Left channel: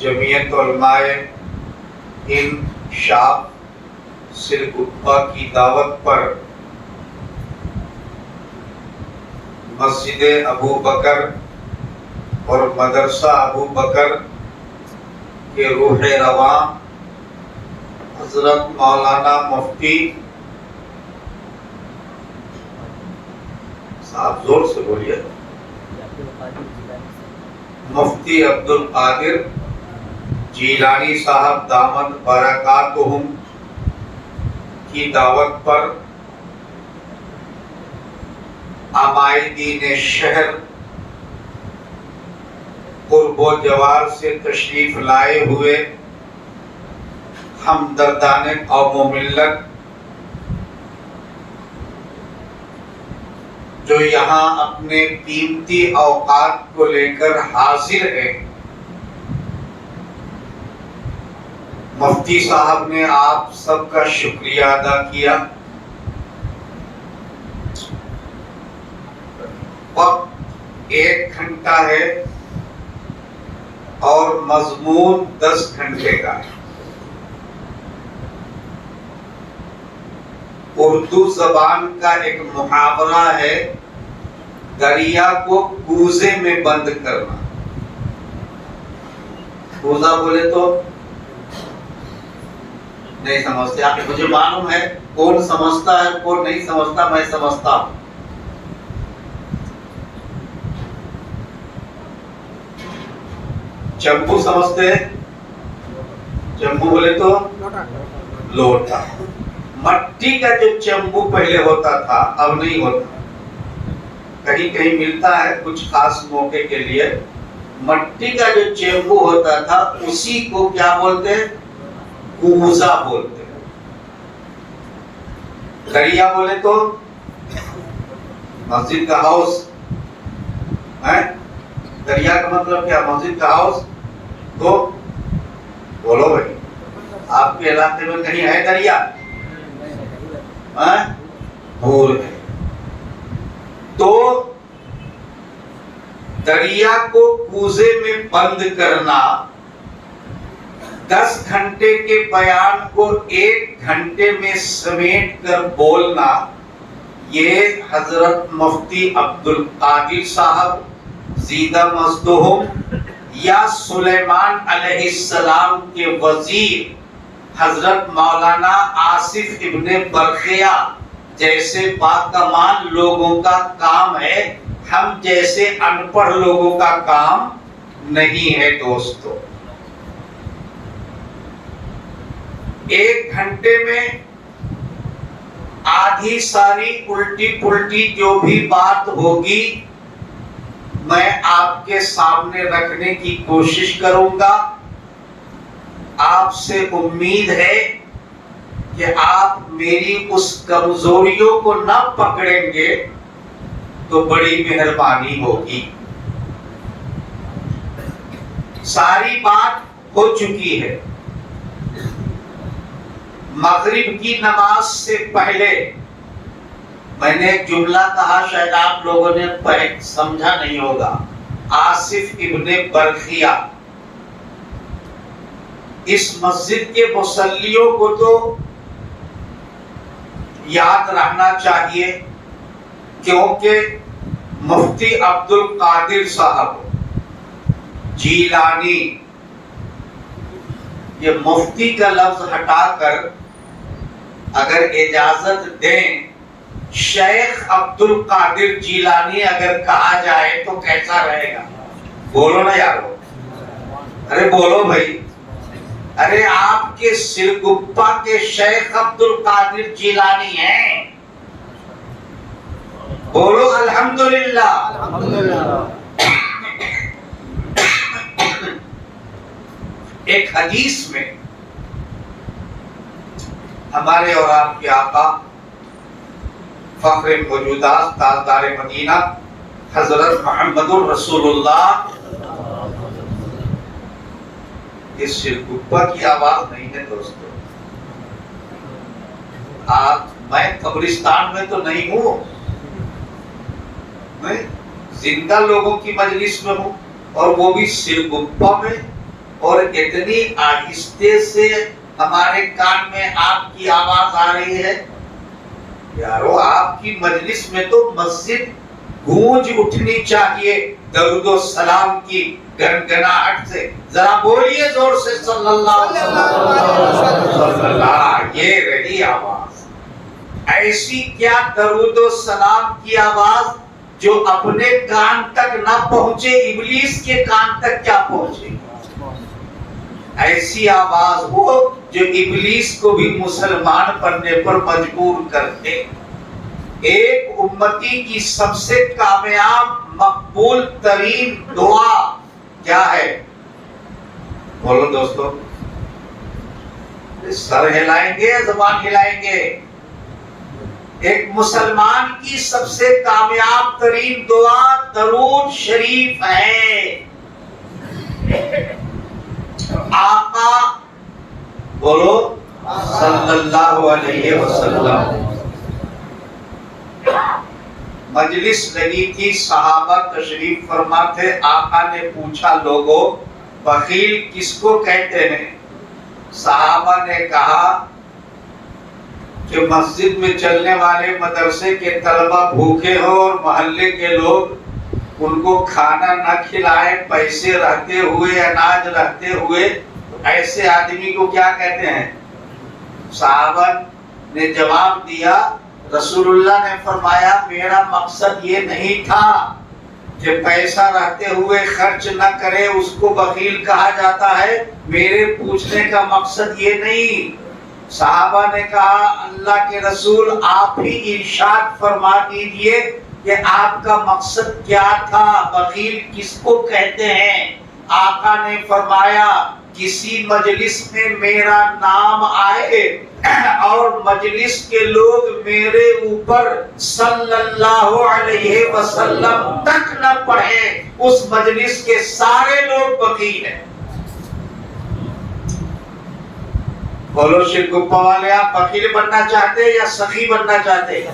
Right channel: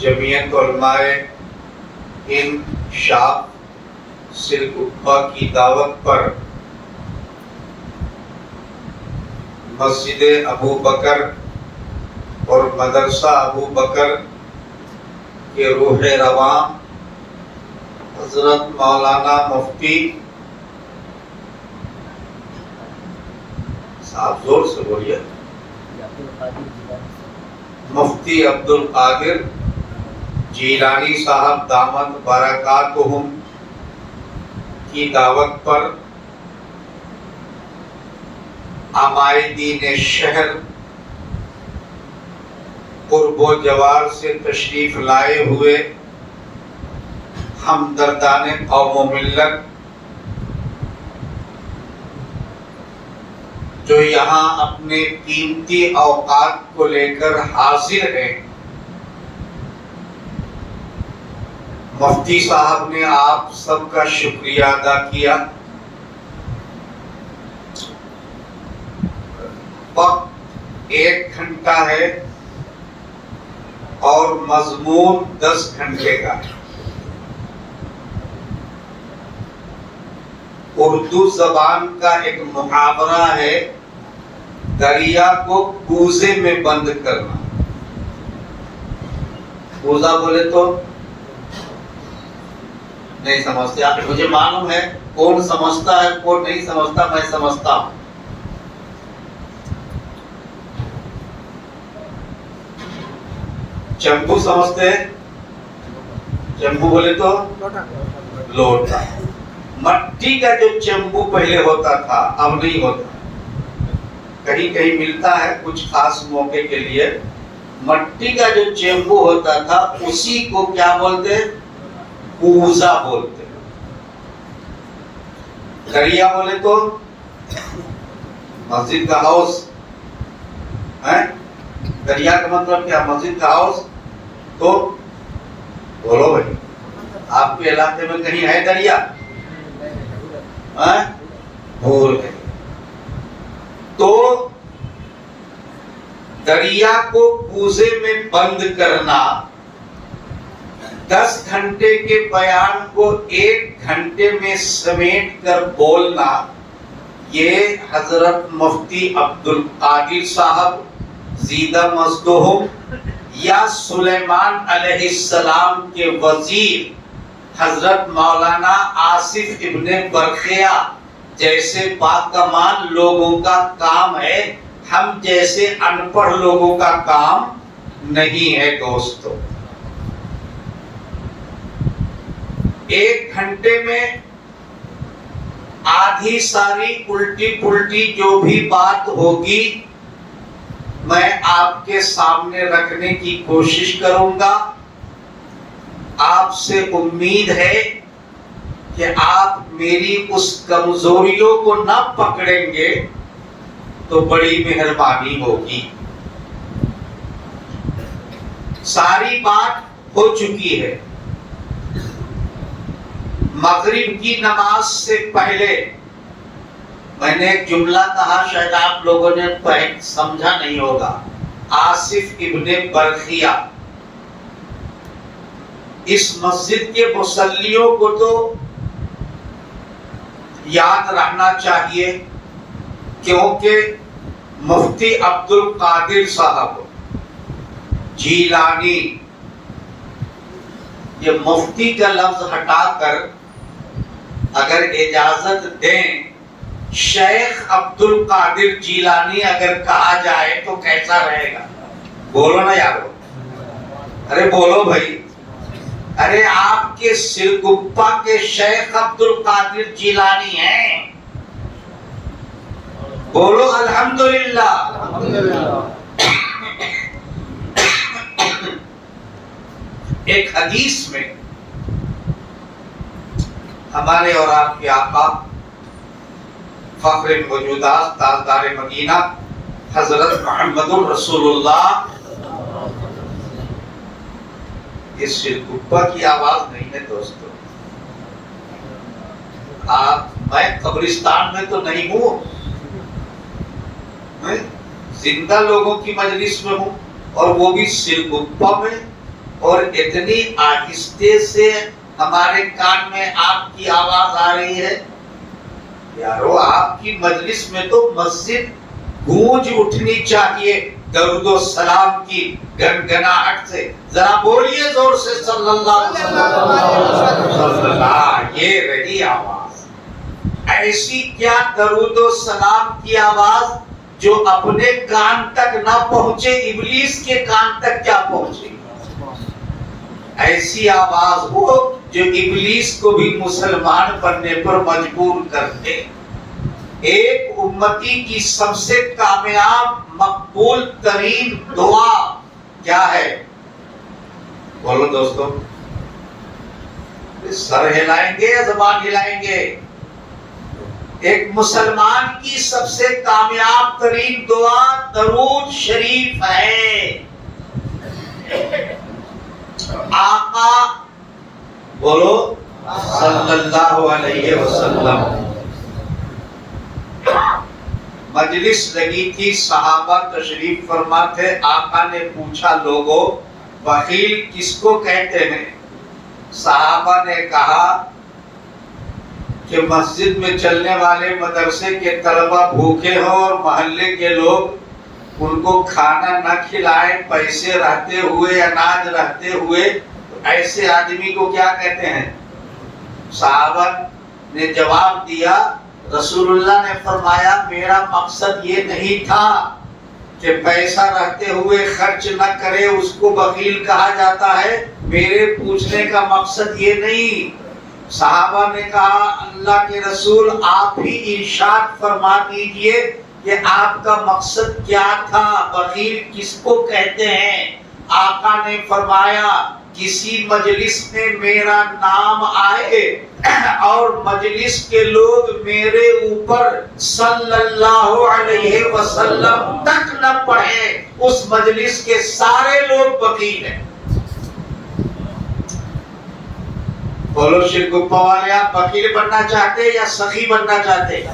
جمعیت علماء ہند شاپ سرگپا کی دعوت پر مسجد ابو بکر اور مدرسہ ابو بکر کے روح رواں حضرت مولانا مفتی صاحب زور سے بولیے مفتی عبد القادر جیلانی صاحب دامت برکاتہم کی دعوت پر عمائدین شہر قرب و جوار سے تشریف لائے ہوئے ہمدردان قوم و ملت جو یہاں اپنے قیمتی اوقات کو لے کر حاضر ہیں، مفتی صاحب نے آپ سب کا شکریہ ادا کیا۔ وقت 1 گھنٹہ ہے اور مضمون 10 گھنٹے کا ہے۔ اردو زبان کا ایک محاورہ ہے، دریا کو کوزے میں بند کرنا۔ کوزہ بولے تو نہیں سمجھتے آپ، مجھے معلوم ہے کون سمجھتا ہے کون نہیں سمجھتا، میں سمجھتا ہوں۔ چمبو سمجھتے ہیں؟ چمبو بولے تو لوٹا۔ مٹی کا جو چمبو پہلے ہوتا تھا اب نہیں ہوتا، کہیں کہیں ملتا ہے کچھ خاص موقع کے لیے۔ مٹی کا جو چمبو ہوتا تھا اسی کو کیا بولتے ہیں؟ کوزہ بولتے ہیں۔ دریا بولے تو مسجد کا ہاؤس ہے، دریا کا مطلب کیا؟ مسجد کا ہاؤس۔ تو بولو بھائی، آپ کے علاقے میں کہیں ہے دریا؟ بھول گئے۔ تو دریا کو کوزے میں بند کرنا، 10 گھنٹے کے بیان کو 1 گھنٹے میں سمیٹ کر بولنا، یہ حضرت مفتی عبد القادر صاحب زیدہ مزدہم یا سلیمان علیہ السلام کے وزیر حضرت مولانا آصف ابن برقیہ جیسے باکمال لوگوں کا کام ہے، ہم جیسے ان پڑھ لوگوں کا کام نہیں ہے دوستو۔ 1 گھنٹے میں آدھی ساری الٹی پلٹی جو بھی بات ہوگی میں آپ کے سامنے رکھنے کی کوشش کروں گا۔ آپ سے امید ہے کہ آپ میری اس کمزوریوں کو نہ پکڑیں گے تو بڑی مہربانی ہوگی۔ ساری بات ہو چکی ہے۔ مغرب کی نماز سے پہلے میں نے ایک جملہ کہا، شاید آپ لوگوں نے سمجھا نہیں ہوگا۔ آصف ابن برقیہ، اس مسجد کے مصلیوں کو تو یاد رہنا چاہیے، کیونکہ مفتی عبد القادر صاحب جیلانی، یہ مفتی کا لفظ ہٹا کر اگر اجازت دیں شیخ عبد القادر جیلانی اگر کہا جائے تو کیسا رہے گا؟ بولو نا یارو، ارے بولو بھائی، ارے آپ کے سرگپا کے شیخ عبد القادر جیلانی ہیں، بولو الحمدللہ۔ ایک حدیث میں ہمارے اور آپ کے آقا فخر الوجودات تاجدار مدینہ حضرت محمد الرسول اللہ، اس سرگپا کی آواز نہیں ہے دوستو۔ میں قبرستان میں تو نہیں ہوں، میں زندہ لوگوں کی مجلس میں ہوں، اور وہ بھی سرگپا میں۔ اور اتنی آہستہ سے ہمارے کان میں آپ کی آواز آ رہی ہے؟ یارو آپ کی مجلس میں تو مسجد گونج اٹھنی چاہیے درود و سلام کی گنگناہٹ سے. ذرا بولیے زور سے صلی اللہ علیہ وسلم. یہ رہی آواز. ایسی کیا درود و سلام کی آواز جو اپنے کان تک نہ پہنچے ابلیس کے کان تک کیا پہنچے. ایسی آواز ہو جو ابلیس کو بھی مسلمان بننے پر مجبور کر دے. ایک امتی کی سب سے کامیاب مقبول ترین دعا کیا ہے؟ بولو دوستو. سر ہلائیں گے یا زبان ہلائیں گے؟ ایک مسلمان کی سب سے کامیاب ترین دعا درود شریف ہے. آقا بولو صلی اللہ علیہ وسلم. مجلس لگی تھی، صحابہ تشریف فرما تھے. آقا نے پوچھا لوگوں بخیل کس کو کہتے ہیں؟ صحابہ نے کہا کہ مسجد میں چلنے والے مدرسے کے طلبہ بھوکے ہوں اور محلے کے لوگ ان کو کھانا نہ کھلائیں، پیسے رہتے ہوئے اناج رہتے ہوئے، ایسے آدمی کو کیا کہتے ہیں؟ صحابہ نے جواب دیا، رسول اللہ نے فرمایا میرا مقصد یہ نہیں تھا کہ پیسہ رہتے ہوئے خرچ نہ کرے اس کو بخیل کہا جاتا ہے. میرے پوچھنے کا مقصد یہ نہیں. صحابہ نے کہا اللہ کے رسول آپ ہی ارشاد فرما دیجئے کہ آپ کا مقصد کیا تھا، بخیل کس کو کہتے ہیں؟ آقا نے فرمایا کسی مجلس میں میرا نام آئے اور مجلس کے لوگ میرے اوپر صلی اللہ علیہ وسلم تک نہ پڑھے، اس مجلس کے سارے لوگ بخیل ہیں. بولو شرگپا والے آپ بخیل بننا چاہتے یا سخی بننا چاہتے؟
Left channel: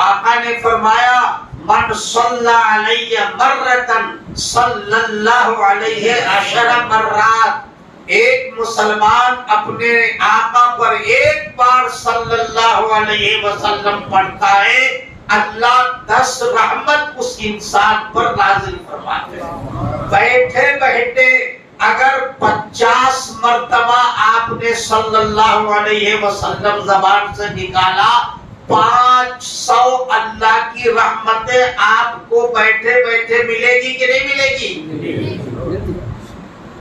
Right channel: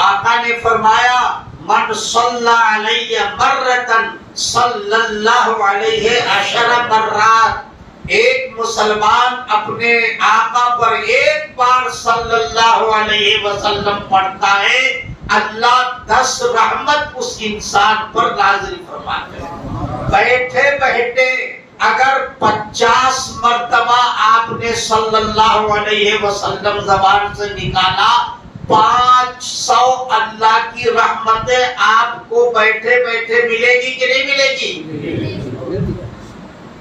آقا نے فرمایا من صلی علیہ مرتن صلی اللہ علیہ عشر مرات. ایک مسلمان اپنے آقا پر ایک بار صلی اللہ علیہ وسلم پڑھتا ہے، اللہ 10 رحمت اس انسان پر نازل فرماتے ہیں. بیٹھے بیٹھے اگر 50 مرتبہ آپ نے صلی اللہ علیہ وسلم زبان سے نکالا، 500 اللہ کی رحمتیں آپ کو بیٹھے بیٹھے ملے گی کہ نہیں ملے گی؟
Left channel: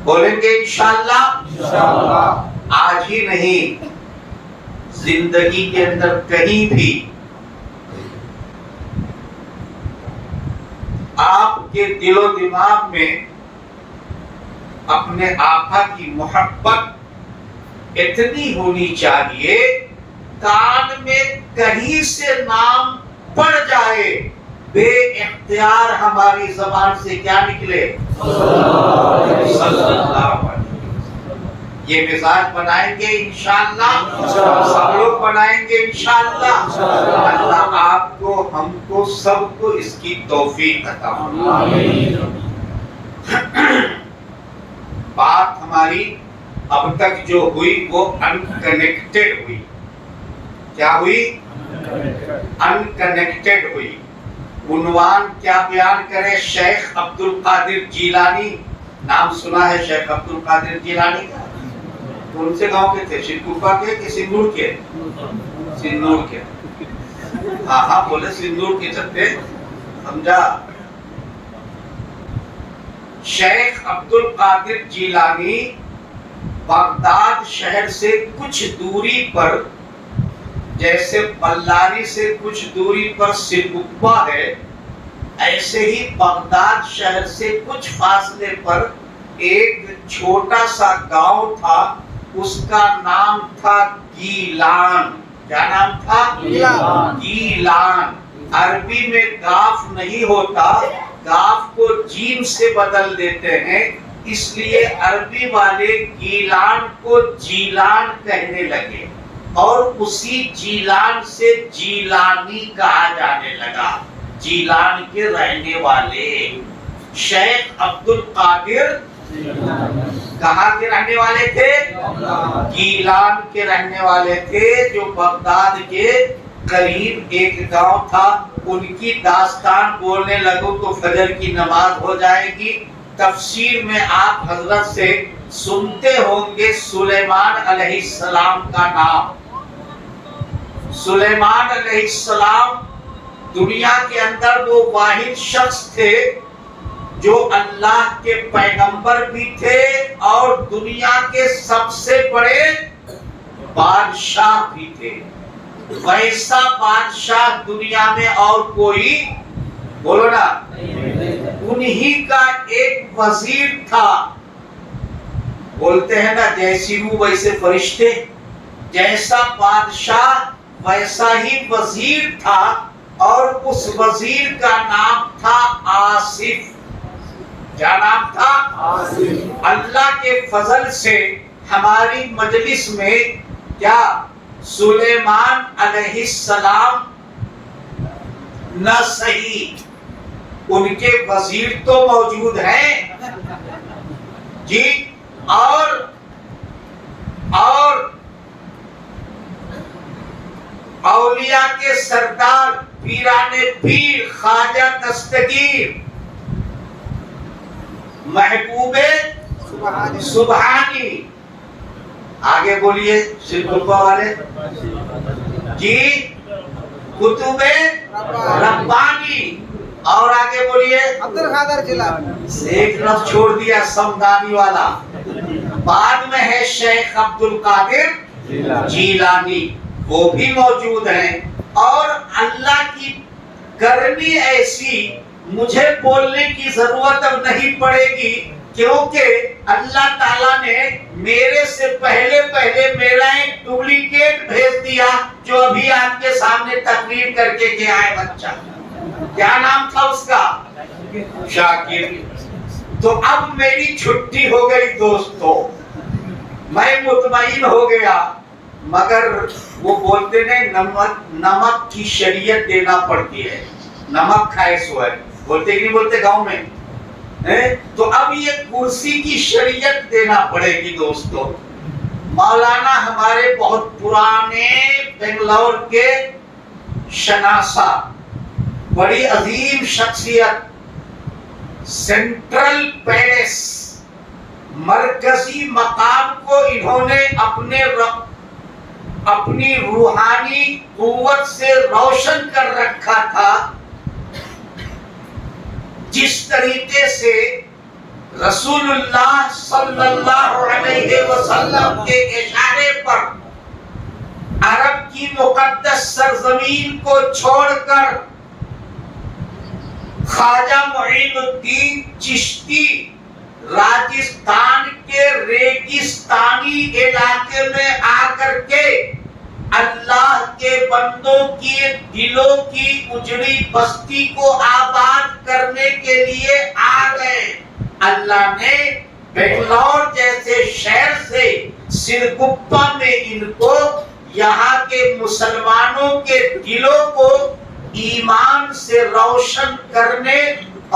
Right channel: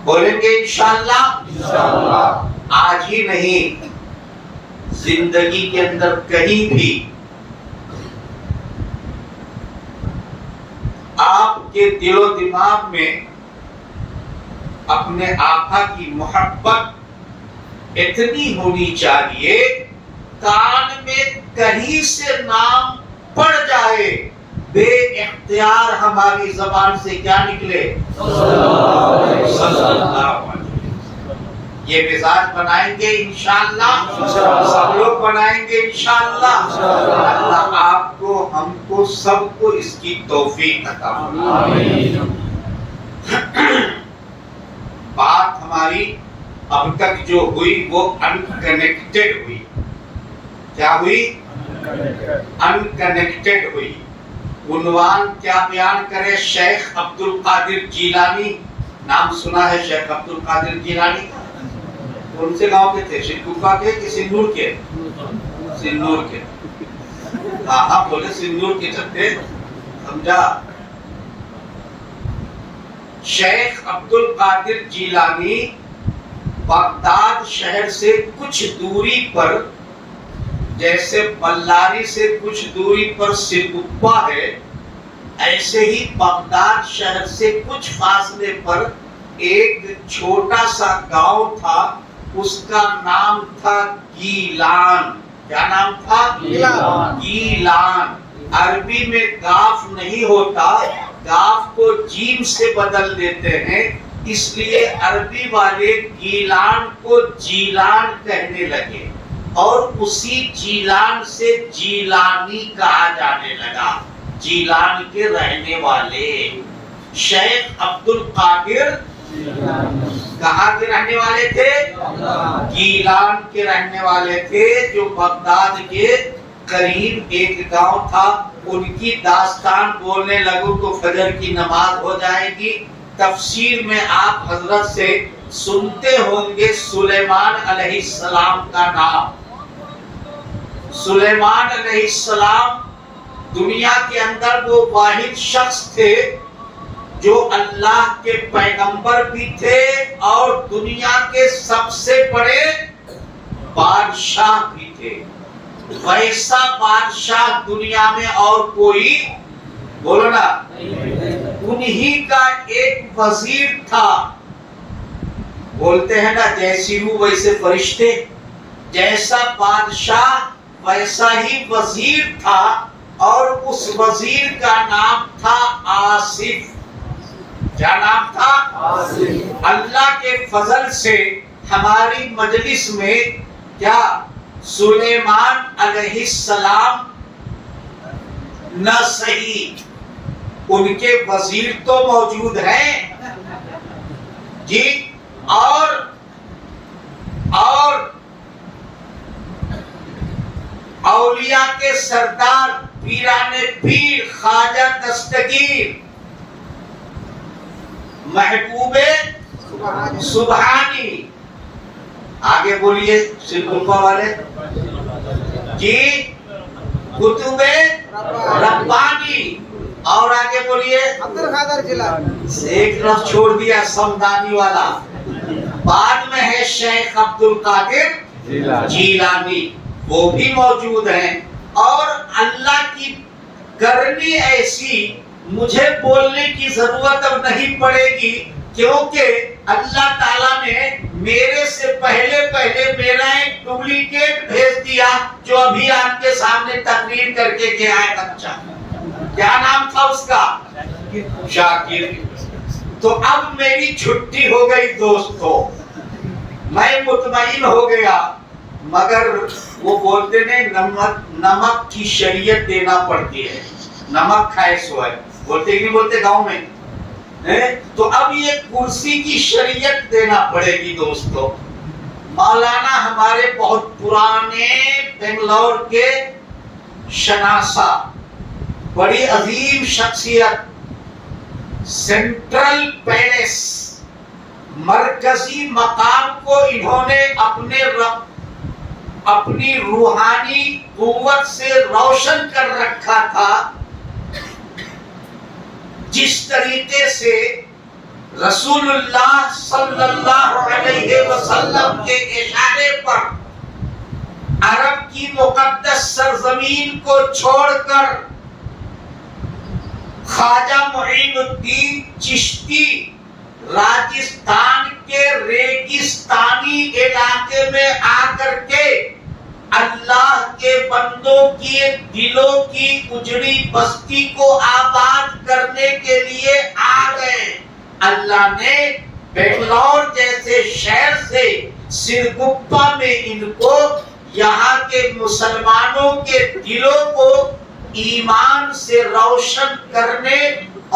بولیں گے انشاءاللہ. آج ہی نہیں، زندگی کے اندر کہیں بھی آپ کے دل و دماغ میں اپنے آقا کی محبت اتنی ہونی چاہیے کان میں کہیں سے نام پڑ جائے بے اختیار ہماری زبان سے کیا نکلے؟ صلی اللہ علیہ وسلم. یہ مزاج بنائیں گے انشاءاللہ، سب لوگ بنائیں گے انشاءاللہ. اللہ آپ کو، ہم کو، سب کو اس کی توفیق عطا فرمائے. بات ہماری اب تک جو ہوئی وہ انکنیکٹڈ ہوئی. کیا ہوئی؟ انکنیکٹڈ ہوئی. عنوان کیا بیان کرے؟ شیخ عبد القادر جیلانی. نام سنا ہے شیخ عبد القادر جیلانی کا؟ کون سے گاؤں کے تھے؟ شرکوفہ کے کہ سندور کے؟ سندور کے. ہاں بولے سندور کے چلتے سمجھا. شیخ عبد القادر جیلانی بغداد شہر سے کچھ دوری پر، جیسے بلاری سے کچھ دوری پر سرگپا ہے، ایسے ہی بغداد شہر سے کچھ فاصلے پر ایک چھوٹا سا گاؤں تھا. اس کا نام تھا گیلان. کیا نام تھا؟ گیلان. عربی میں گاف نہیں ہوتا، گاف کو جیم سے بدل دیتے ہیں، اس لیے عربی والے گیلان کو جیلان کہنے لگے اور اسی جیلان سے جیلانی کہا جانے لگا. جیلان کے رہنے والے شیخ عبد القادر کہاں کے رہنے والے تھے؟ گیلان کے رہنے والے تھے، جو بغداد کے قریب ایک گاؤں تھا۔ ان کی داستان بولنے لگو تو فجر کی نماز ہو جائے گی۔ تفسیر میں آپ حضرت سے سنتے ہوں گے سلیمان علیہ السلام کا نام۔ سلیمان علیہ السلام دنیا کے اندر وہ واحد شخص تھے جو اللہ کے پیغمبر بھی تھے اور دنیا کے سب سے بڑے بادشاہ بھی تھے۔ ویسا بادشاہ دنیا میں اور کوئی بولو نا، انہی کا ایک وزیر تھا۔ بولتے ہیں نا جیسی روح ویسے فرشتے، جیسا بادشاہ ویسا ہی وزیر تھا، اور اس وزیر کا نام تھا آصف۔ کیا نام تھا؟ آصف۔ اللہ کے فضل سے ہماری مجلس میں کیا سلیمان علیہ السلام نہ صحیح، ان کے وزیر تو موجود ہیں جی، اور اولیاء کے سردار پیران پیر خواجہ دستگیر محبوب سبحانی، آگے بولیے سلطنپا والے جی، کتب ربانی، اور آگے بولیے عبدالقادر جیلانی، ایک لفظ چھوڑ دیا سمدانی والا، بعد میں ہے شیخ عبدالقادر جیلانی، وہ بھی موجود ہیں۔ اور اللہ کی کرنی ایسی، مجھے بولنے کی ضرورت اب نہیں پڑے گی، کیونکہ اللہ تعالیٰ نے میرے سے پہلے میرا ایک ڈپلیکیٹ بھیج دیا جو ابھی آپ کے سامنے تقریر کر کے گیا ہے بچہ۔ کیا نام تھا اس کا؟ شاکر۔ تو اب میری چھٹی ہو گئی دوستو، میں مطمئن ہو گیا، مگر وہ بولتے نے نمک کی شریعت دینا پڑتی ہے، نمک کھائے سو ہے، بولتے ہی نہیں بولتے گاؤں میں، تو اب یہ کرسی کی شریعت دینا پڑے گی دوستو۔ مولانا ہمارے بہت پرانے بنگلور کے شناسہ، بڑی عظیم شخصیت، سینٹرل پیلس مرکزی مقام کو انہوں نے اپنی روحانی قوت سے روشن کر رکھا تھا، جس طریقے سے رسول اللہ صلی اللہ علیہ وسلم کے اشارے پر عرب کی مقدس سرزمین کو چھوڑ کر خواجہ معین الدین چشتی راجستھان کے ریگستانی علاقے میں آ کر کے اللہ کے بندوں کی دلوں کی اجڑی بستی کو آباد کرنے کے لیے آ گئے۔ اللہ نے بنگلور جیسے شہر سے سرگپا میں ان کو، یہاں کے مسلمانوں کے دلوں کو ایمان سے روشن کرنے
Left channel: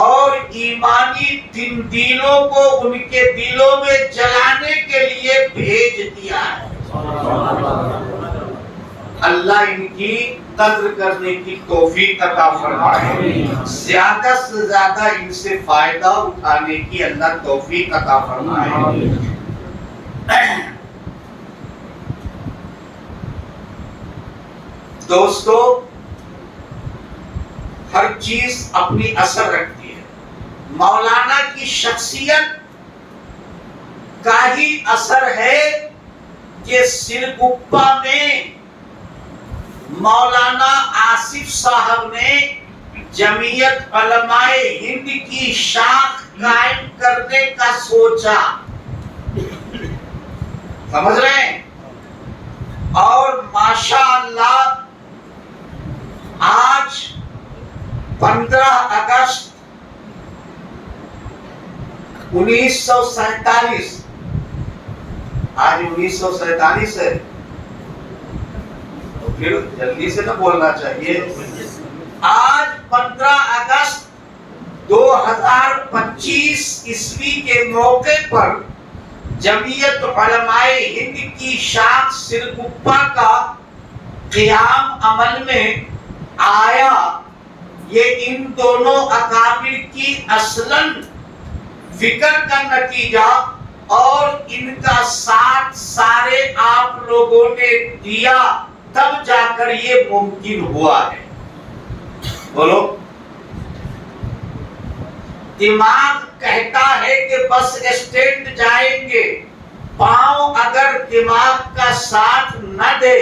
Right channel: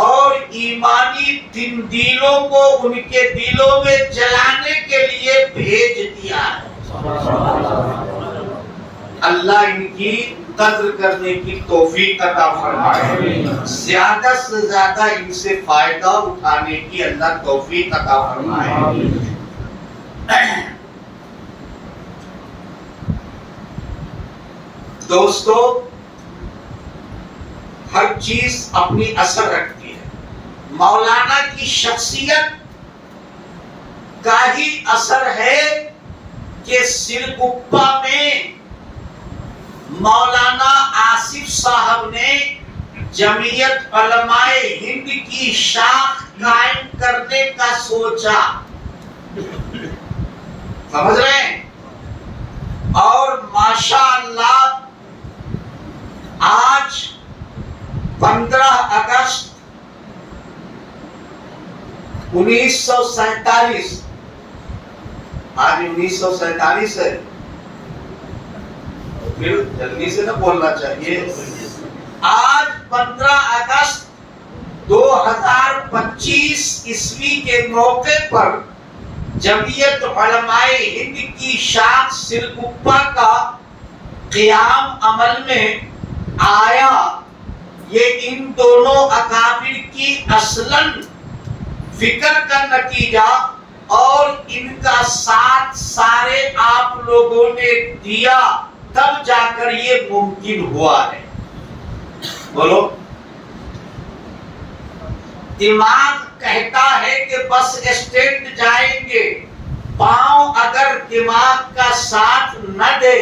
اور ایمانی تندیلوں کو ان کے دلوں میں جلانے کے لیے بھیج دیا ہے۔ اللہ ان کی قدر کرنے کی توفیق عطا فرمائے، زیادہ سے زیادہ ان سے فائدہ اٹھانے کی اللہ توفیق عطا فرمائے۔ دوستو، ہر چیز اپنی اثر رکھتی ہے۔ مولانا کی شخصیت کا ہی اثر ہے کہ سرگپا میں مولانا آصف صاحب نے جمعیت علماء ہند کی شاخ قائم کرنے کا سوچا، سمجھ رہے ہیں؟ اور ماشاءاللہ آج 15 اگست 1947، آج 1947 ہے، پھر جلدی سے نہ بولنا چاہیے۔ آج 15 اگست 2025 عیسوی کے موقع پر جمعیت علماء ہند کی شاخ سرگپا کا قیام عمل میں آیا. یہ ان دونوں اکابر کی اصلاً فکر کا نتیجہ اور ان کا ساتھ سارے آپ لوگوں نے دیا، تب جا کر یہ ممکن ہوا ہے. بولو. دماغ کہتا ہے کہ بس اسٹینڈ جائیں گے، پاؤں اگر دماغ کا ساتھ نہ دے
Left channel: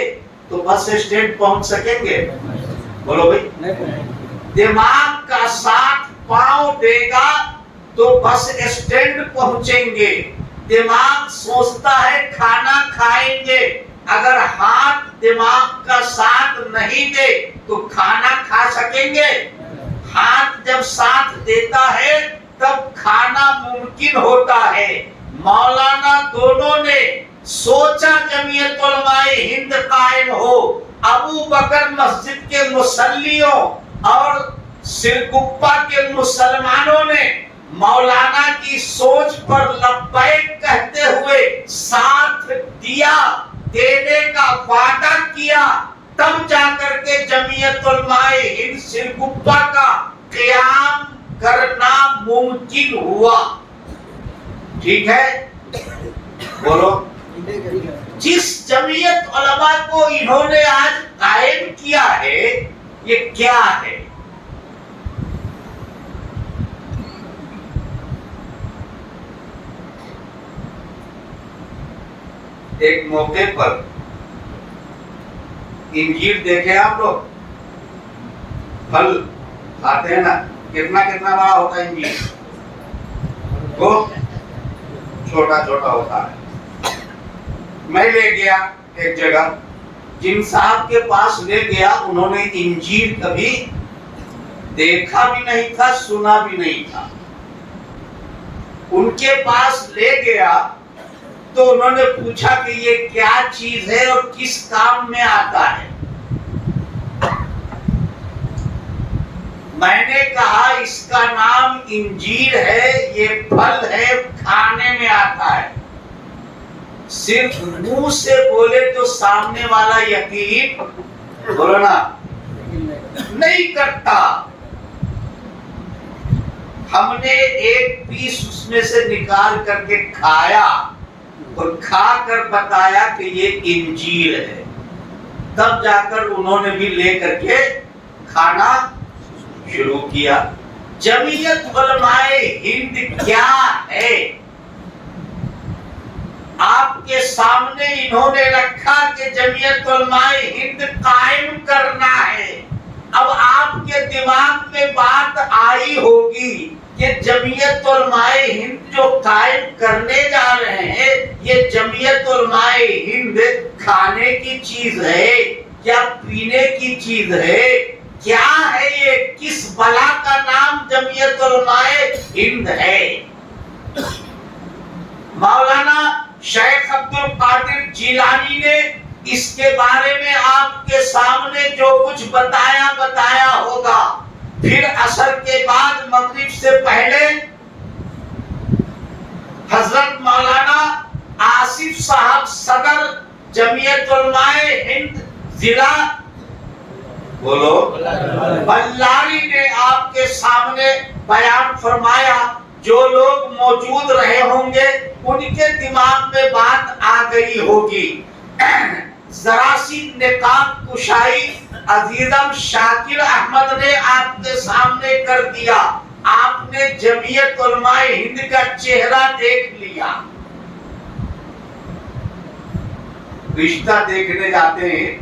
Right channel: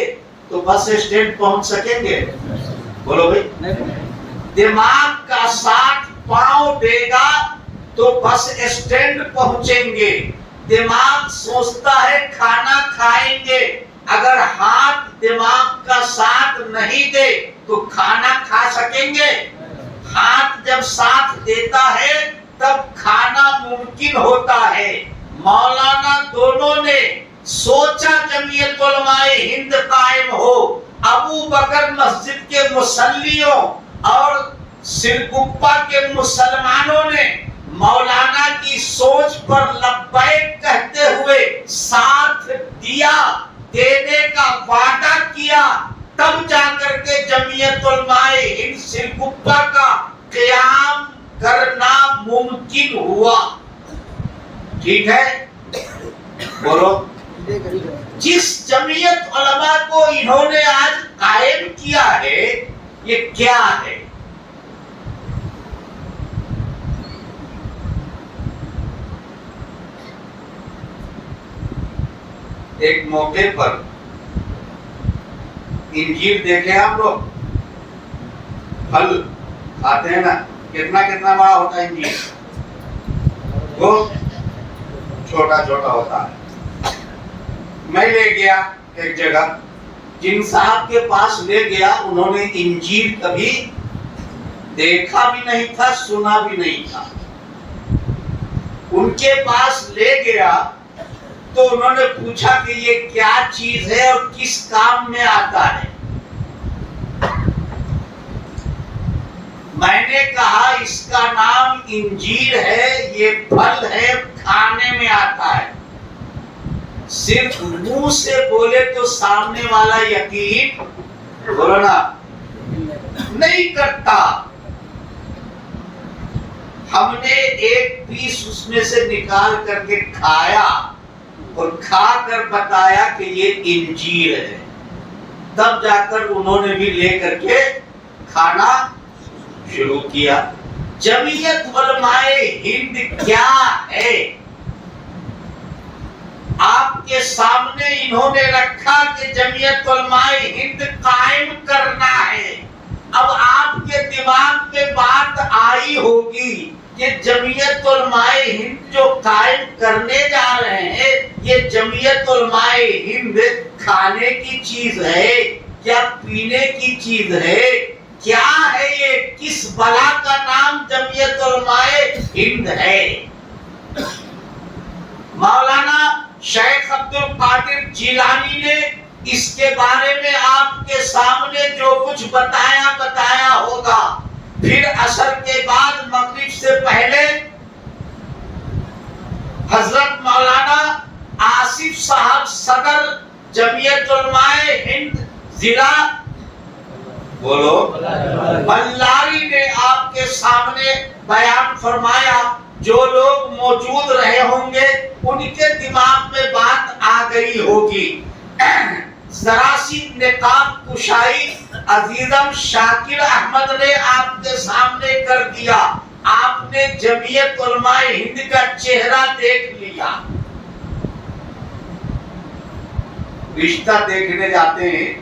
تو بس اسٹینڈ پہنچ سکیں گے؟ بولو بھائی. دماغ کا ساتھ پاؤں دے گا تو بس اسٹینڈ پہنچیں گے. دماغ سوچتا ہے کھانا کھائیں گے، اگر ہاتھ دماغ کا ساتھ نہیں دے تو کھانا کھا سکیں گے؟ ہاتھ جب ساتھ دیتا ہے تب کھانا ممکن ہوتا ہے. مولانا دونوں نے سوچا جمعیت علماء ہند قائم ہو. ابو بکر مسجد کے مصلیوں اور سرگپا کے مسلمانوں نے مولانا کی سوچ پر لبیک کہتے ہوئے ساتھ دیا، دینے کا وعدہ کیا. تب جا کر کے جمعیت علماء ہند سرگپا کا قیام کرنا ممکن ہوا. ٹھیک ہے؟ بولو. جس جمعیت علماء کو انہوں نے آج قائم کیا ہے یہ کیا ہے؟ ایک موقع پر انجیر دیکھے آپ لوگ، پھل کھاتے ہیں نا، کتنا کتنا بڑا ہوتا ہے انجیر؟ وہ چھوٹا چھوٹا ہوتا ہے. میں لے گیا ایک جگہ، جن صاحب کے پاس لے گیا، انہوں نے انجیر کبھی دیکھا بھی نہیں تھا، سنا بھی نہیں تھا. ان کے پاس لے گیا تو انہوں نے پوچھا کہ یہ کیا چیز ہے اور کس کام میں آتا ہے. میں نے کہا اس کا نام انجیر ہے، یہ پھل ہے، کھانے میں آتا ہے. صرف منہ سے بولے تو سامنے والا یقین بولو نا نہیں کرتا. ہم نے ایک پیس اس میں سے نکال کر کے کھایا اور کھا کر بتایا کہ یہ انجیر ہے. تب جا کر انہوں نے بھی لے کر کے کھانا شروع کیا. جمعیت علماء ہند کیا ہے؟ آپ کے سامنے انہوں نے رکھا کہ جمعیت علماء ہند قائم کرنا ہے. اب آپ کے دماغ میں بات آئی ہوگی کہ جمعیت علماء ہند جو قائم کرنے جا رہے ہیں، یہ جمعیت علماء ہند کھانے کی چیز ہے یا پینے کی چیز ہے؟ کیا ہے یہ؟ کس بلا کا نام جمعیت علماء ہند ہے؟ مولانا شیخ عبد القادر جیلانی نے اس کے بارے میں آپ کے سامنے جو کچھ بتایا ہوگا. پھر عصر کے بعد مغرب سے پہلے حضرت مولانا آصف صاحب صدر جمعیت علماء ہند ضلع بولو بلاری نے آپ کے سامنے بیان فرمایا. جو لوگ موجود رہے ہوں گے ان کے دماغ میں بات آ گئی ہوگی. ذرا سی نقاب کشائی عزیزم شاکر احمد نے آپ کے سامنے کر دیا. آپ نے جمعیت علماء ہند کا چہرہ دیکھ لیا. رشتہ دیکھنے جاتے ہیں.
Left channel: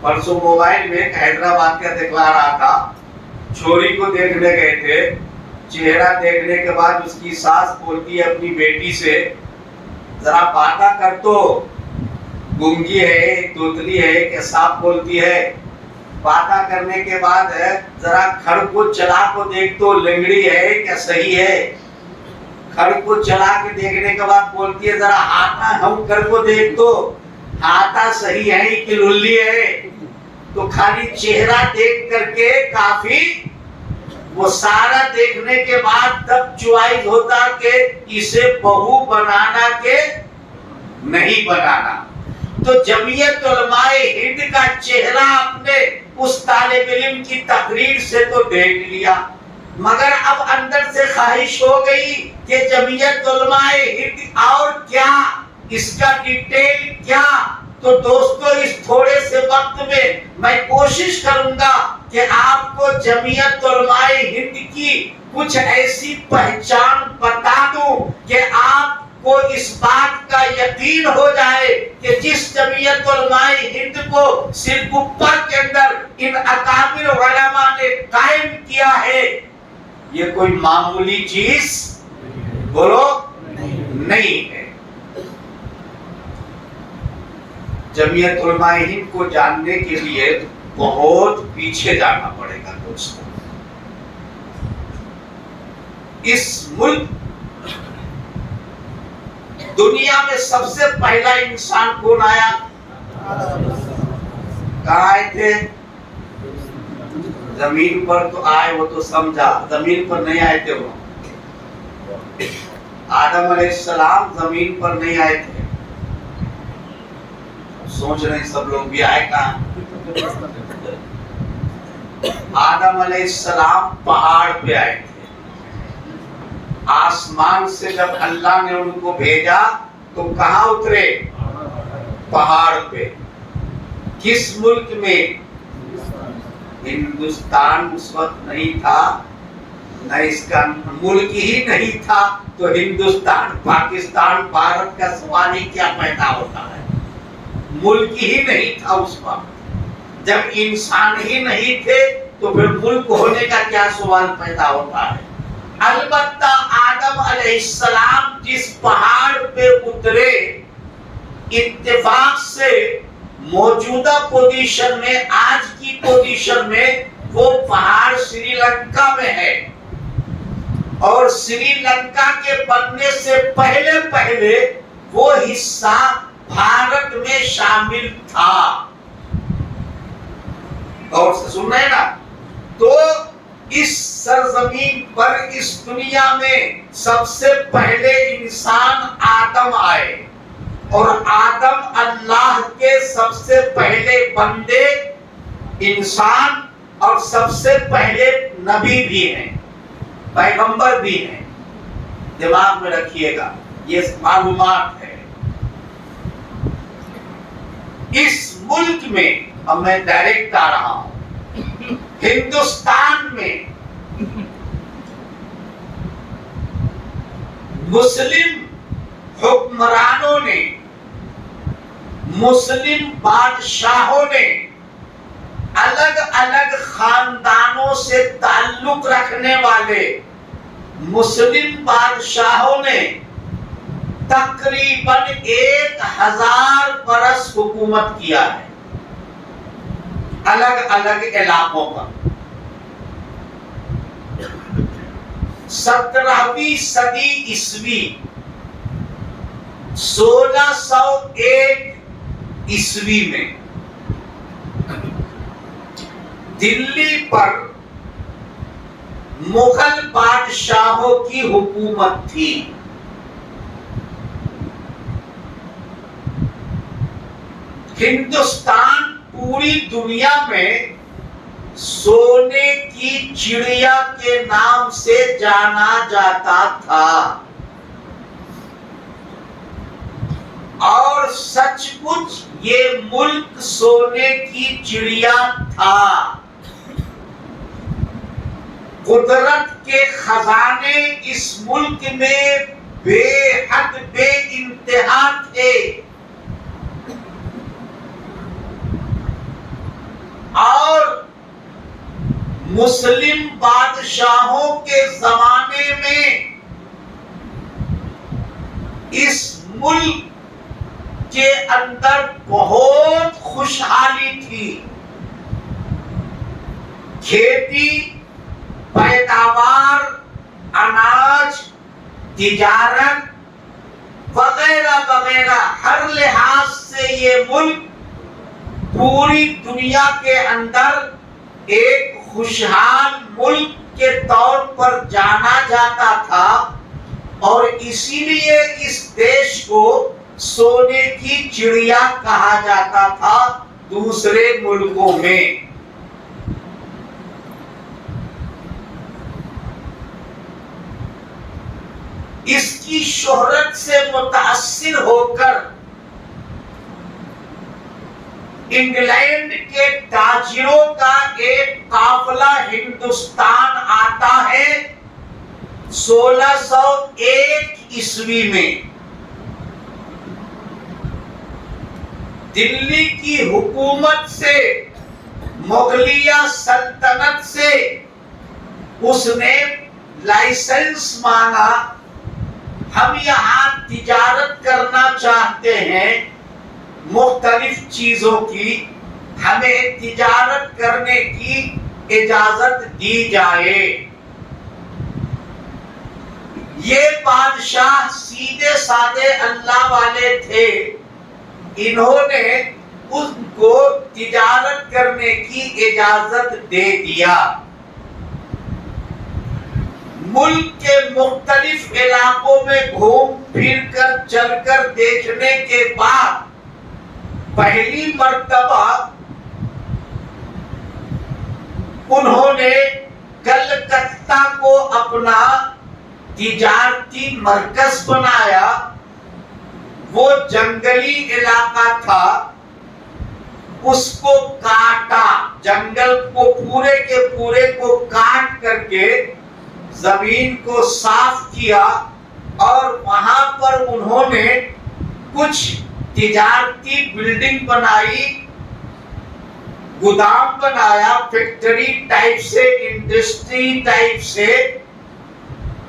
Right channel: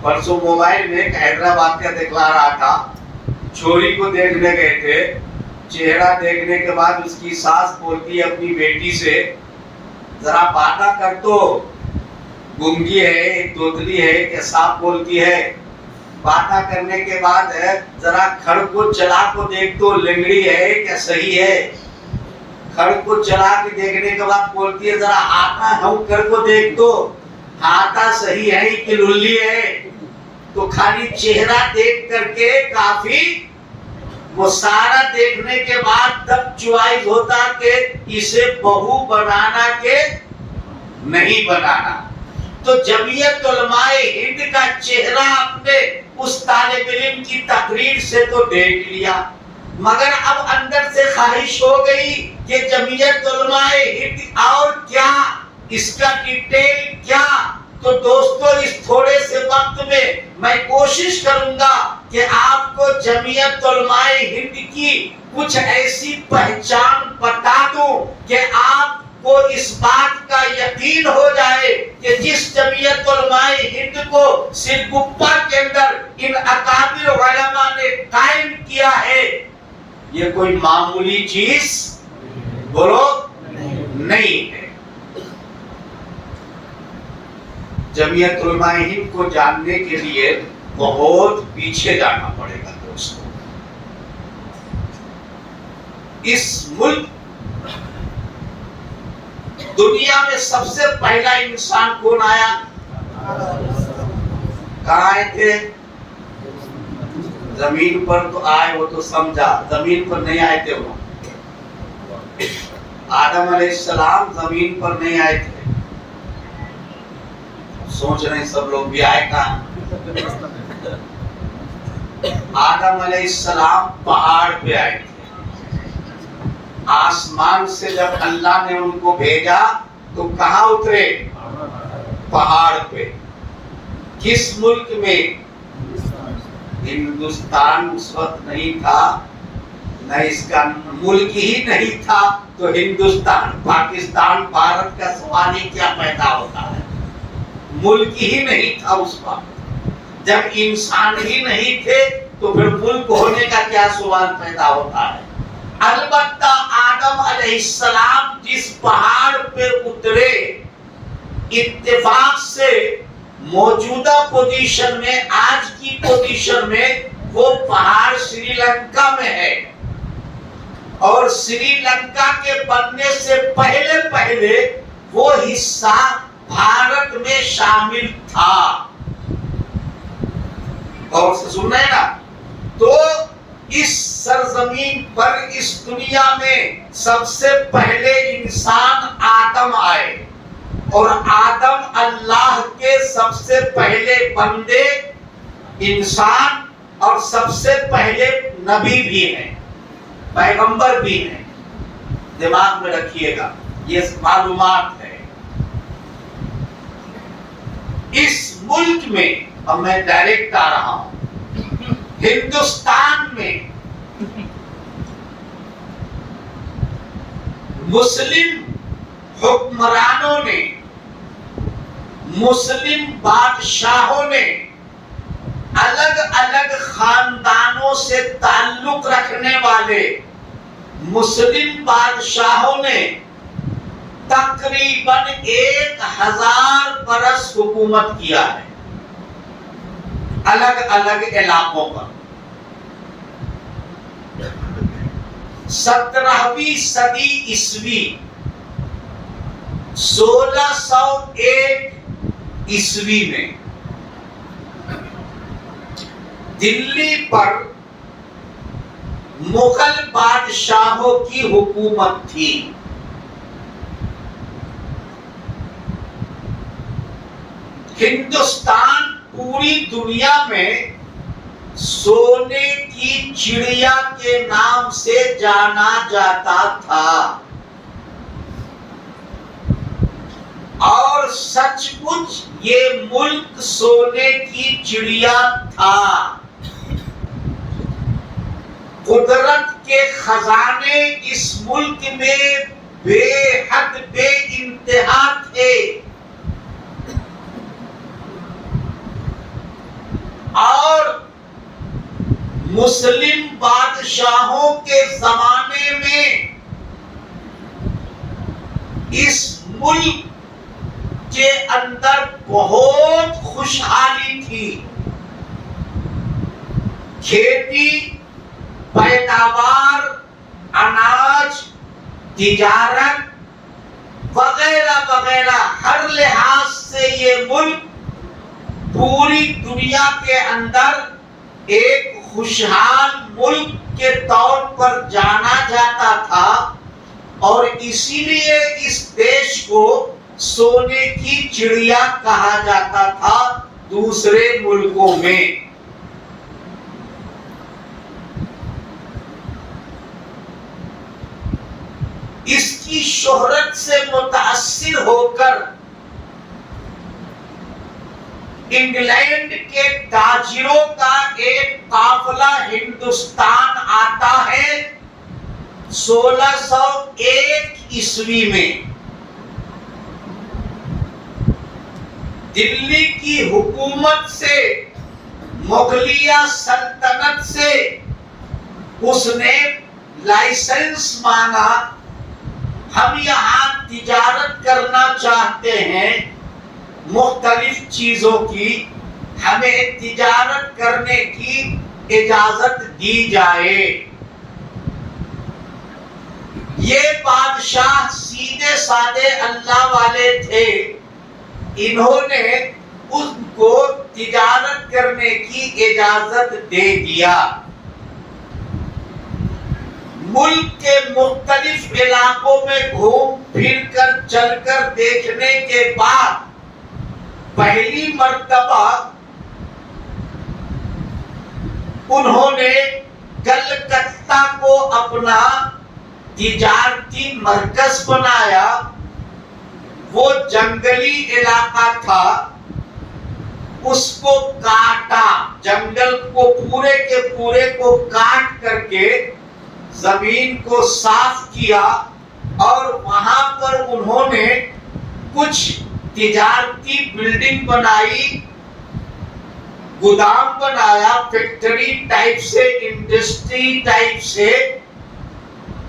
پرسوں موبائل میں حیدرآباد کا دکھلا رہا تھا، چھوری کو دیکھنے گئے تھے. چہرہ دیکھنے کے بعد اس کی ساس بولتی ہے اپنی بیٹی سے، ذرا باتاں کر تو، گنگی ہے، توتلی ہے کہ صاف بولتی ہے. باتاں کرنے کے بعد ذرا کھڑ کو چلا کو دیکھ تو، لنگڑی ہے کیا صحیح ہے؟ کھڑ کو چلا کے دیکھنے کے بعد بولتی ہے ذرا ہاتھا ہم کر کو دیکھ تو، ہاتھا صحیح ہے کہ للی ہے؟ تو خالی چہرہ دیکھ کر کے کافی وہ سارا دیکھنے کے بعد تب چوائس ہوتا کہ اسے بہو بنانا کہ نہیں بنانا. تو جمعیت علماء ہند کا چہرہ اپنے اس طالب علم کی تقریر سے تو دیکھ لیا، مگر اب اندر سے خواہش ہو گئی کہ جمعیت علماء ہند اور کیا، اس کا ڈیٹیل کیا. تو دوستو اس تھوڑے سے وقت میں کوشش کروں گا کہ آپ کو جمعیت علماء ہند کی کچھ ایسی پہچان بتا دوں کہ آپ کو اس بات کا یقین ہو جائے کہ جس جمعیت علماء ہند کو سرگپا کے اندر ان اکابر علماء نے قائم کیا ہے، یہ کوئی معمولی چیز بولو نہیں ہے. جمعیت علماء ہند کو جاننے کے لیے بہت پیچھے جانا پڑے گا دوستوں. اس ملک دنیا میں سب سے پہلا انسان کون آیا؟ کہاں آئے تھے؟ زمین پر تو آئے، وہ تو سمجھا، زمین پر نہیں آئے تھے. وہ آدم علیہ السلام زمین پر نہیں آئے تھے. سوچ رہے ہیں سب لوگ بھی آئے کہاں؟ آدم علیہ السلام پہاڑ پہ آئے تھے. آسمان سے جب اللہ نے ان کو بھیجا تو کہاں اترے؟ پہاڑ پہ. کس ملک میں؟ ہندوستان اس وقت نہیں تھا، نہ اس کا ملک ہی نہیں تھا، تو ہندوستان پاکستان بھارت کا سوال ہی کیا پیدا ہوتا ہے؟ ملک ہی نہیں تھا اس وقت. جب انسان ہی نہیں تھے تو پھر ملک ہونے کا کیا سوال پیدا ہوتا ہے؟ البتہ آدم علیہ السلام جس پہاڑ پہ اترے، اتفاق سے موجودہ پوزیشن میں، آج کی پوزیشن میں وہ پہاڑ سری لنکا میں ہے. اور سری لنکا کے بننے سے پہلے وہ حصہ بھارت میں شامل تھا. اور سن رہے نا؟ تو اس سرزمین پر، اس دنیا میں سب سے پہلے انسان آدم آئے، اور آدم اللہ کے سب سے پہلے بندے انسان اور سب سے پہلے نبی بھی ہیں، پیغمبر بھی ہیں. دماغ میں رکھیے گا، یہ معلومات ہے. اس ملک میں، اب میں ڈائریکٹ آ رہا ہوں، ہندوستان میں مسلم حکمرانوں نے، مسلم بادشاہوں نے، الگ الگ خاندانوں سے تعلق رکھنے والے مسلم بادشاہوں نے تقریباً 1000 برس حکومت کیا ہے الگ الگ علاقوں پر. 17ویں صدی عیسوی، 1601 عیسوی میں دلی پر مغل بادشاہوں کی حکومت تھی. ہندوستان پوری دنیا میں سونے کی چڑیا کے نام سے جانا جاتا تھا، اور سچ مچ یہ ملک سونے کی چڑیا تھا. قدرت کے خزانے اس ملک میں بے حد بے انتہا تھے، اور مسلم بادشاہوں کے زمانے میں اس ملک کے اندر بہت خوشحالی تھی. کھیتی، پیداوار، اناج، تجارت وغیرہ وغیرہ، ہر لحاظ سے یہ ملک پوری دنیا کے اندر ایک خوشحال ملک کے طور پر جانا جاتا تھا اور اسی لیے اس دیش کو سونے کی چڑیا کہا جاتا تھا دوسرے ملکوں میں۔ اس کی شہرت سے متاثر ہو کر انگلینڈ کے تاجروں کا ایک قافلہ ہندوستان آتا ہے 1601 عیسوی میں۔ دلی کی حکومت سے، مغلیہ سلطنت سے اس نے لائسنس مانگا، ہم یہاں تجارت کرنا چاہتے ہیں مختلف چیزوں کی، ہمیں تجارت کرنے کی اجازت دی جائے۔ یہ بادشاہ سیدھے سادے اللہ والے تھے، انہوں نے ان کو تجارت کرنے کی اجازت دے دیا۔ ملک کے مختلف علاقوں میں گھوم پھر کر چل کر دیکھنے کے بعد پہلی مرتبہ انہوں نے کلکتہ کو اپنا تجارتی مرکز بنایا۔ وہ جنگلی علاقہ تھا، اس کو کاٹا، جنگل کو پورے کے پورے کو کاٹ کر کے زمین کو صاف کیا اور وہاں پر انہوں نے کچھ تجارتی بلڈنگ بنائی، گودام بنایا، فیکٹری ٹائپ سے، انڈسٹری ٹائپ سے۔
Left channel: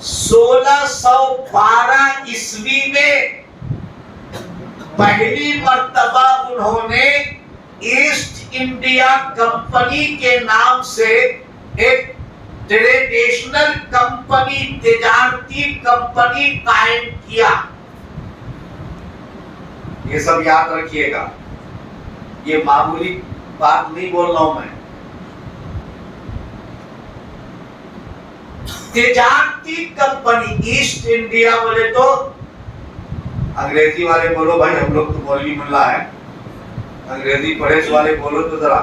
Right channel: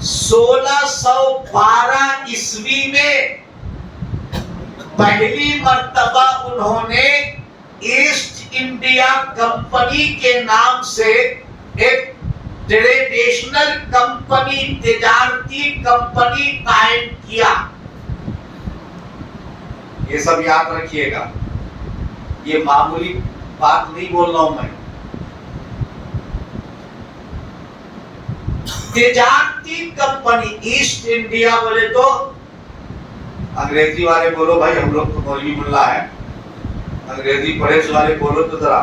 1612 عیسوی میں پہلی مرتبہ انہوں نے ایسٹ انڈیا کمپنی کے نام سے ایک ٹریڈیشنل کمپنی، تجارتی کمپنی قائم کیا۔ یہ سب یاد رکھیے گا، یہ معمولی بات نہیں بول رہا ہوں میں۔ تجارتی کمپنی ایسٹ انڈیا بولے تو انگریزی والے بولو بھائی، ہم لوگ تو مولوی ملا ہے، انگریزی پڑھے والے بولو تو ذرا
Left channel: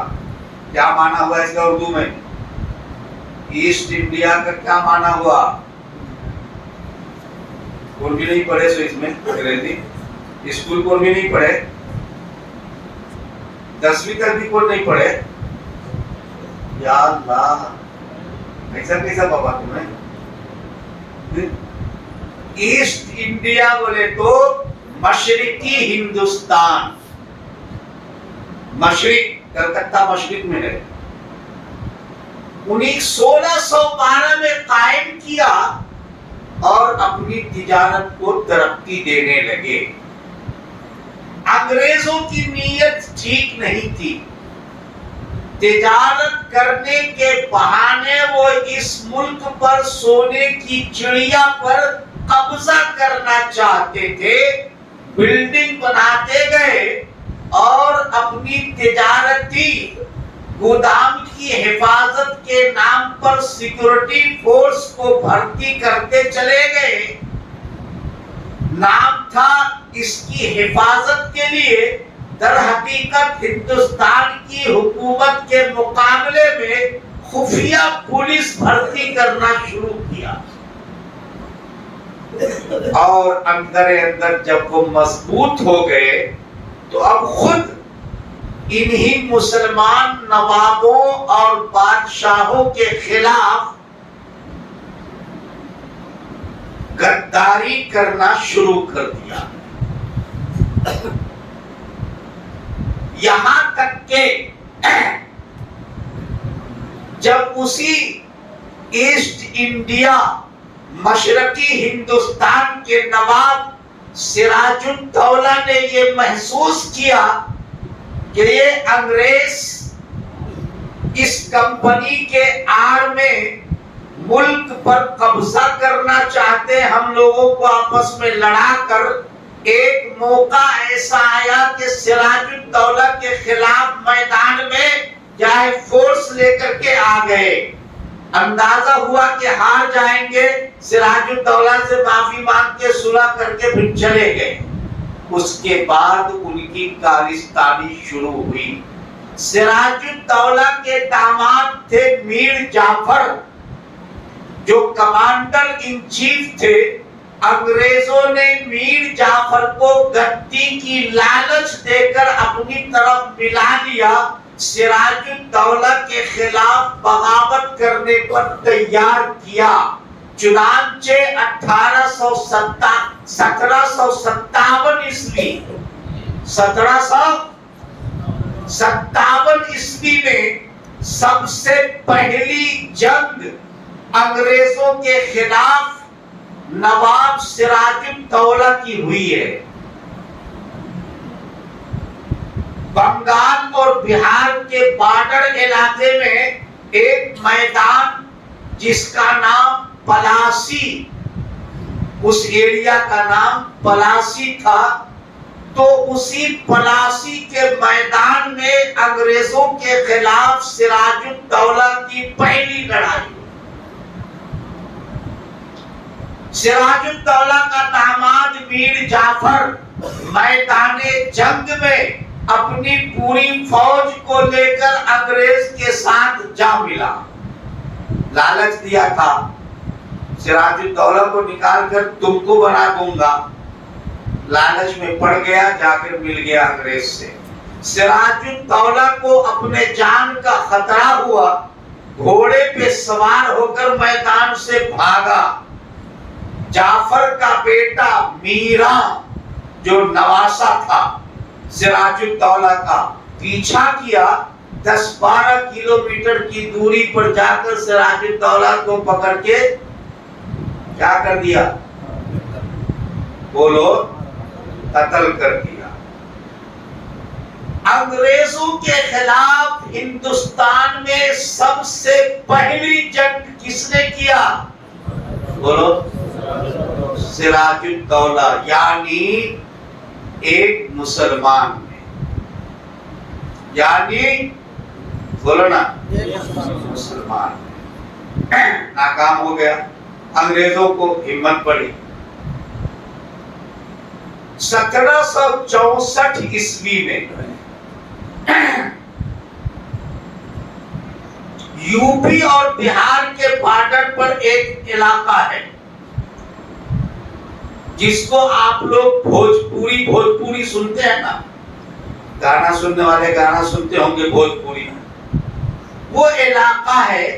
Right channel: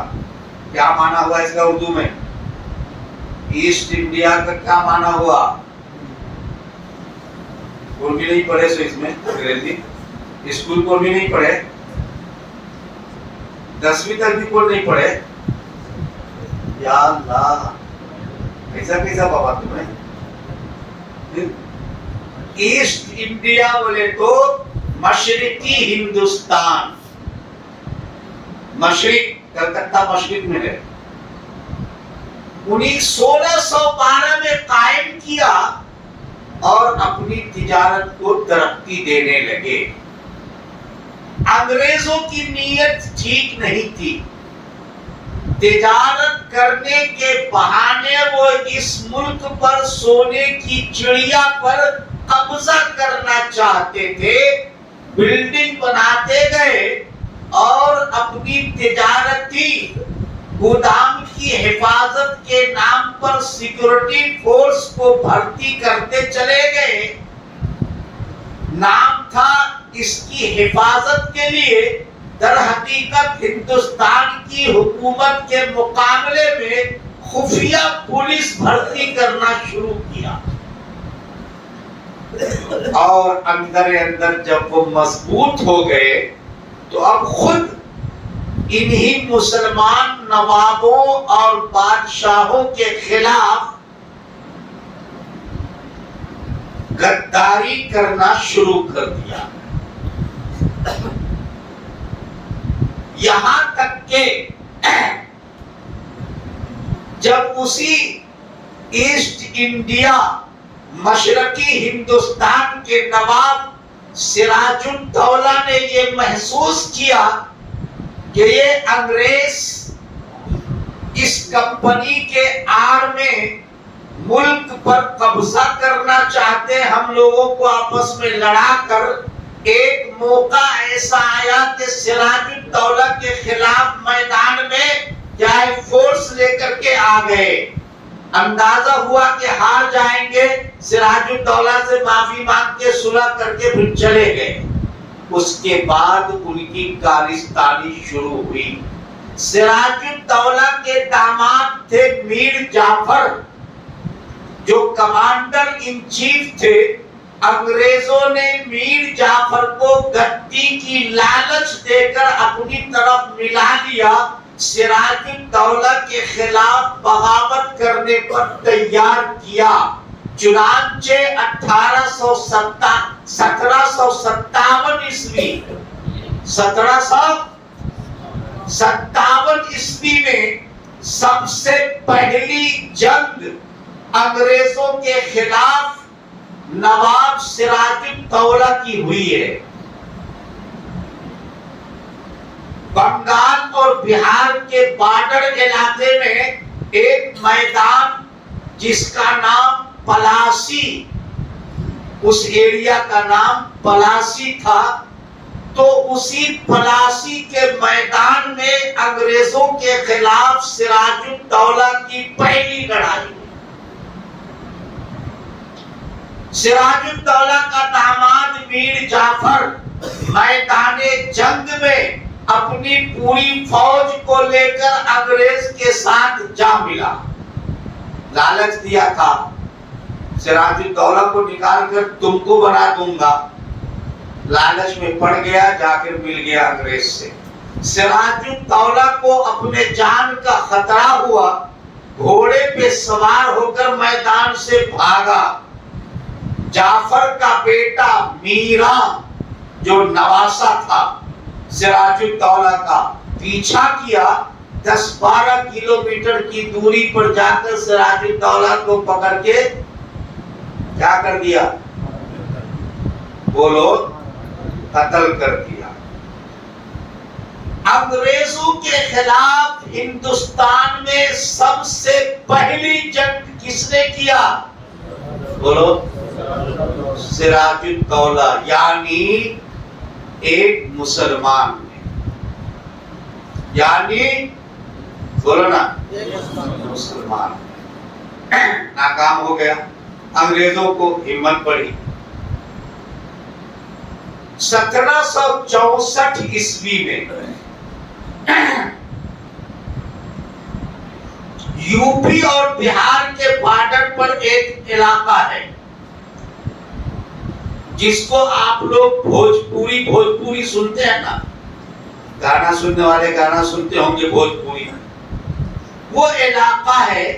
کیا معنی ہوا اس کا اردو میں؟ ایسٹ انڈیا کا کیا معنی ہوا؟ کوئی بھی نہیں پڑھے سو اس میں انگریزی، اسکول کو بھی نہیں پڑھے، 10ویں تک بھی کوئی نہیں پڑھے؟ یا اللہ، کیسا کیسا بابا تمہیں؟ ایسٹ انڈیا بولے تو مشرقی ہندوستان، مشرق، کلکتہ مشرق میں ہے۔ 1612 میں قائم کیا اور اپنی تجارت کو ترقی دینے لگے۔ انگریزوں کی نیت ٹھیک نہیں تھی، تجارت کرنے کے بہانے وہ اس ملک پر سونے کی چڑیا پر قبضہ کرنا چاہتے تھے۔ بلڈنگ بناتے گئے اور اپنی تجارتی گودام کی حفاظت کے نام پر سیکورٹی فورس کو بھرتی کرتے چلے گئے۔ نام تھا اس کی حفاظت کے لیے، در حقیقت ہندوستان کی حکومت کے مقابلے میں خفیہ پولیس بھرتی کرنا شروع کیا۔ اور اندر اندر جب وہ مضبوط ہو گئے تو اب خود انہی مسلمان نوابوں اور بادشاہوں کے خلاف غداری کرنا شروع کر دیا۔ یہاں تک کہ جب اسی ایسٹ انڈیا مشرقی ہندوستان کے نواب سراج الدولہ نے یہ محسوس کیا کہ یہ انگریز اس کمپنی کے آڑ میں ملک پر قبضہ کرنا چاہتے، ہم لوگوں کو آپس میں لڑا کر ایک موقع ایسا آیا کہ سراج الدولہ کے خلاف میدان میں چاہے فورس لے کر کے آ گئے۔ اندازہ ہوا کہ ہار جائیں گے، سراج الدولہ سے معافی مانگ کے صلح کر کے پھر چلے گئے۔ اس کے بعد ان کی کالستانی شروع ہوئی۔ سراج الدولہ کے داماد تھے میر جعفر، جو کمانڈر ان چیف تھے۔ انگریزوں نے میر جعفر کو گدی کی لالچ دے کر اپنی طرف ملا لیا، سراج الدولہ کے خلاف بغاوت کرنے پر تیار کیا۔ چنانچہ 1757 عیسوی میں سب سے پہلی جنگ انگریزوں کے خلاف نواب سراج الدولہ کی ہوئی ہے۔ بنگال اور بہار کے بارڈر علاقے میں ایک میدان جس کا نام پلاسی، اس ایریا کا نام پلاسی تھا، تو اسی پلاسی کے میدان میں انگریزوں کے خلاف سراج الدولہ کی پہلی لڑائی ہوئی۔ سراج الدولہ کا داماد میر جعفر میدان جنگ میں اپنی پوری فوج کو لے کر انگریز کے ساتھ جا ملا۔ لالچ دیا تھا سراج الدولہ کو نکال کر تم کو بنا دوں گا، لالچ میں پڑ گیا، جا کر مل گیا انگریز سے۔ سراج الدولہ کو اپنے جان کا خطرہ ہوا، گھوڑے پہ سوار ہو کر میدان سے بھاگا۔ جعفر کا بیٹا میرا جو نواسا تھا سراج الدولہ کا، پیچھا کیا، 10-12 کلومیٹر کی دوری پر جا کر سراج الدولہ کو پکڑ کے کیا کر دیا؟ بولو، قتل کر دیا۔ انگریزوں کے خلاف ہندوستان میں سب سے پہلی جنگ کس نے کیا؟ بولو، سراج الدولہ، یعنی ایک مسلمان نے، یعنی بولو نا، مسلمان ناکام ہو گیا۔ انگریزوں کو ہمت پڑی۔ 1764 عیسوی میں یوپی اور بہار کے بارڈر پر ایک علاقہ ہے جس کو آپ لوگ بھوجپوری سنتے ہیں نا، گانا سننے والے گانا سنتے ہوں گے بھوجپوری۔ وہ علاقہ ہے،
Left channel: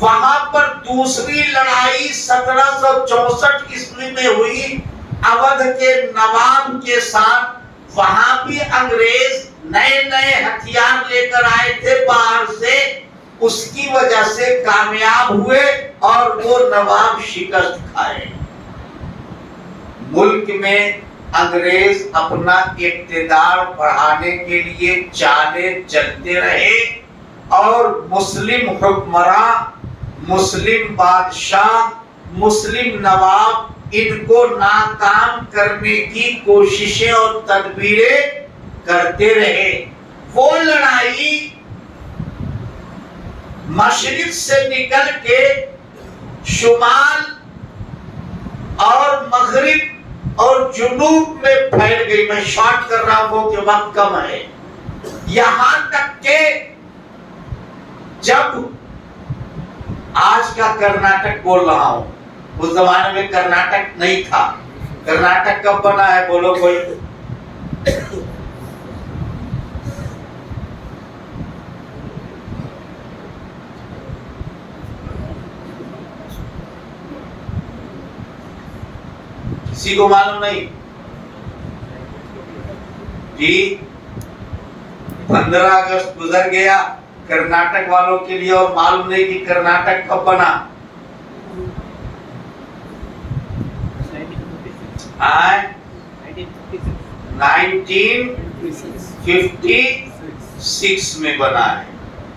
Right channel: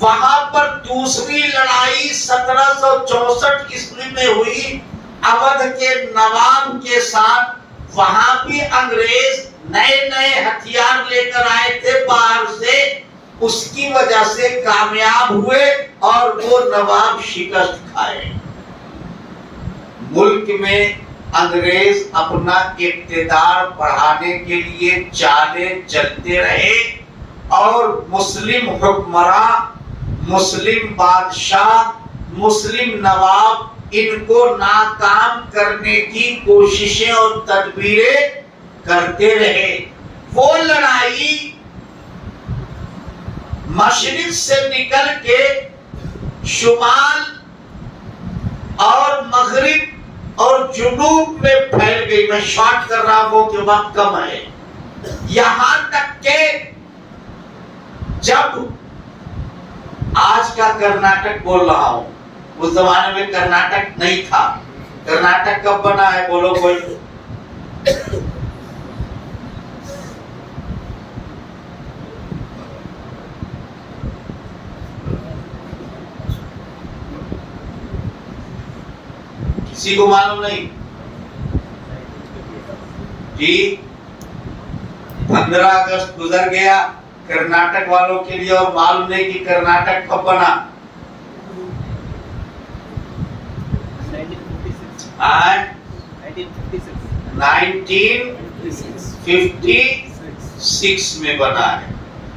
وہاں پر دوسری لڑائی 1764 عیسوی میں ہوئی اودھ کے نواب کے ساتھ۔ وہاں بھی انگریز نئے ہتھیار لے کر آئے تھے باہر سے، اس کی وجہ سے کامیاب ہوئے اور وہ نواب شکست کھائے۔ ملک میں انگریز اپنا اقتدار بڑھانے کے لیے چالیں چلتے رہے اور مسلم حکمراں، مسلم بادشاہ، مسلم نواب ان کو ناکام کرنے کی کوششیں اور تدبیریں کرتے رہے۔ وہ لڑائی مشرق سے نکل کے شمال اور مغرب اور جنوب میں پھیل گئی۔ میں شارٹ کر رہا ہوں کہ وقت کم ہے۔ یہاں تک کہ جب آج کا کرناٹک بول رہا ہوں، اس زمانے میں کرناٹک نہیں تھا۔ کرناٹک کب بنا ہے بولو کوئی؟ کسی کو معلوم نہیں؟ جی 15 اگست گزر گیا کرناٹک والوں کے لیے اور معلوم نہیں کہ کرناٹک کب بنا۔ 1956 میں بنا ہے۔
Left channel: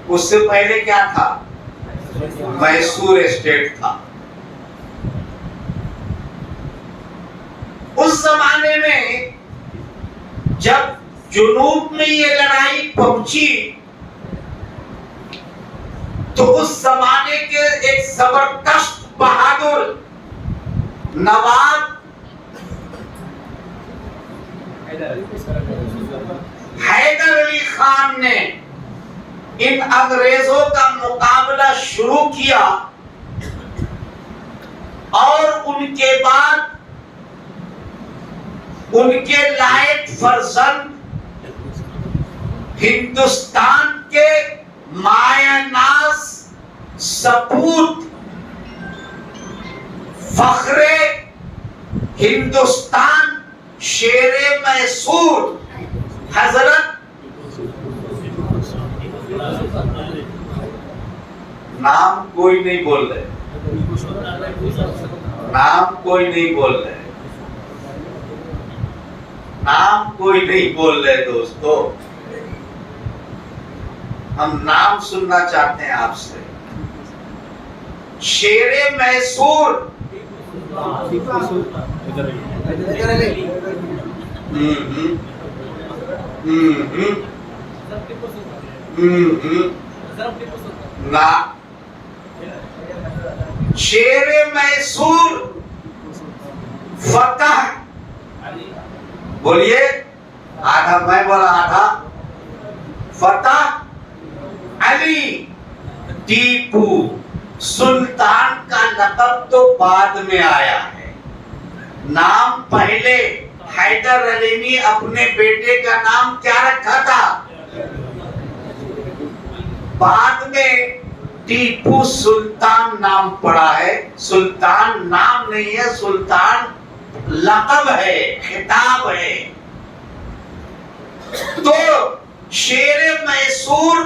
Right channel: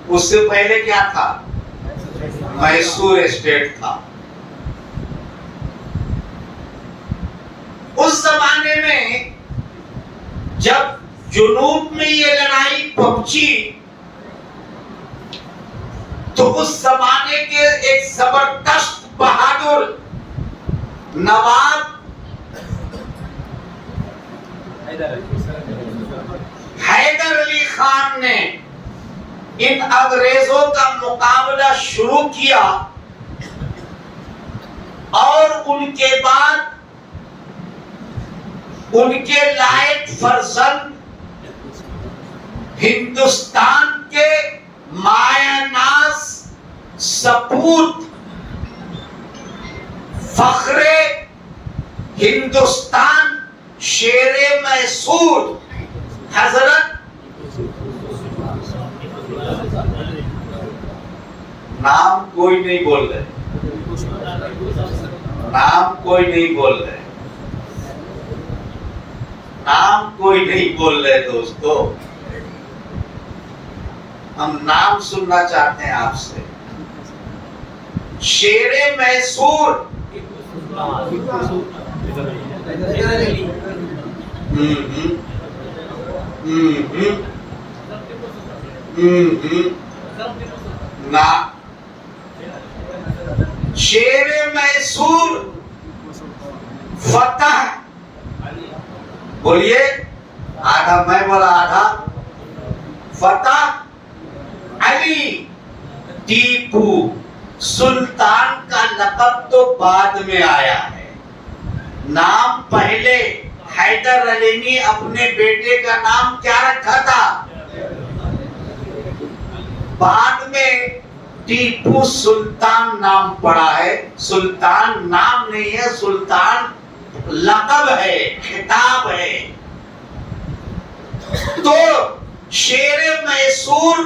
اس سے پہلے کیا تھا؟ میسور اسٹیٹ تھا۔ اس زمانے میں جب جنوب میں یہ لڑائی پہنچی تو اس زمانے کے ایک زبردست بہادر نواب حیدر علی خان نے ان انگریزوں کا مقابلہ شروع کیا اور ان کے بعد ان کے لائق فرزند ہندوستان کے مایہ ناز سپوت فخر ہندوستان شیر میسور حضرت نام کوئی نہیں بول رہے، نام کوئی نہیں بول رہے، نام کوئی نہیں بول رہے دوستو، ہم نام سننا چاہتے ہیں آپ سے۔ شیر میسور نا شیر میسور فتح، بولیے آدھا میں بولا آدھا، فتح علی ٹیپو سلطان کا لقب تو بعد میں آیا ہے، نام پہلے حیدر علی نے اپنے بیٹے کا نام کیا رکھا تھا، بعد میں ٹیپو سلطان نام پڑا ہے۔ سلطان نام نہیں ہے، سلطان لقب ہے، خطاب ہے۔ تو شیر میسور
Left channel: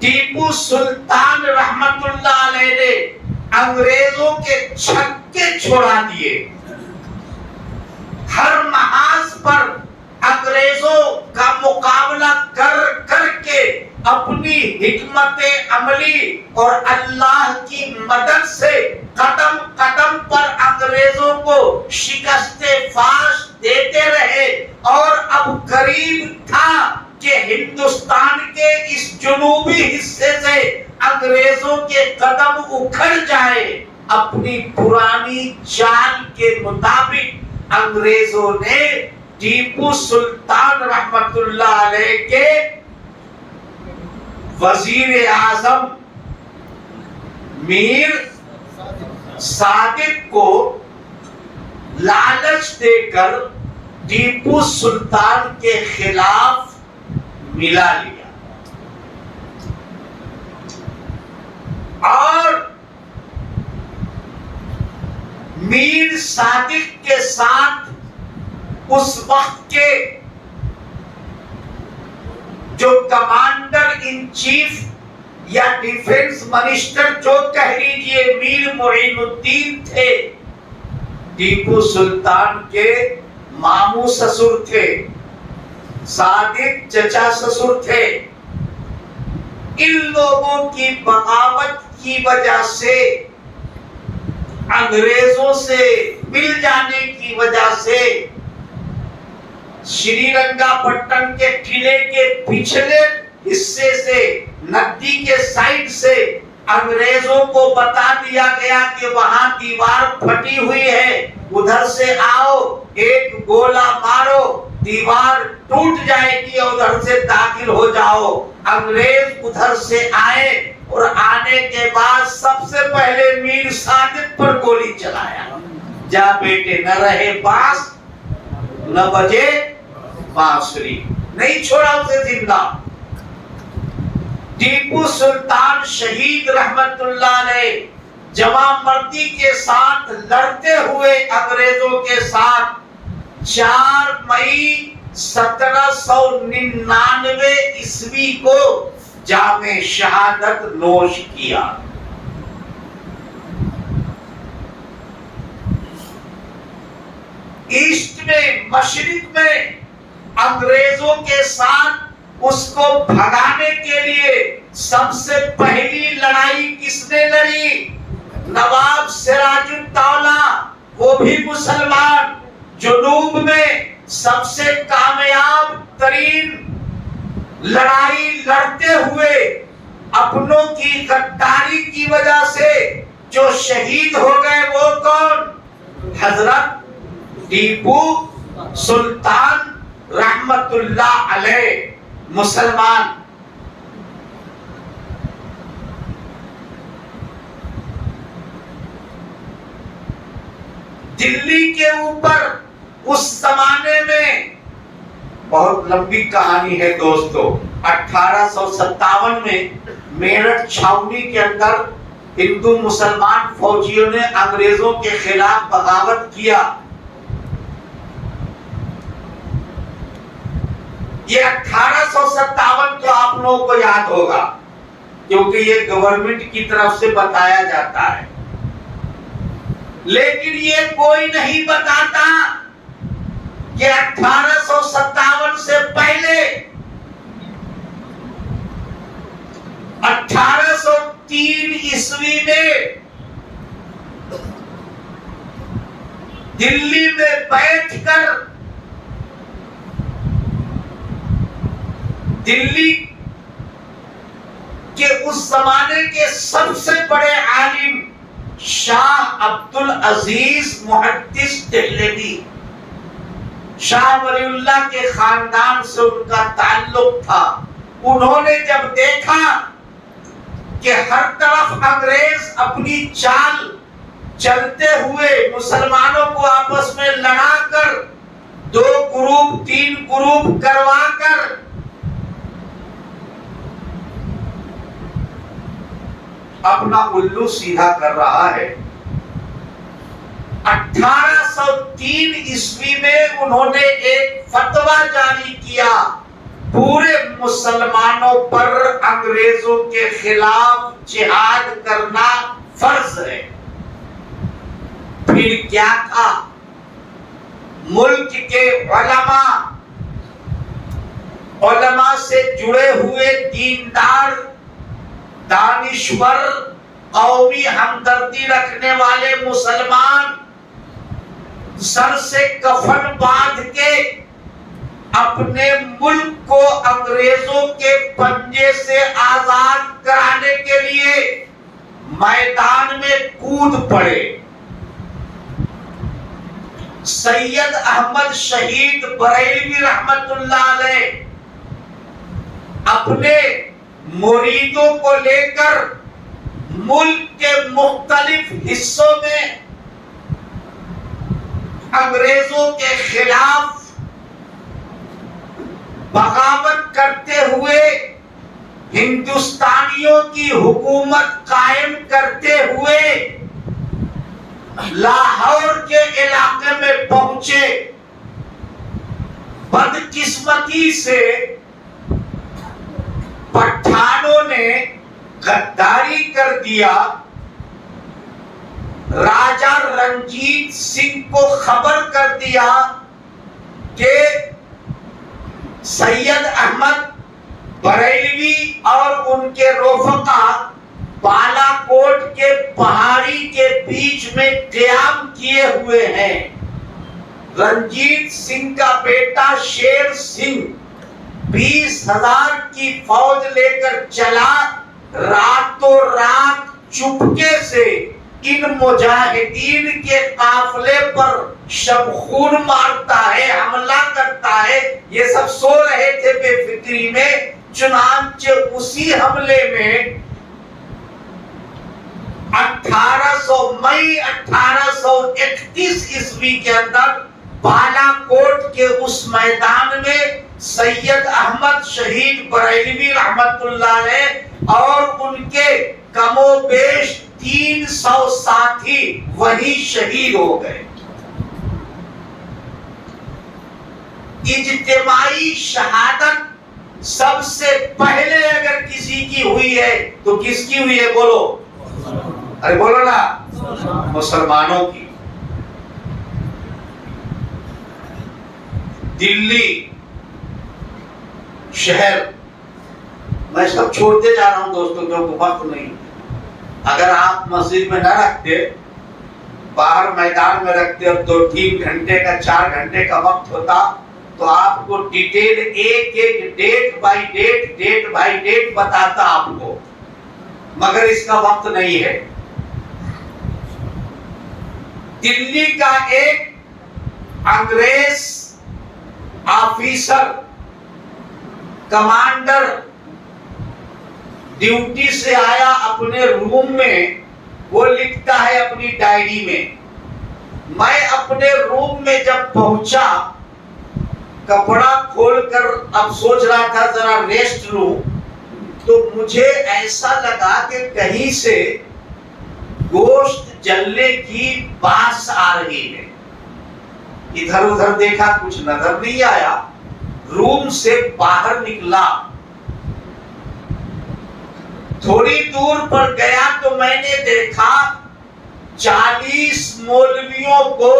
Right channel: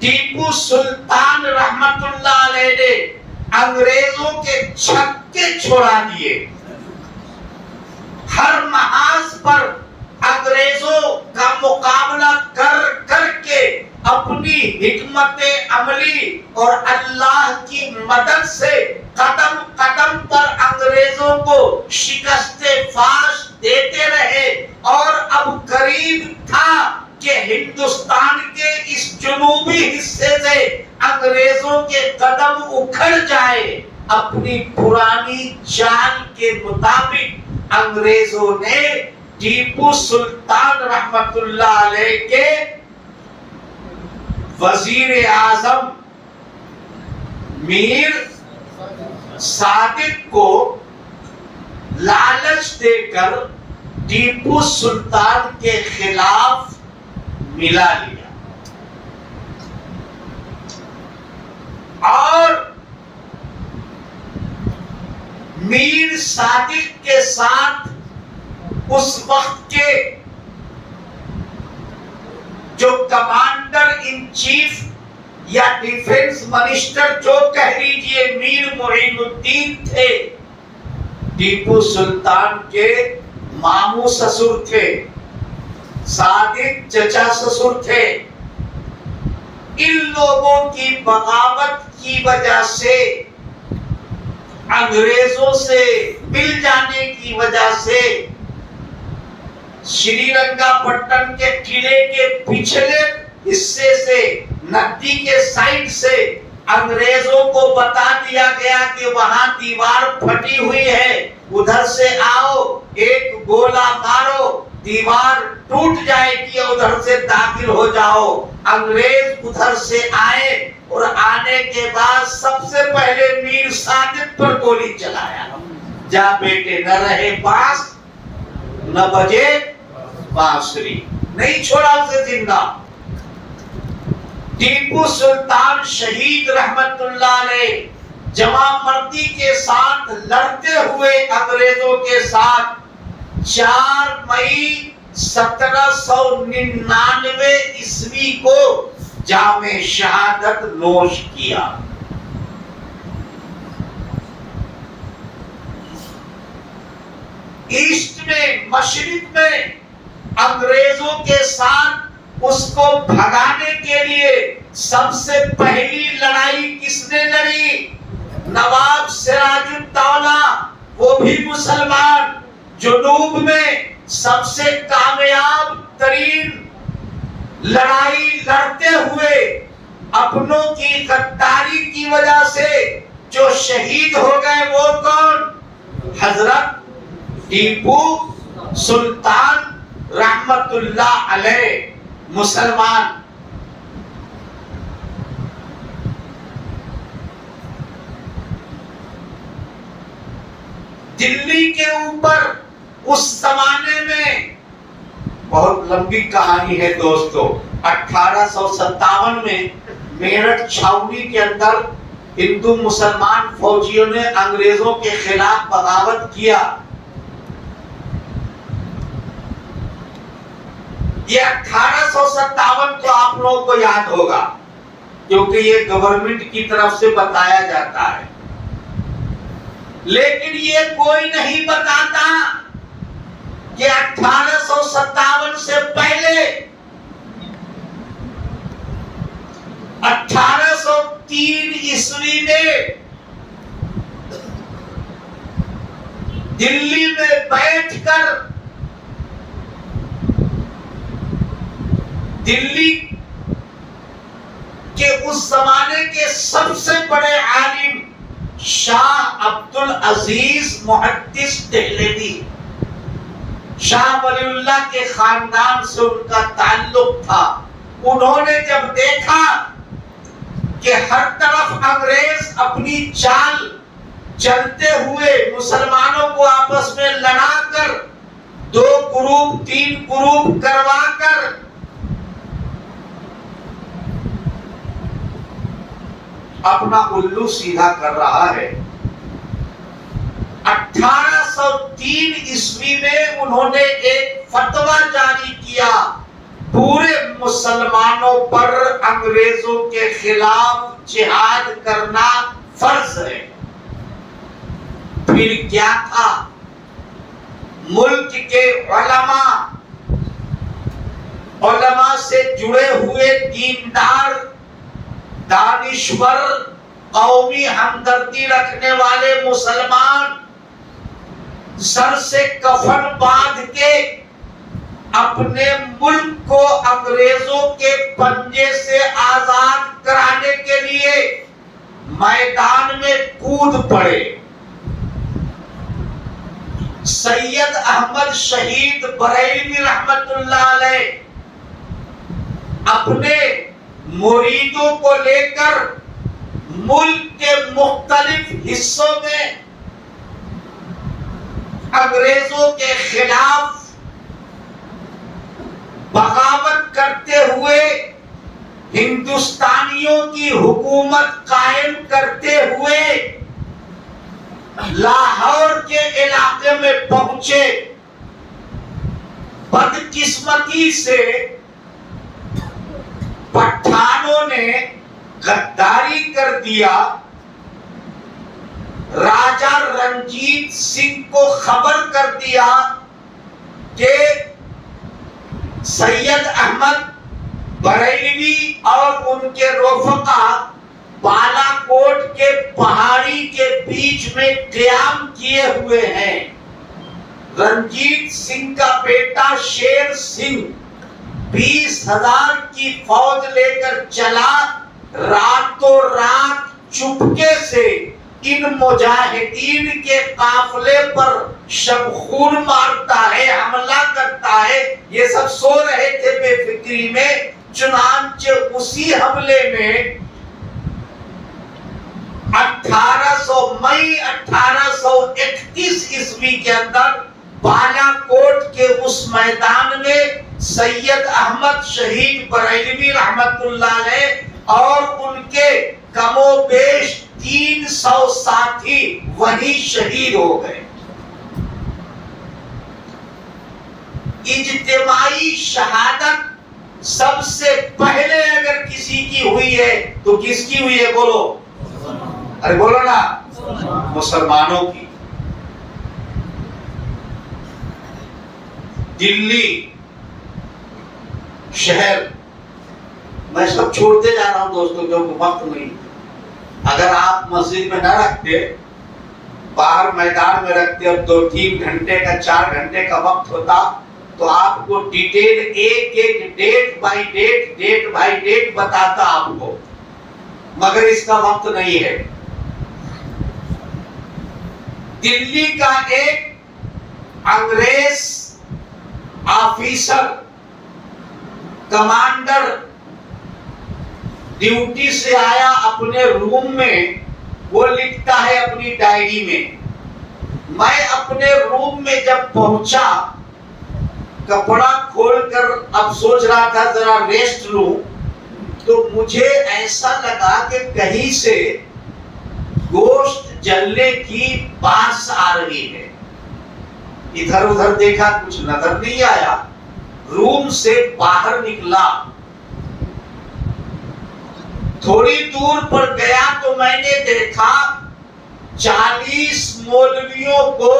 ٹیپو سلطان رحمت اللہ علیہ نے انگریزوں کے چھکے چھوڑا دیے، ہر محاذ پر انگریزوں کا مقابلہ کر کر کے اپنی حکمت عملی اور اللہ کی مدد سے قدم قدم پر انگریزوں کو شکست فاش دیتے رہے، اور اب قریب تھا کہ ہندوستان کے اس جنوبی حصے سے انگریزوں کے قدم اکھڑ جائے۔ اپنی پرانی چال کے مطابق انگریزوں نے ٹیپو سلطان رحمت اللہ علیہ کے وزیر اعظم میر صادق کو لالچ دے کر ٹیپو سلطان کے خلاف ملا لیا، اور میر صادق کے ساتھ اس وقت کے جو کمانڈر ان چیف یا ڈیفنس منسٹر جو کہہ لیجئے میر معین الدین تھے، ٹیپو سلطان کے ماموں سسر تھے، صادق چچا سسر تھے۔ ان لوگوں کی بغاوت کی وجہ سے، انگریزوں سے مل جانے کی وجہ سے، شری رنگا پٹن کے قلعے کے پچھلے حصے سے، ندی کے سائیڈ سے انگریزوں کو بتا دیا گیا کہ وہاں دیوار پھٹی ہوئی ہے، ادھر سے آؤ، ایک گولہ مارو، دیوار ٹوٹ جائے گی، ادھر سے داخل ہو جاؤ۔ انگریز ادھر سے آئے، اور آنے کے بعد سب سے پہلے میر صادق پر گولی چلایا۔ جا بیٹے، نہ رہے بانس نہ بجے بانسری، نہیں چھوڑا اسے زندہ۔ ٹیپو سلطان شہید رحمت اللہ علیہ جوان مردی کے ساتھ لڑتے ہوئے انگریزوں کے ساتھ 4 مئی 1799 عیسوی کو جام شہادت نوش کیا۔ ایسٹ میں، مشرق میں انگریزوں کے ساتھ اس کو بھگانے کے لیے سب سے پہلی لڑائی کس نے لڑی؟ نواب سراج الدولہ، وہ بھی مسلمان۔ جنوب میں سب سے کامیاب ترین لڑائی لڑتے ہوئے اپنوں کی غداری کی وجہ سے جو شہید ہو گئے وہ کون؟ حضرت ٹیپو سلطان رحمت اللہ علیہ مسلمان. دلی کے اوپر اس زمانے میں بہت لمبی کہانی ہے دوستو. 1857 میں میرٹھ چھاؤنی کے اندر ہندو مسلمان فوجیوں نے انگریزوں کے خلاف بغاوت کیا. یہ 1857 تو آپ لوگوں کو یاد ہوگا کیونکہ یہ گورنمنٹ کی طرف سے بتایا جاتا ہے. لیکن یہ کوئی نہیں بتاتا کہ 1857 سے پہلے 1803 عیسوی میں دلی میں بیٹھ کر دلی کے اس زمانے کے سب سے بڑے عالم شاہ عبد العزیز محدث دہلوی، شاہ ولی اللہ کے خاندان سے ان کا تعلق تھا. انہوں نے جب دیکھا کہ ہر طرف انگریز اپنی چال چلتے ہوئے مسلمانوں کو آپس میں لڑا کر 2 گروپ 3 گروپ کروا کر اپنا الو سیدھا کر رہا ہے، 1803 عیسوی میں انہوں نے ایک فتویٰ جاری کیا پورے مسلمانوں پر انگریزوں کے خلاف جہاد کرنا فرض ہے. پھر کیا تھا؟ ملک کے علماء سے جڑے ہوئے دیندار دانشور قومی ہمدردی رکھنے والے مسلمان سر سے کفن باندھ کے اپنے ملک کو انگریزوں کے پنجے سے آزاد کرانے کے لیے میدان میں کود پڑے. سید احمد شہید بریلوی رحمت اللہ علیہ اپنے مریدوں کو لے کر ملک کے مختلف حصوں میں انگریزوں کے خلاف بغاوت کرتے ہوئے ہندوستانیوں کی حکومت قائم کرتے ہوئے لاہور کے علاقے میں پہنچے. بدقسمتی سے پٹھانوں نے غداری کر دیا. راجہ رنجیت سنگھ کو خبر کر دیا کہ سید احمد بریلوی اور ان کے رفقا بالا کوٹ کے پہاڑی کے بیچ میں قیام کیے ہوئے ہیں. رنجیت سنگھ کا بیٹا شیر سنگھ 20,000 کی فوج لے کر چلا. راتوں رات چپکے سے ان مجاہدین کے قافلے پر شبخون مارتا ہے، حملہ کرتا ہے. یہ سب سو رہے تھے بے فکری میں. چنانچہ اسی حملے میں 1831 عیسوی کے اندر بالا کوٹ کے اس میدان میں سید احمد شہید بریلوی رحمت اللہ علیہ اور ان کے کم و بیش 300 ساتھی وہی شہید ہو گئے. اجتماعی شہادت سب سے پہلے اگر کسی کی ہوئی ہے تو کس کی ہوئی ہے؟ بولو، ارے بولو نا، مسلمانوں کی. دلی شہر میں سب چھوڑتے جا رہا ہوں دوستوں کیونکہ وقت نہیں. اگر آپ مسجد میں نہ رکھتے، باہر میدان میں رکھتے اور 2-3 گھنٹے کا 4 گھنٹے کا وقت ہوتا تو آپ کو ڈیٹیل ایک ڈیٹ بائی ڈیٹ بتاتا آپ کو. مگر اس کا وقت نہیں ہے. دلی کا ایک انگریز آفیسر کمانڈر ڈیوٹی سے آیا اپنے روم میں. وہ لکھتا ہے اپنی ڈائری میں, میں اپنے روم میں جب پہنچا, کپڑا کھول کر اب سوچ رہا تھا ذرا ریسٹ لوں, تو مجھے ایسا لگا کہ کہیں سے گوشت جلنے کی باس آ رہی ہے. ادھر ادھر دیکھا, کچھ نظر نہیں آیا. روم سے باہر نکلا, تھوڑی دور پر گیا تو میں نے دیکھا 40 مولویوں کو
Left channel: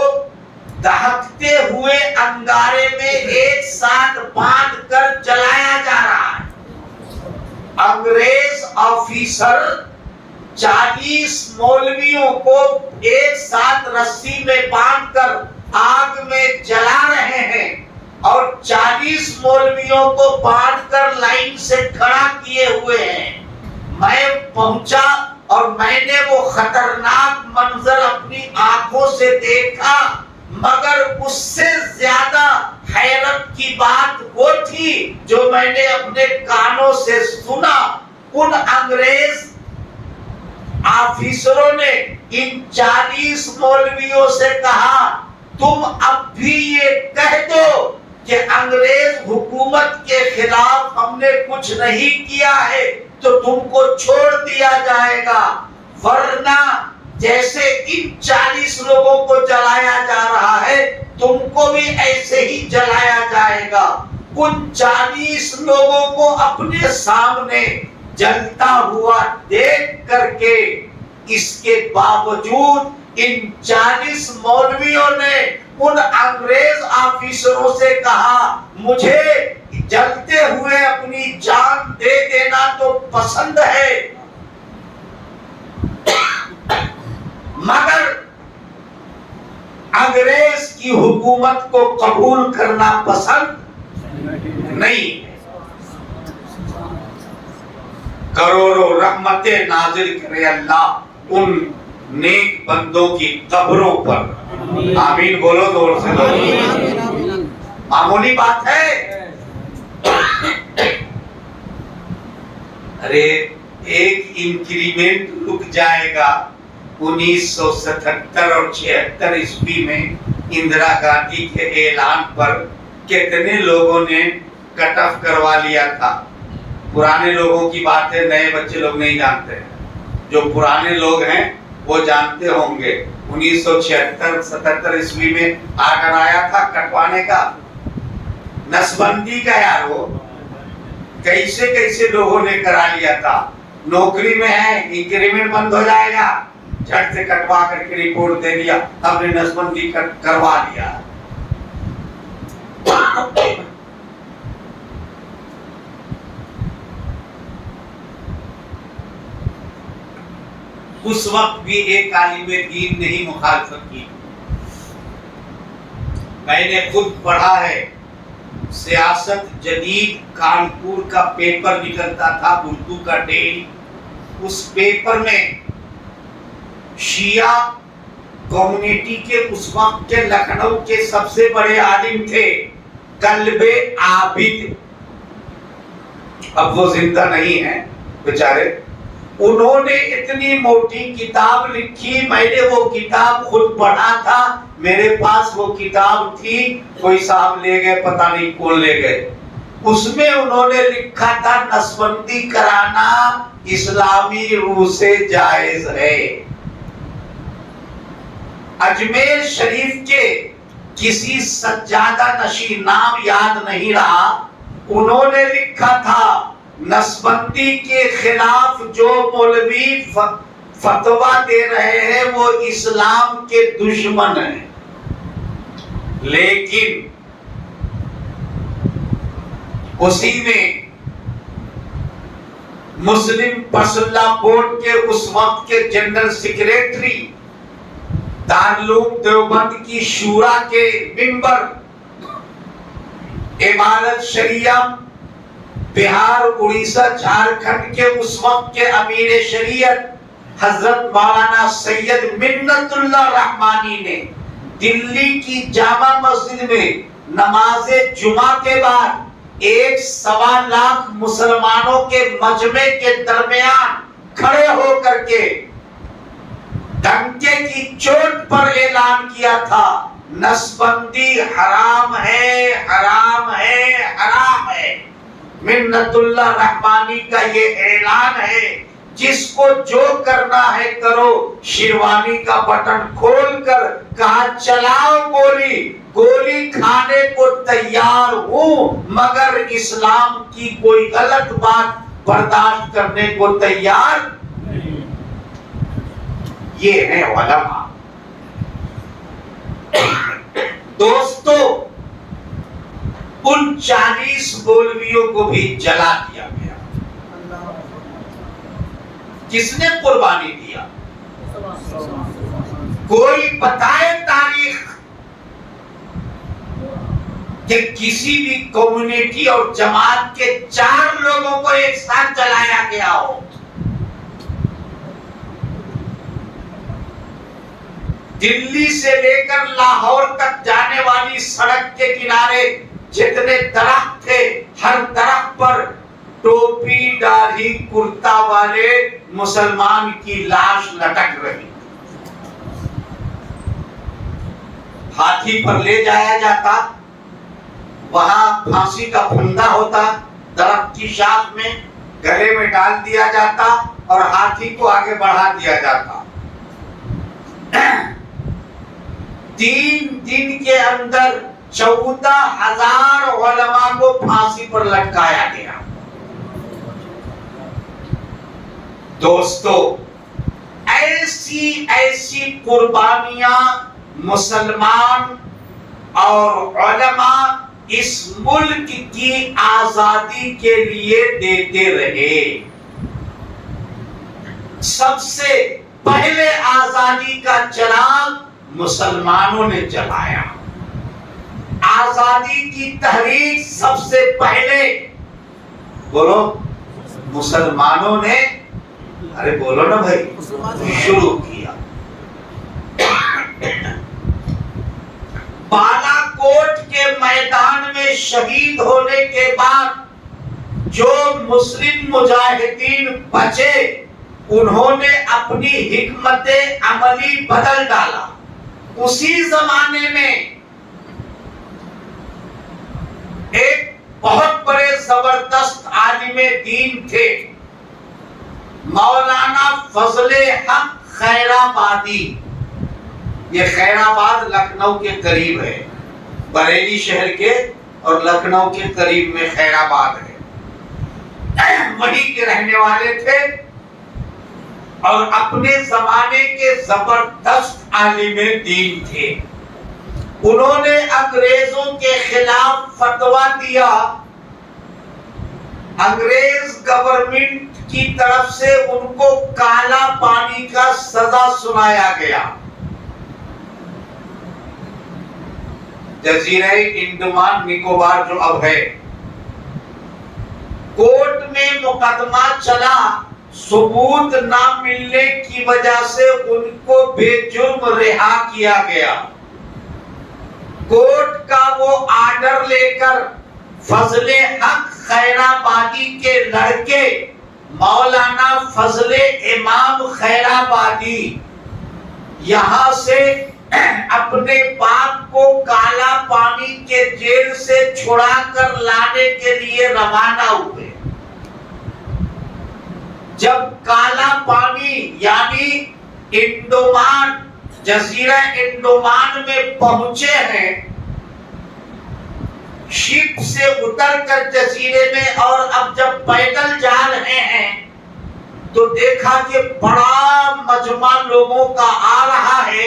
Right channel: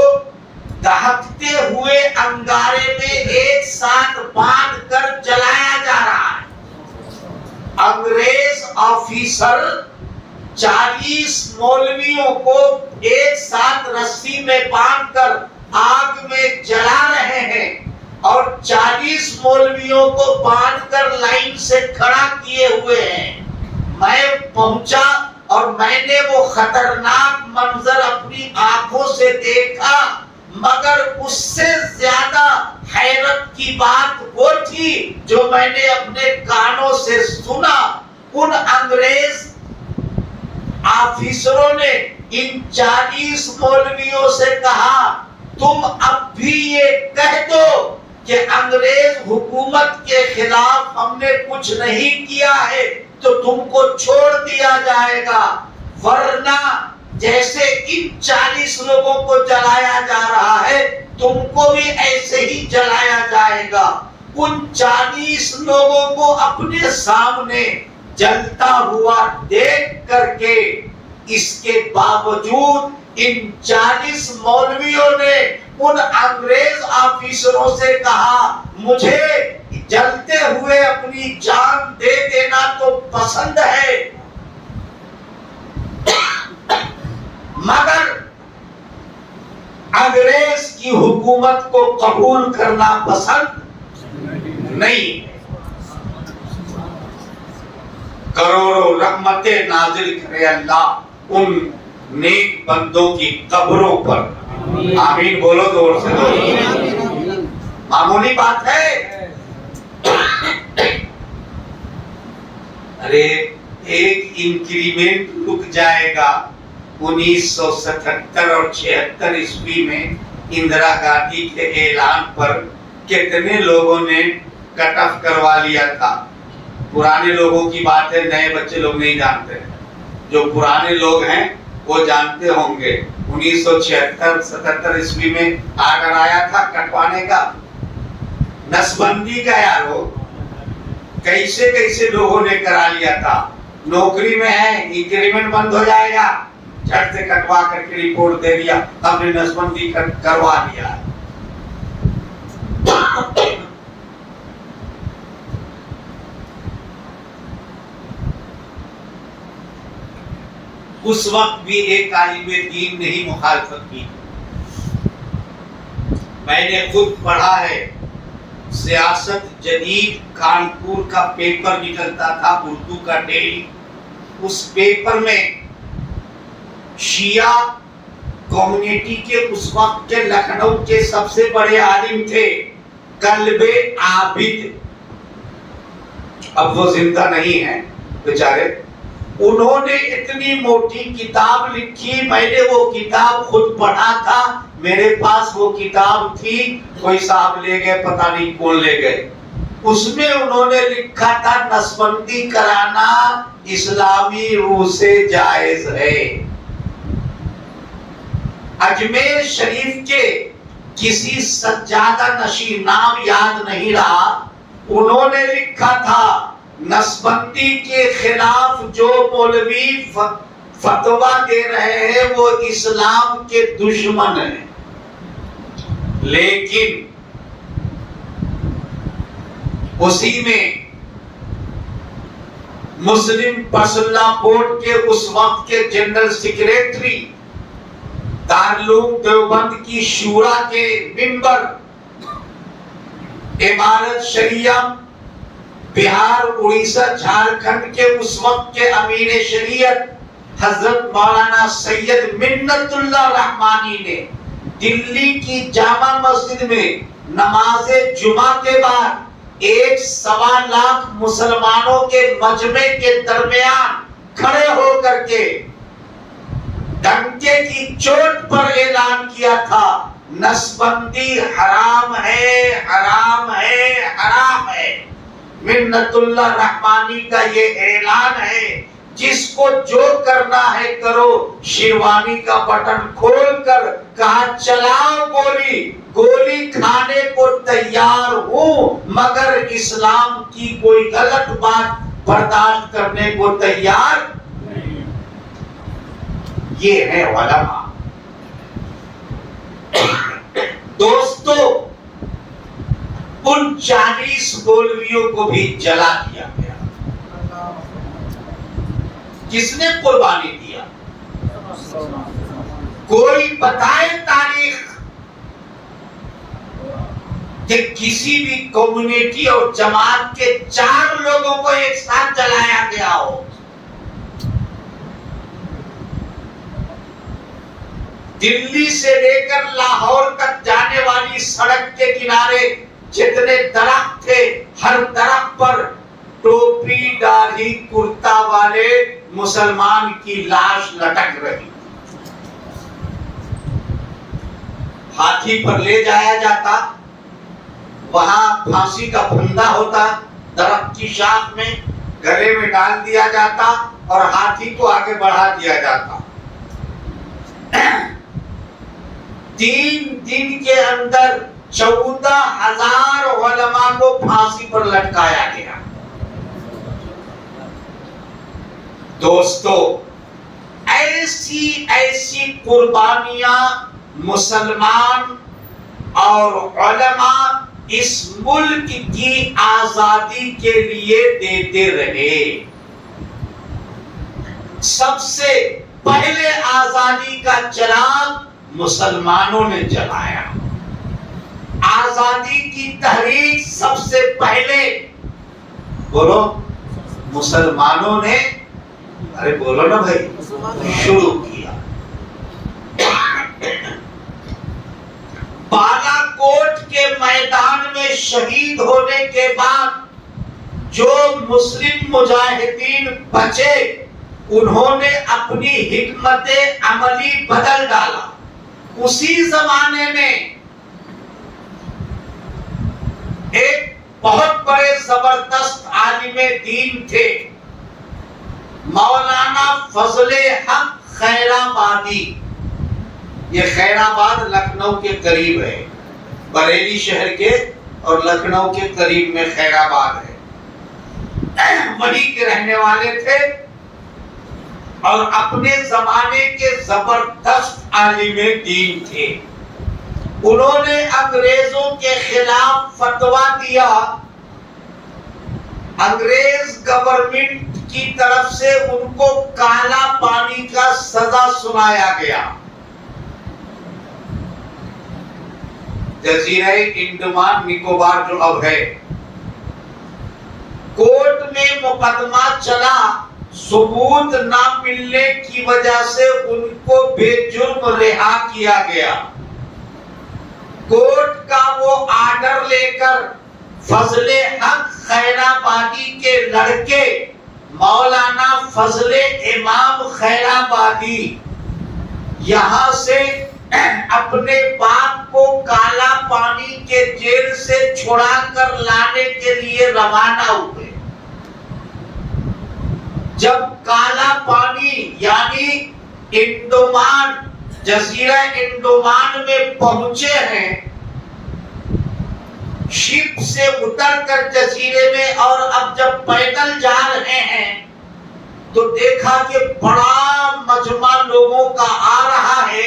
دہکتے ہوئے انگارے میں ایک ساتھ باندھ کر جلایا جا رہا ہے. انگریز آفیسر 40 مولویوں کو ایک ساتھ رسی میں باندھ کر آگ میں جلا رہے ہیں, اور 40 مولویوں کو باندھ کر لائن سے کھڑا کیے ہوئے ہیں. میں پہنچا اور میں نے وہ خطرناک منظر اپنی آنکھوں سے دیکھا, مگر اس سے زیادہ حیرت کی بات وہ تھی جو میں نے اپنے کانوں سے سنا. ان انگریز آفیسروں نے ان 40 مولویوں سے کہا, تم اب بھی یہ کہہ دو کہ انگریز حکومت کے خلاف ہم نے کچھ نہیں کیا ہے تو تم کو چھوڑ دیا جائے گا, ورنہ جیسے ان 40 لوگوں کو جلایا جا رہا ہے تم کو بھی ایسے ہی جلایا جائے گا. ان 40 لوگوں کو اپنے سامنے جلتا ہوا دیکھ کر کے, اس کے باوجود ان 40 مولویوں نے ان انگریز آفیسروں سے کہا, مجھے جلتے ہوئے اپنی جان دے دینا تو پسند ہے, مگر انگریز کی حکومت کو قبول کرنا پسند نہیں. کروڑوں رحمتیں نازل کرے اللہ ان نیک بندوں کی قبروں پر. آمین بولو زور سے. معمولی بات ہے. ارے ایک انکریمنٹ رک جائے گا. 1977 اور 76 عیسوی میں اندرا گاندھی کے اعلان پر کتنے لوگوں نے کٹ آف کروا لیا تھا. پرانے لوگوں کی بات ہے, نئے بچے لوگ نہیں جانتے. جو پرانے لوگ ہیں وہ جانتے ہوں گے. 1976-77 عیسوی میں آ کر آیا تھا کٹوانے کا, نس بندی کا. یار وہ کیسے کیسے لوگوں نے کرا لیا تھا. نوکری میں ہے, انکریمنٹ بند ہو جائے گا, جھٹ سے کٹوا کر کے رپورٹ دے دیا, ہم نے نس بندی کروا دیا. اس وقت بھی ایک عالم دین نے ہی مخالفت کی. میں نے خود پڑھا ہے, سیاست جدید کانپور کا پیپر نکلتا تھا اردو کا ڈیلی. اس پیپر میں شیعہ کمیونٹی کے اس وقت کے لکھنؤ کے سب سے بڑے عالم تھے کلب عابد, اب وہ زندہ نہیں ہیں بیچارے. انہوں نے اتنی موٹی کتاب لکھی, میں نے وہ کتاب خود پڑھا تھا, میرے پاس وہ کتاب تھی, کوئی صاحب لے گئے, پتہ نہیں کون لے گئے. اس میں انہوں نے لکھا تھا نسبندی کرانا اسلامی روح سے جائز ہے. اجمیر شریف کے کسی سجادہ نشین, نام یاد نہیں رہا, انہوں نے لکھا تھا نسبندی کے خلاف جو مولوی فتویٰ دے رہے ہیں وہ اسلام کے دشمن ہیں. لیکن اسی میں مسلم پرسنل بورڈ کے اس وقت کے جنرل سیکریٹری, دارالعلوم دیوبند کی شورا کے ممبر, عمارت شریعہ بہار، اڑیسہ، جھارکھنڈ کے اس وقت کے امیر شریعت حضرت مولانا سید منت اللہ رحمانی نے دلی کی جامع مسجد میں نماز جمعہ کے بعد 1.25 لاکھ مسلمانوں کے مجمع کے درمیان کھڑے ہو کر کے ڈنکے کی چوٹ پر اعلان کیا تھا، نسبندی حرام ہے، حرام ہے، حرام ہے۔ منت اللہ رحمانی کا یہ اعلان ہے، جس کو جو کرنا ہے کرو۔ شیروانی کا بٹن کھول کر کہا چلاؤ گولی، گولی کھانے کو تیار ہوں، مگر اسلام کی کوئی غلط بات برداشت کرنے کو تیار نہیں۔ یہ ہے علماء۔ دوستو، ان 40 مولویوں کو بھی جلا دیا گیا۔ کس نے قربانی دیا؟ کوئی بتائے تاریخ کہ کسی بھی کمیونٹی اور جماعت کے 4 لوگوں کو ایک ساتھ جلایا گیا ہو؟ دلی سے لے کر لاہور تک جانے والی سڑک کے کنارے جتنے درخت تھے، ہر درخت پر ٹوپی ڈالی کرتا والے مسلمان کی لاش لٹک رہی۔ ہاتھی پر لے جایا جاتا، وہاں پھانسی کا پھندا ہوتا، درخت کی شاخ میں گلے میں ڈال دیا جاتا اور ہاتھی کو آگے بڑھا دیا جاتا۔ 3 دن کے اندر 14,000 علماء کو پھانسی پر لٹکایا گیا۔ دوستو، ایسی قربانیاں مسلمان اور علماء اس ملک کی آزادی کے لیے دیتے رہے۔ سب سے پہلے آزادی کا چراغ مسلمانوں نے جلایا۔ آزادی کی تحریک سب سے پہلے بولو مسلمانوں نے، ارے بولو نا بھائی، شروع کیا۔ بالا کوٹ کے میدان میں شہید ہونے کے بعد جو مسلم مجاہدین بچے، انہوں نے اپنی حکمت عملی بدل ڈالا۔ اسی زمانے میں ایک بہت بڑے زبردست عالم دین تھے، مولانا فضل حق خیرآبادی۔ یہ خیرآباد لکھنؤ کے قریب ہے، بریلی شہر کے اور لکھنؤ کے قریب میں خیرآباد ہے۔ وہیں کے رہنے والے تھے اور اپنے زمانے کے زبردست عالم دین تھے۔ انہوں نے انگریزوں کے خلاف فتویٰ دیا۔ انگریز گورنمنٹ کی طرف سے ان کو کالا پانی کا سزا سنایا گیا۔ جزیرہ انڈمان نکوبار جو اب ہے، کورٹ میں مقدمہ چلا، ثبوت نہ ملنے کی وجہ سے ان کو بے جرم رہا کیا گیا۔ کورٹ کا وہ آرڈر لے کر فضل حق خیرآبادی کے لڑکے مولانا فضل امام خیرآبادی یہاں سے اپنے باپ کو کالا پانی کے جیل سے چھڑا کر لانے کے لیے روانہ ہوئے۔ جب کالا پانی یعنی انڈمان، جزیرہ انڈمان میں پہنچے ہیں، شپ سے اتر کر جزیرے میں، اور اب جب پیدل جا رہے ہیں تو دیکھا کہ بڑا مجمع لوگوں کا آ رہا ہے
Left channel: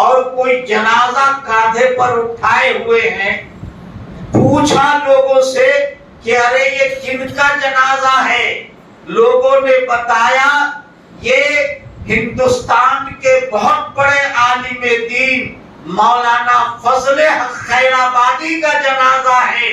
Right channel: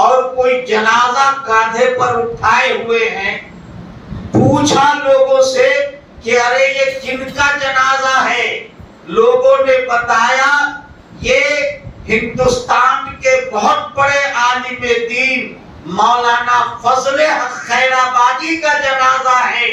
اور کوئی جنازہ کاندھے پر اٹھائے ہوئے ہیں۔ پوچھا لوگوں سے کہ ارے یہ کن کا جنازہ ہے؟ لوگوں نے بتایا یہ ہندوستان کے بہت بڑے عالم دین مولانا فضل حق خیرآبادی کا جنازہ ہے۔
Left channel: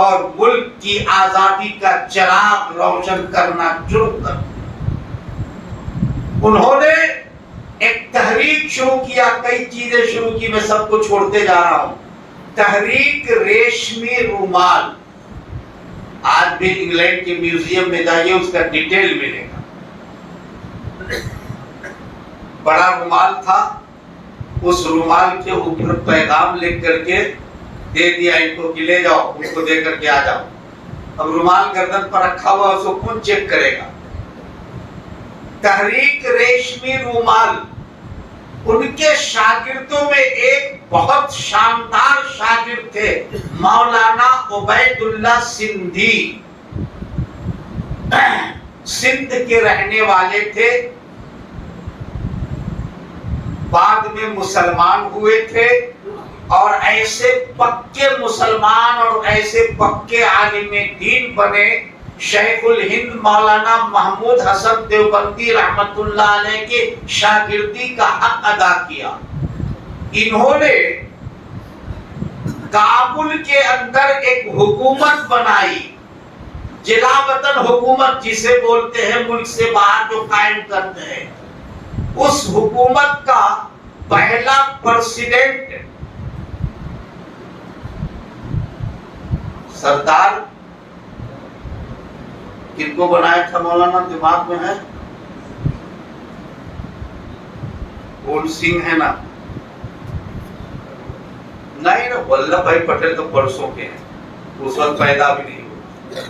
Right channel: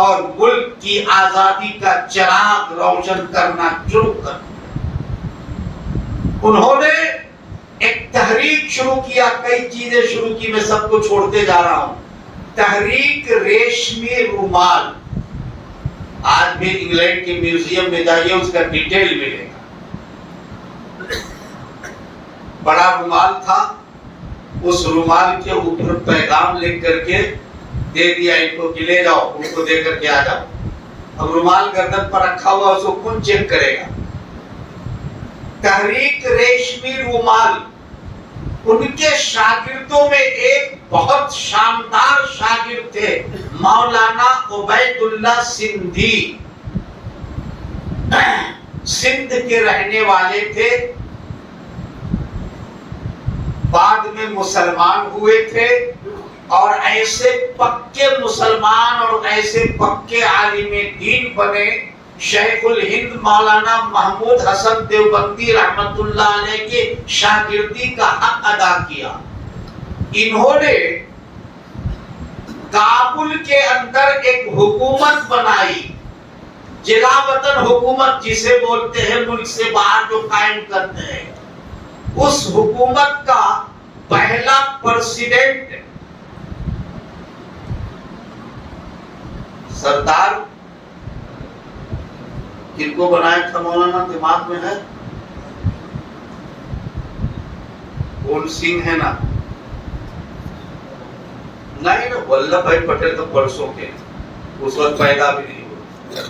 اور ملک کی آزادی کا چراغ روشن کرنا شروع کر. انہوں نے ایک تحریک شروع کیا, کئی چیزیں شروع کی, میں سب کو چھوڑتے جا رہا ہوں. تحریک ریشمی رومال, آج بھی انگلینڈ کے میوزیم میں جائیے, اس کا ڈیٹیل ملے گا. بڑا رومال تھا, اس رومال کے اوپر پیغام لکھ کر کے دے دیا ان کو کہ لے جاؤ, ان کو دے کر کے آ جاؤ. اب رومال گردن پر رکھا ہوا, اس کو کون چیک کرے گا؟ تحریک ریشمی رومال. ان کے شاگردوں میں ایک بہت شاندار شاگرد تھے, مولانا عبید اللہ سندھی. سندھ کے رہنے والے تھے, بعد میں مسلمان ہوئے تھے, اور ایسے پکے مسلمان اور ایسے پکے عالم دین بنے. شیخ الہند مولانا محمود حسن دیوبندی رحمت اللہ علیہ کے شاگردی کا حق ادا کیا. انہوں نے کابل کے اندر ایک حکومت بنائی, جلا وطن حکومت جسے بولتے ہیں, ملک سے باہر جو قائم کرتے ہیں. اس حکومت کا پہلا پریزیڈنٹ سردار کن کو بنایا تھا مولانا, دماغ میں ہے؟ کون سنگھ ہے نا؟ نہیں نا, ولبھ بھائی پٹیل تو برسوں کے ہیں, اس وقت پیدا بھی نہیں ہوئے.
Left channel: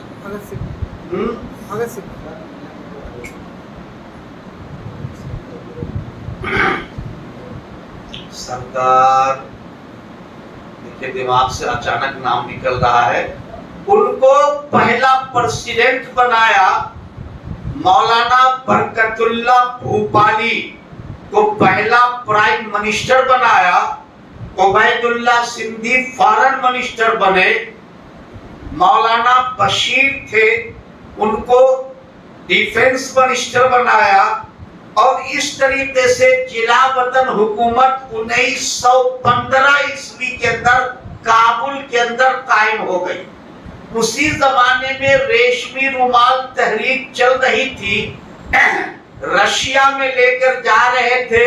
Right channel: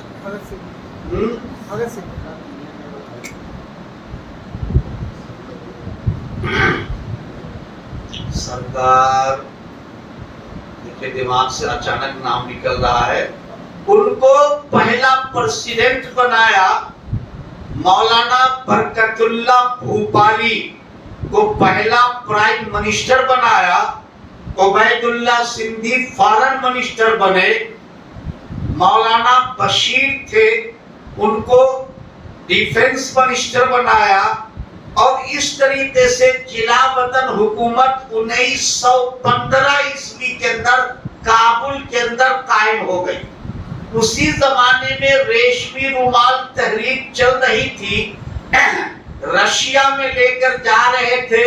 سردار کے دماغ سے اچانک نام نکل رہا ہے. ان کو پہلا پریزیڈنٹ بنایا. مولانا برکت اللہ بھوپالی کو پہلا پرائم منسٹر بنایا. عبید اللہ سندھی فارن منسٹر بنے. مولانا بشیر تھے, ان کو ڈیفنس منسٹر بنایا. اور اس طریقے سے جلا وطن حکومت 1915 عیسوی کے اندر کابل کے اندر قائم ہو گئی. اسی زمانے میں ریشمی رومال تحریک چل رہی تھی. رشیا میں لے کر جا رہے تھے.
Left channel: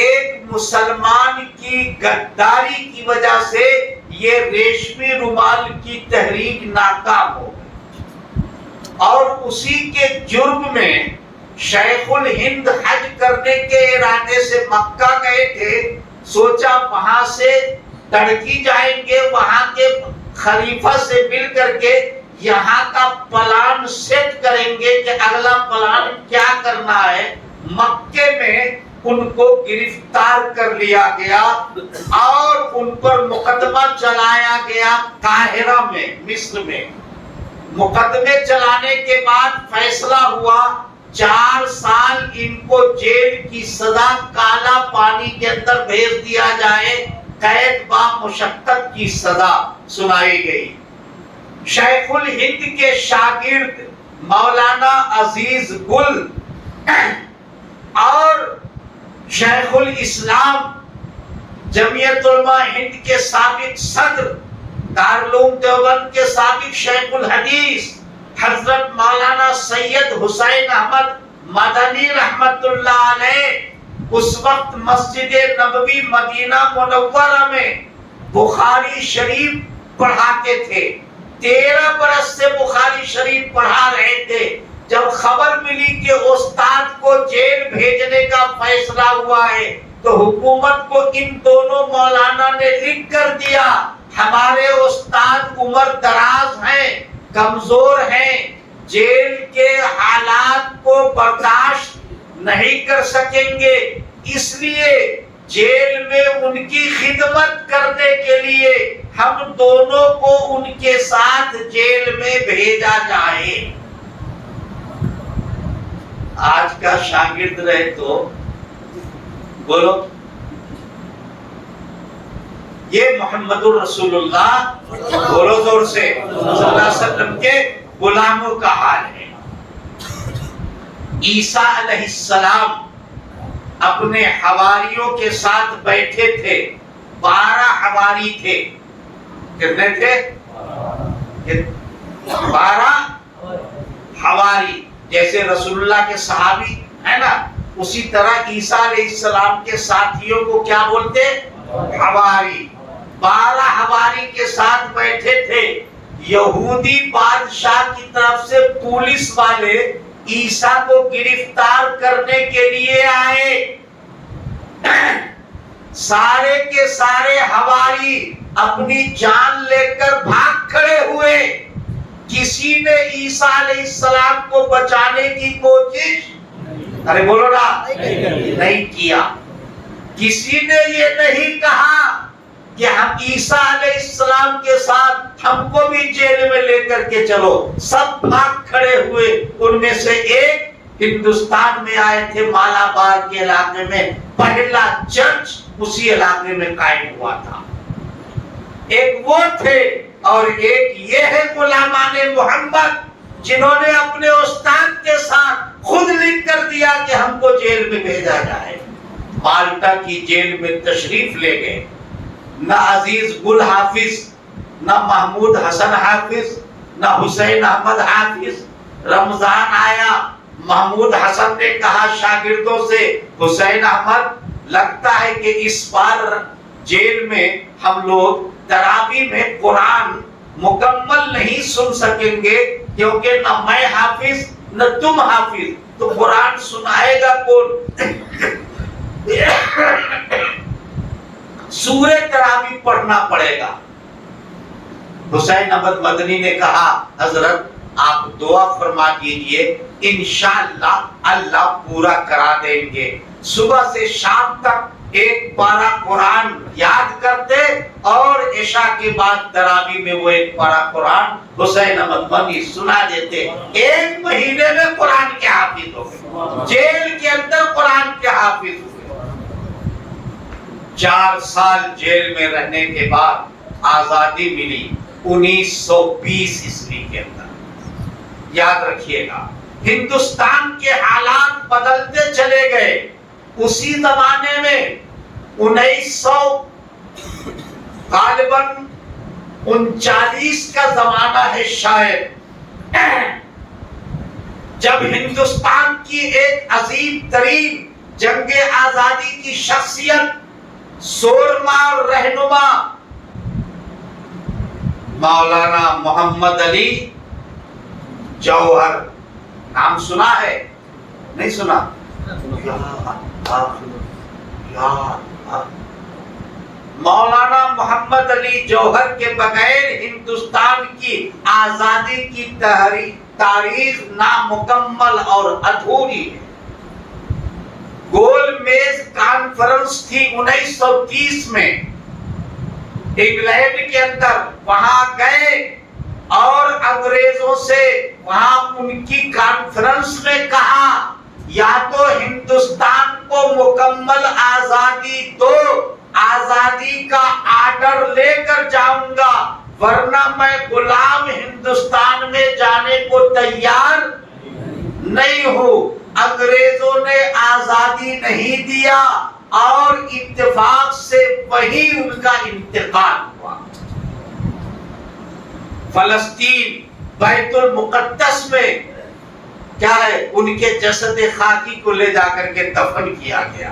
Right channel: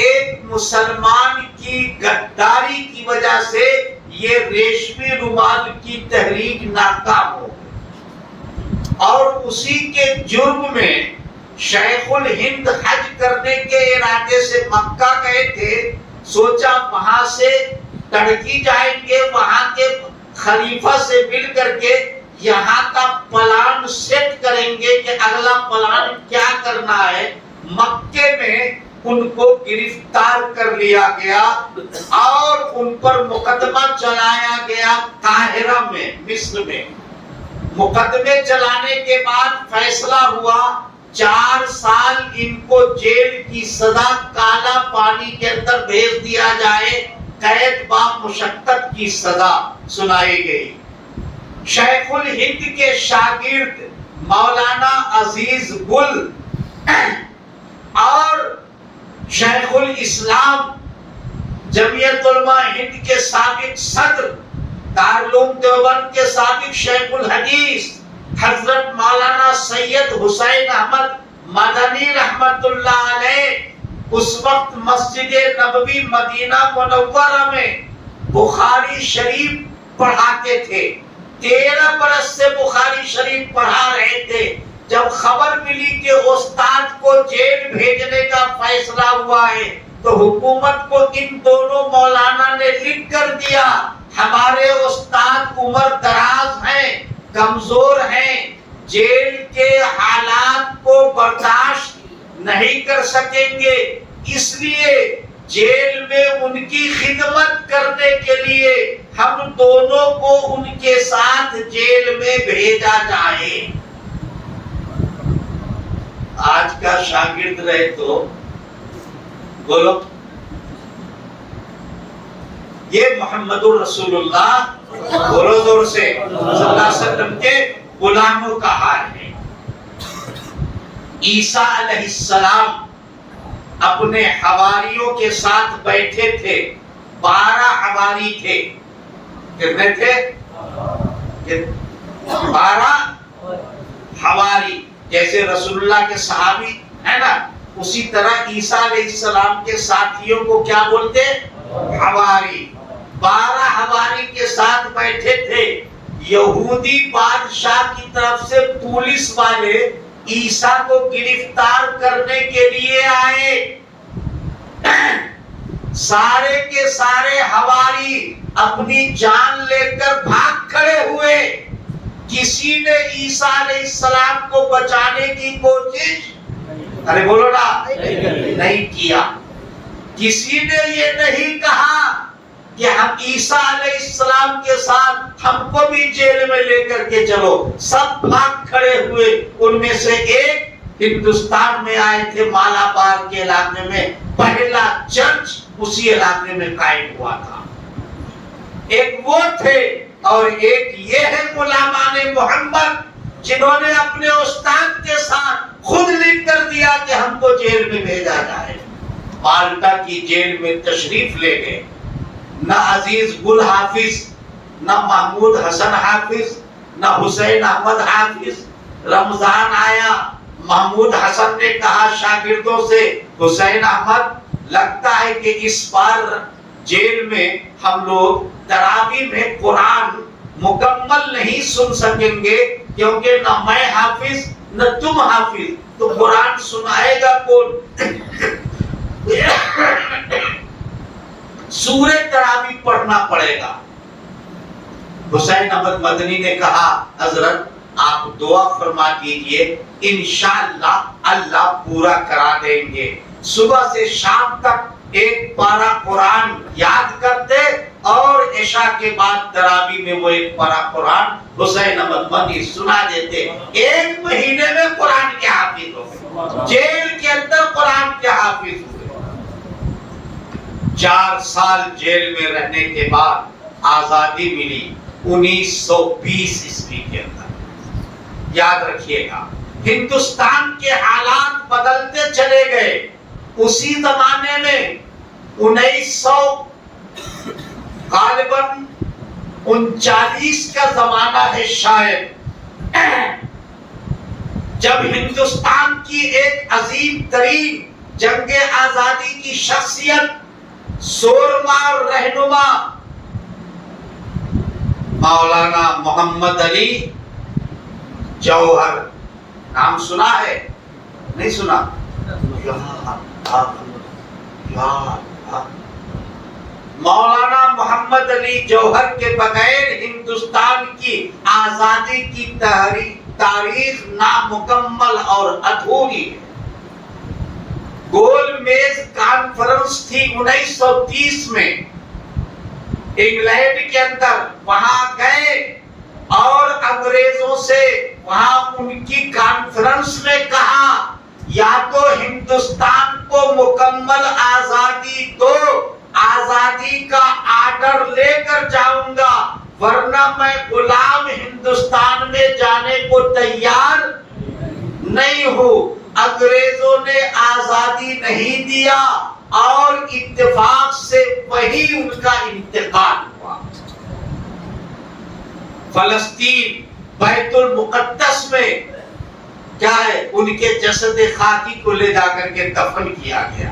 ایک مسلمان کی غداری کی وجہ سے یہ ریشمی رومال کی تحریک ناکام ہو گئی, اور اسی کے جرم میں شیخ الہند حج کرنے کے ارادے سے مکہ گئے تھے. سوچا وہاں سے تڑکی جائیں گے, وہاں کے خلیفہ سے مل کر کے یہاں کا پلان سیٹ کریں گے کہ اگلا پلان کیا کرنا ہے. مکے میں ان کو گرفتار کر لیا گیا اور ان پر مقدمہ چلایا گیا قاہرہ میں, مصر میں. مقدمے چلانے کے بعد فیصلہ ہوا 4 سال ان کو جیل کی سزا, کالا پانی کے اندر بھیج دیا جائے, قید با مشقت کی سزا سنائی گئی. شیخ الہند کے شاگرد مولانا عزیز گل اور شیخ الاسلام جمعیت علماء ہند کے سابق صدر, دارالعلوم دیوبند کے سابق شیخ الحدیث حضرت مولانا سید حسین احمد مدنی رحمت اللہ علیہ اس وقت مسجد نبوی مدینہ منورہ میں بخاری شریف پڑھاتے تھے. 13 برس سے بخاری شریف پڑھا رہے تھے. جب خبر ملی کہ استاد کو جیل بھیجنے کا فیصلہ ہوا ہے تو حکومت کو ان دونوں مولانا نے لکھ کر دیا, ہمارے استاد عمر دراز ہیں, کمزور ہیں, جیل کے حالات کو برداشت نہیں کر سکیں گے, اس لیے جیل میں ان کی خدمت کرنے کے لیے ہم دونوں کو ان کے ساتھ جیل میں بھیجا جائے. آج کا شاگرد رہے تو بولو, یہ محمد الرسول اللہ بولو زور سے صلی اللہ علیہ وسلم کے غلاموں کا حال ہے. عیسیٰ علیہ السلام اپنے حواریوں کے ساتھ بیٹھے تھے. 12 حواری تھے. کتنے تھے؟ کہ 12 حواری، جیسے رسول اللہ کے صحابی ہے نا، اسی طرح عیسیٰ علیہ السلام کے ساتھیوں کو کیا بولتے؟ حواری۔ 12 حواری کے ساتھ بیٹھے تھے۔ یہودی بادشاہ کی طرف سے پولیس والے عیسیٰ کو گرفتار کرنے کے لیے آئے۔ سارے کے سارے حواری اپنی جان لے کر بھاگ کھڑے ہوئے۔ کسی نے عیسیٰ علیہ السلام کو بچانے کی کوشش ارے بولو نا نہیں کیا۔ کسی نے یہ نہیں کہا کہ ہم عیسیٰ علیہ السلام کے ساتھ ہم کو بھی جیل میں لے کر کے چلو۔ سب بھاگ کھڑے ہوئے۔ ان میں سے ایک ہندوستان میں آئے تھے، مالابار کے علاقے میں پہلا چرچ اسی علاقے میں قائم ہوا تھا۔ ایک وہ تھے اور ایک یہ ہے غلامان محمد، جنہوں نے اپنے استاد کے ساتھ خود لکھ کر دیا کہ ہم کو جیل میں بھیجا جائے۔ مالٹا کی جیل میں تشریف لے گئے۔ نہ عزیز گل حافظ، نہ محمود حسن حافظ، نہ حسین احمد حافظ۔ رمضان آیا، محمود حسن نے کہا شاگردوں سے، حسین احمد لگتا ہے کہ اس بار جیل میں ہم لوگ تراویح میں قرآن مکمل نہیں سن سکیں گے، کیونکہ نہ میں حافظ نہ تم حافظ، تو قرآن سنائے گا کون؟ سورہ تراویح پڑھنا پڑے گا۔ حسین احمد مدنی نے کہا حضرت آپ دعا فرما دیجئے، انشاءاللہ اللہ پورا کرا دیں گے۔ صبح سے شام تک ایک پارہ قرآن یاد کرتے اور عشاء کے بعد تراویح میں وہ ایک پارہ قرآن حسین احمد مدنی سنا دیتے۔ 1 مہینے میں قرآن کے حافظ ہو گئے، جیل کے اندر قرآن کے حافظ ہوئے۔ 4 سال جیل میں رہنے کے بعد آزادی ملی 1920 عیسوی کے اندر۔ یاد رکھیے گا ہندوستان کے حالات بدلتے چلے گئے۔ اسی زمانے میں 1900 غالباً 39 کا زمانہ ہے شاید، جب ہندوستان کی ایک عظیم ترین جنگ آزادی کی شخصیت، سورما رہنما مولانا محمد علی جوہر، نام سنا ہے نہیں سنا؟ مولانا محمد علی جوہر کے بغیر ہندوستان کی آزادی کی تاریخ نامکمل اور ادھوری ہے۔ گول میز کانفرنس تھی 1930 میں انگلینڈ کے اندر، وہاں گئے اور انگریزوں سے وہاں ان کی کانفرنس میں کہا یا تو ہندوستان کو مکمل آزادی دو، آزادی کا آرڈر لے کر جاؤں گا، ورنہ میں غلام ہندوستان میں جانے کو تیار نہیں ہوں۔ انگریزوں نے آزادی نہیں دیا اور اتفاق سے وہی ان کا انتقال ہوا۔ فلسطین بیت المقدس میں کیا ہے، ان کے جسد خاکی کو لے جا کر کے دفن کیا گیا۔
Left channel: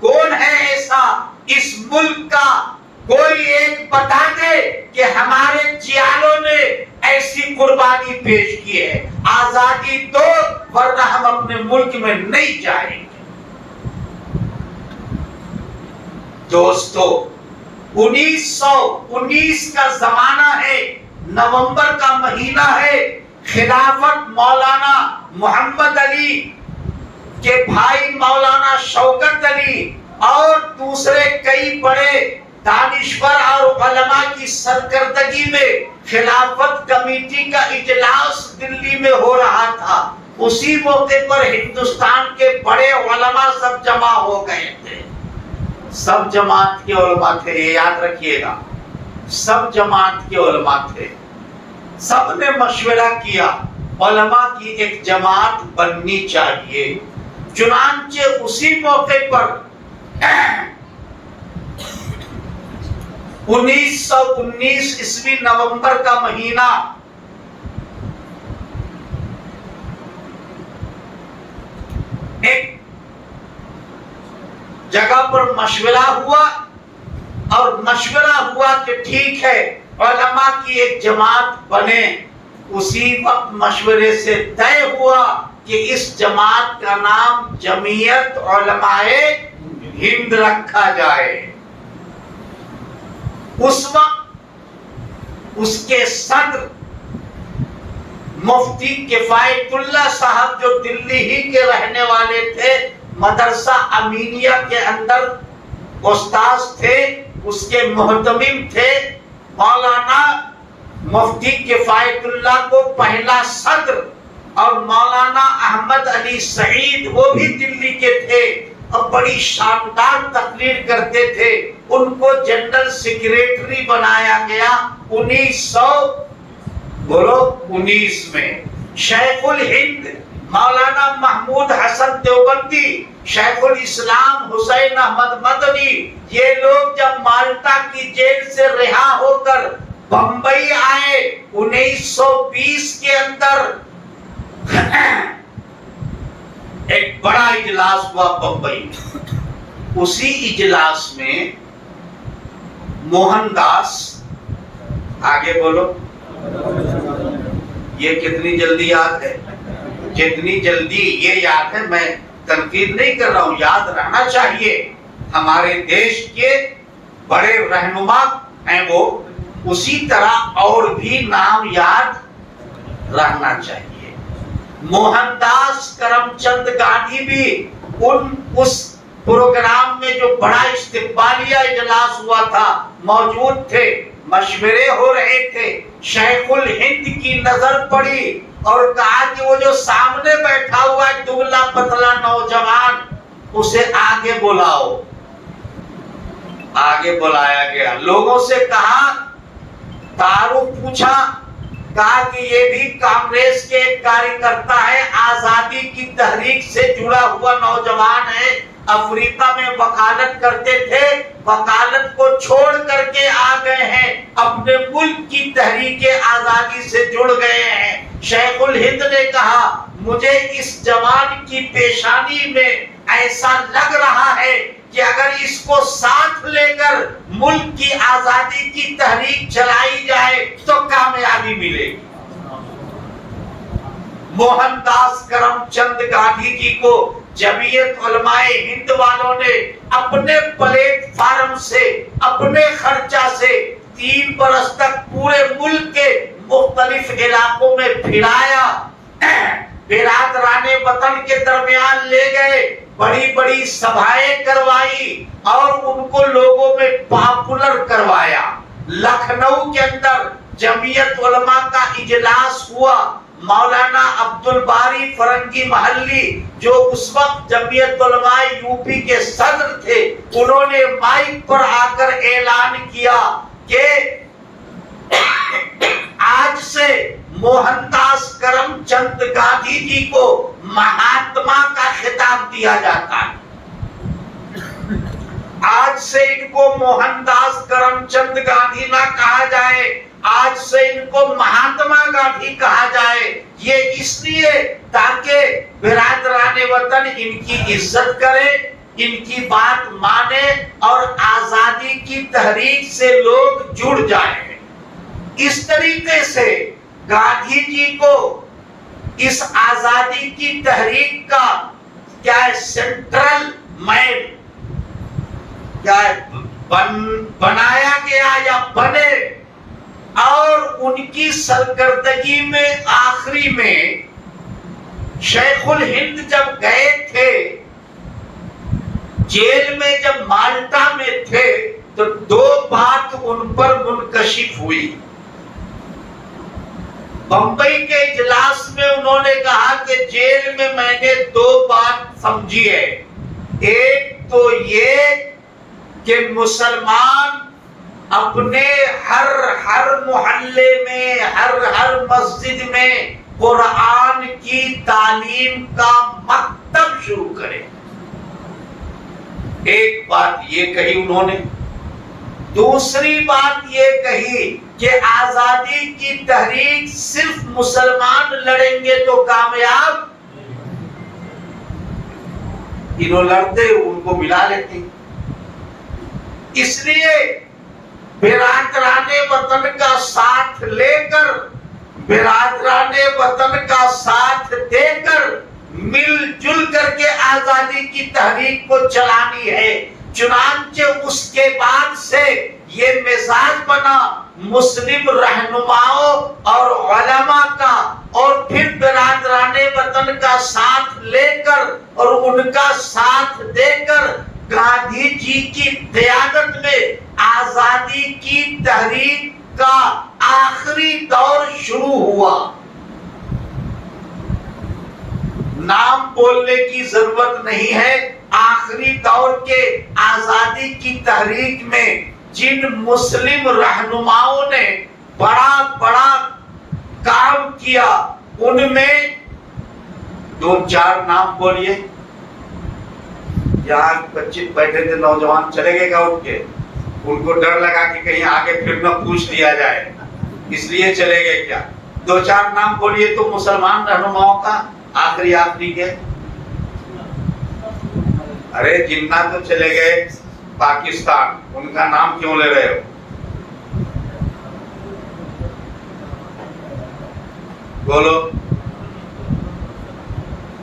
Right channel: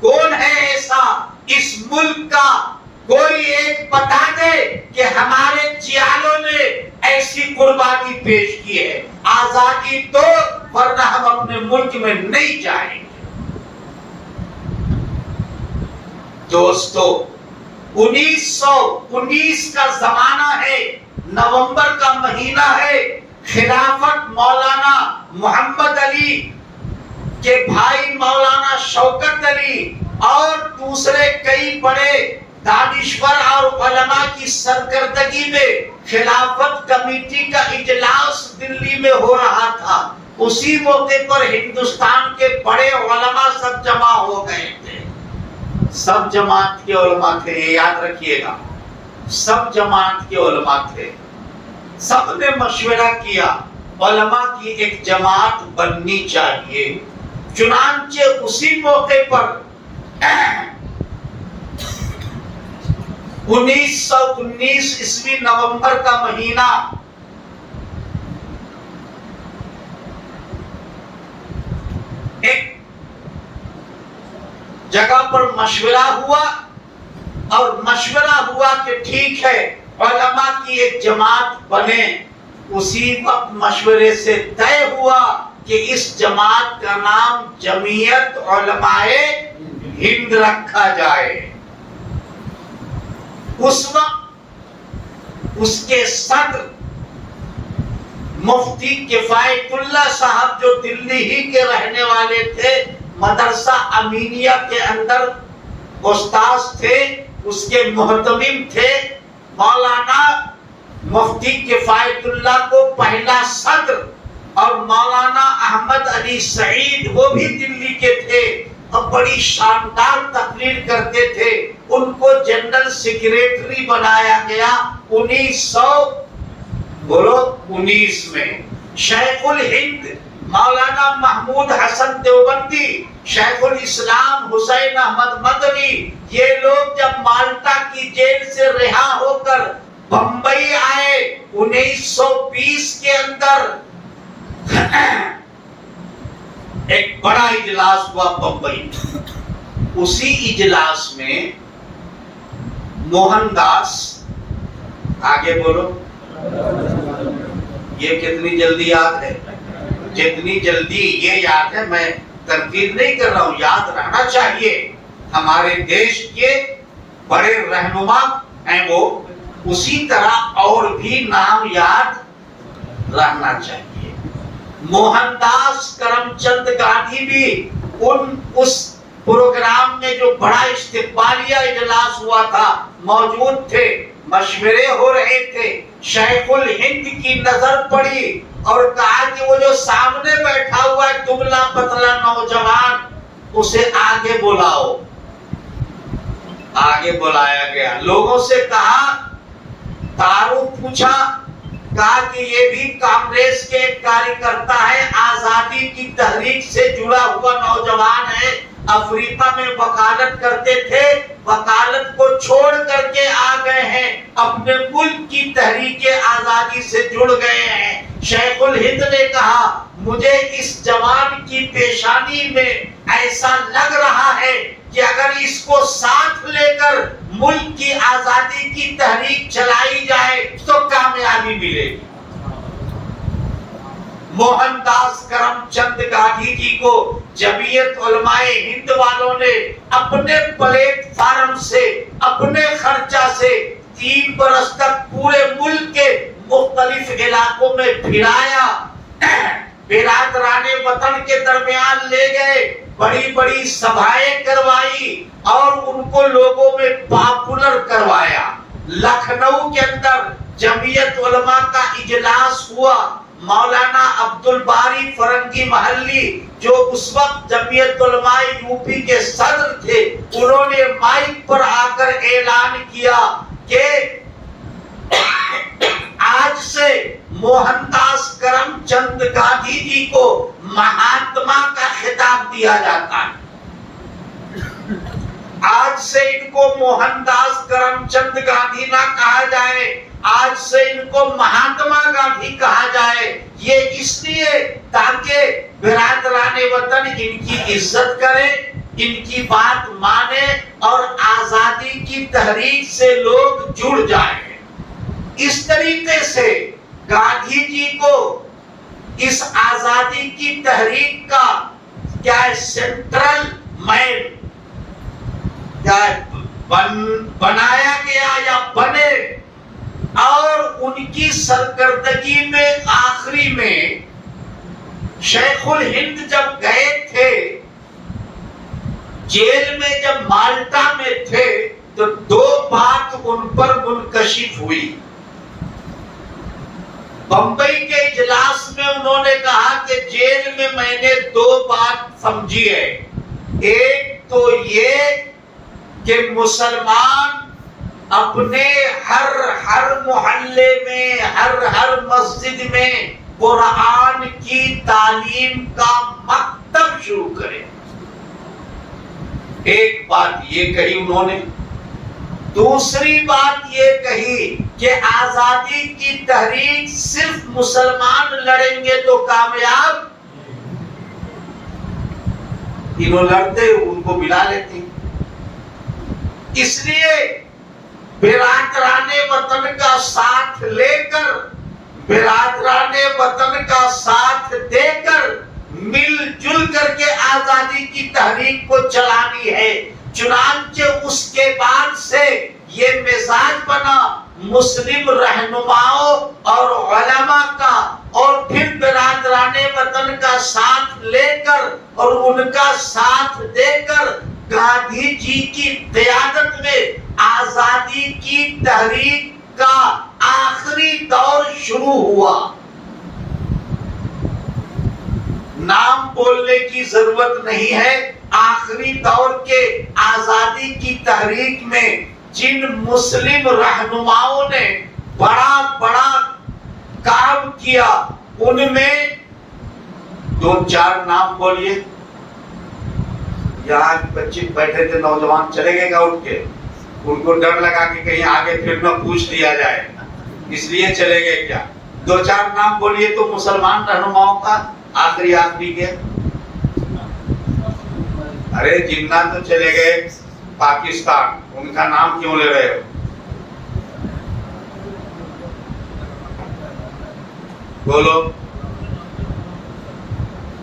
کون ہے ایسا اس ملک کا کوئی ایک بتا دے کہ ہمارے جیالوں نے ایسی قربانی پیش کی ہے؟ آزادی دو ورنہ ہم اپنے ملک میں نہیں جائیں گے۔ دوستو 1919 کا زمانہ ہے، نومبر کا مہینہ ہے، خلافت مولانا محمد علی کے بھائی مولانا شوکت علی اور دوسرے کئی بڑے دانشور اور علماء کی سرکردگی میں خلافت کمیٹی کا اجلاس دلی میں ہو رہا تھا۔ اسی موقع پر ہندوستان کے بڑے علماء سب جمع ہو گئے تھے۔ سب جماعت کے علماء تھے، یہ یاد رکھیے گا، سب جماعت کے علماء تھے۔ سب نے مشورہ کیا علماء کی ایک جماعت بننی چاہیے۔ چنانچہ اسی موقع پر 1919 عیسوی نومبر کا مہینہ ایک جگہ پر مشورہ ہوا، اور مشورہ ہوا کہ ٹھیک ہے علماء کی ایک جماعت بنے۔ اسی وقت مشورے سے طے ہوا کہ اس جماعت کا نام جمعیت علماء ہند رکھا جائے۔ اس وقت اس کے صدر مفتی کفایت اللہ صاحب جو دلی ہی کے رہنے والے تھے، مدرسہ امینیہ کے اندر استاذ تھے، اس کے محتمم تھے مولانا مفتی کفایت اللہ کو پہلا صدر، اور مولانا احمد علی سعید وہ بھی دلی کے تھے اور بڑی شاندار تقریر کرتے تھے، ان کو جنرل سیکریٹری بنایا گیا 1919 میں۔ شیخ الہند مولانا محمود حسن دیوبندی، شیخ الاسلام حسین احمد مدنی، یہ لوگ جب مالٹا کی جیل سے رہا ہو کر بمبئی آئے 1920 کے اندر، ایک بڑا اجلاس ہوا بمبئی۔ اسی اجلاس میں موہن داس، آگے بولو، یہ کتنی جلدی یاد ہے؟ جتنی جلدی یہ یاد ہے، میں تنقید نہیں کر رہا ہوں، یاد رہنا چاہیے، ہمارے دیش کے بڑے رہنما ہیں وہ، اسی طرح اور بھی نام یاد رہنا چاہیے۔ موہن داس کرم چند گاندھی بھی اس پروگرام میں جو بڑا استقبالیہ اجلاس ہوا تھا موجود تھے، مشورے ہو رہے تھے۔ شیخ الہند کی نظر پڑی اور کہا کہ وہ جو سامنے بیٹھا ہوا ہے دبلا پتلا نوجوان، اسے آگے بلاؤ۔ آگے بلایا گیا، لوگوں سے کہا، تعارف پوچھا، کہا کہ یہ بھی کانگریس کے ایک کارکرتا ہے، آزادی کی تحریک سے جڑا ہوا نوجوان ہے، افریقہ میں وکالت کرتے تھے، وکالت کو چھوڑ کر کے آ گئے ہیں، اپنے ملک کی تحریک آزادی سے جڑ گئے ہیں۔ شیخ الہند نے کہا، مجھے اس جوان کی پیشانی میں ایسا لگ رہا ہے کہ اگر اس کو ساتھ لے کر ملک کی آزادی کی تحریک چلائی جائے تو کامیابی ملے گی۔ موہن داس کرم چند گاندھی جی کو جمعیت علماء ہند والوں نے اپنے پلیٹ فارم سے، اپنے خرچہ سے 3 برس تک پورے ملک کے مختلف علاقوں میں پھرایا، برادران وطن کے درمیان لے گئے، بڑی بڑی سبھائیں کروائی اور ان کو لوگوں میں پاپولر کروایا۔ لکھنؤ کے اندر جمعیت علماء کا اجلاس ہوا، مولانا عبد الباری فرنگی محلی جو اس وقت جمعیت علماء یوپی کے صدر تھے، انہوں نے مائک پر آ کر اعلان کیا کہ آج سے موہن داس کرم چند گاندھی جی کو مہاتما کا خطاب دیا جاتا ہے۔ آج سے ان کو موہن داس کرم چند گاندھی نہ کہا جائے، آج سے ان کو مہاتما گاندھی کہا جائے۔ یہ اس لیے تاکہ برادران وطن ان کی عزت کرے، ان کی بات مانے اور آزادی کی تحریک سے لوگ جڑ جائیں۔ اس طریقے سے گاندھی جی کو اس آزادی کی تحریک کا کیا سینٹرل مین بنایا گیا یا بنے، اور ان کی سرکردگی میں آخری میں شیخ الہند جب گئے تھے جیل میں، جب مالٹا میں تھے، تو 2 بات ان پر منکشف ہوئی۔ بمبئی کے اجلاس میں انہوں نے کہا کہ جیل میں میں نے 2 بات سمجھی ہے، ایک تو یہ کہ مسلمان اپنے ہر محلے میں، ہر مسجد میں قرآن کی تعلیم کا مکتب شروع کرے۔ ایک بات یہ کہی انہوں نے۔ دوسری بات یہ کہی کہ آزادی کی تحریک صرف مسلمان لڑیں گے تو کامیاب، تینوں لڑتے ان کو ملا لیتے. اس لیے برادران وطن کا ساتھ لے کر، برادران وطن کا ساتھ دے کر، مل جل کر کے آزادی کی تحریک کو چلانی ہے. چنانچہ اس کے بعد سے یہ مزاج بنا مسلم رہنماؤں اور علماء کا، اور پھر برادران وطن کا ساتھ لے کر اور ان کا ساتھ دے کر گاندھی جی کی قیادت میں آزادی کی تحریک کا آخری دور شروع ہوا. نام بولنے کی ضرورت نہیں ہے. آخری دور کے آزادی کی تحریک میں جن مسلم رہنماؤں نے بڑا بڑا کام کیا، ان میں دو چار نام بولیے. یہاں بچے بیٹھے تھے نوجوان، چلے گئے کیا اٹھ کے؟ ان کو ڈر لگا کہ کہیں آگے پھر نہ پوچھ لیا جائے، اس لیے چلے گئے کیا؟ دو چار نام بولیے تو مسلمان رہنماؤں کا آخری کے. ارے جنہ تو چلے گئے پاکستان، ان کا نام کیوں لے رہے ہو؟ بولو.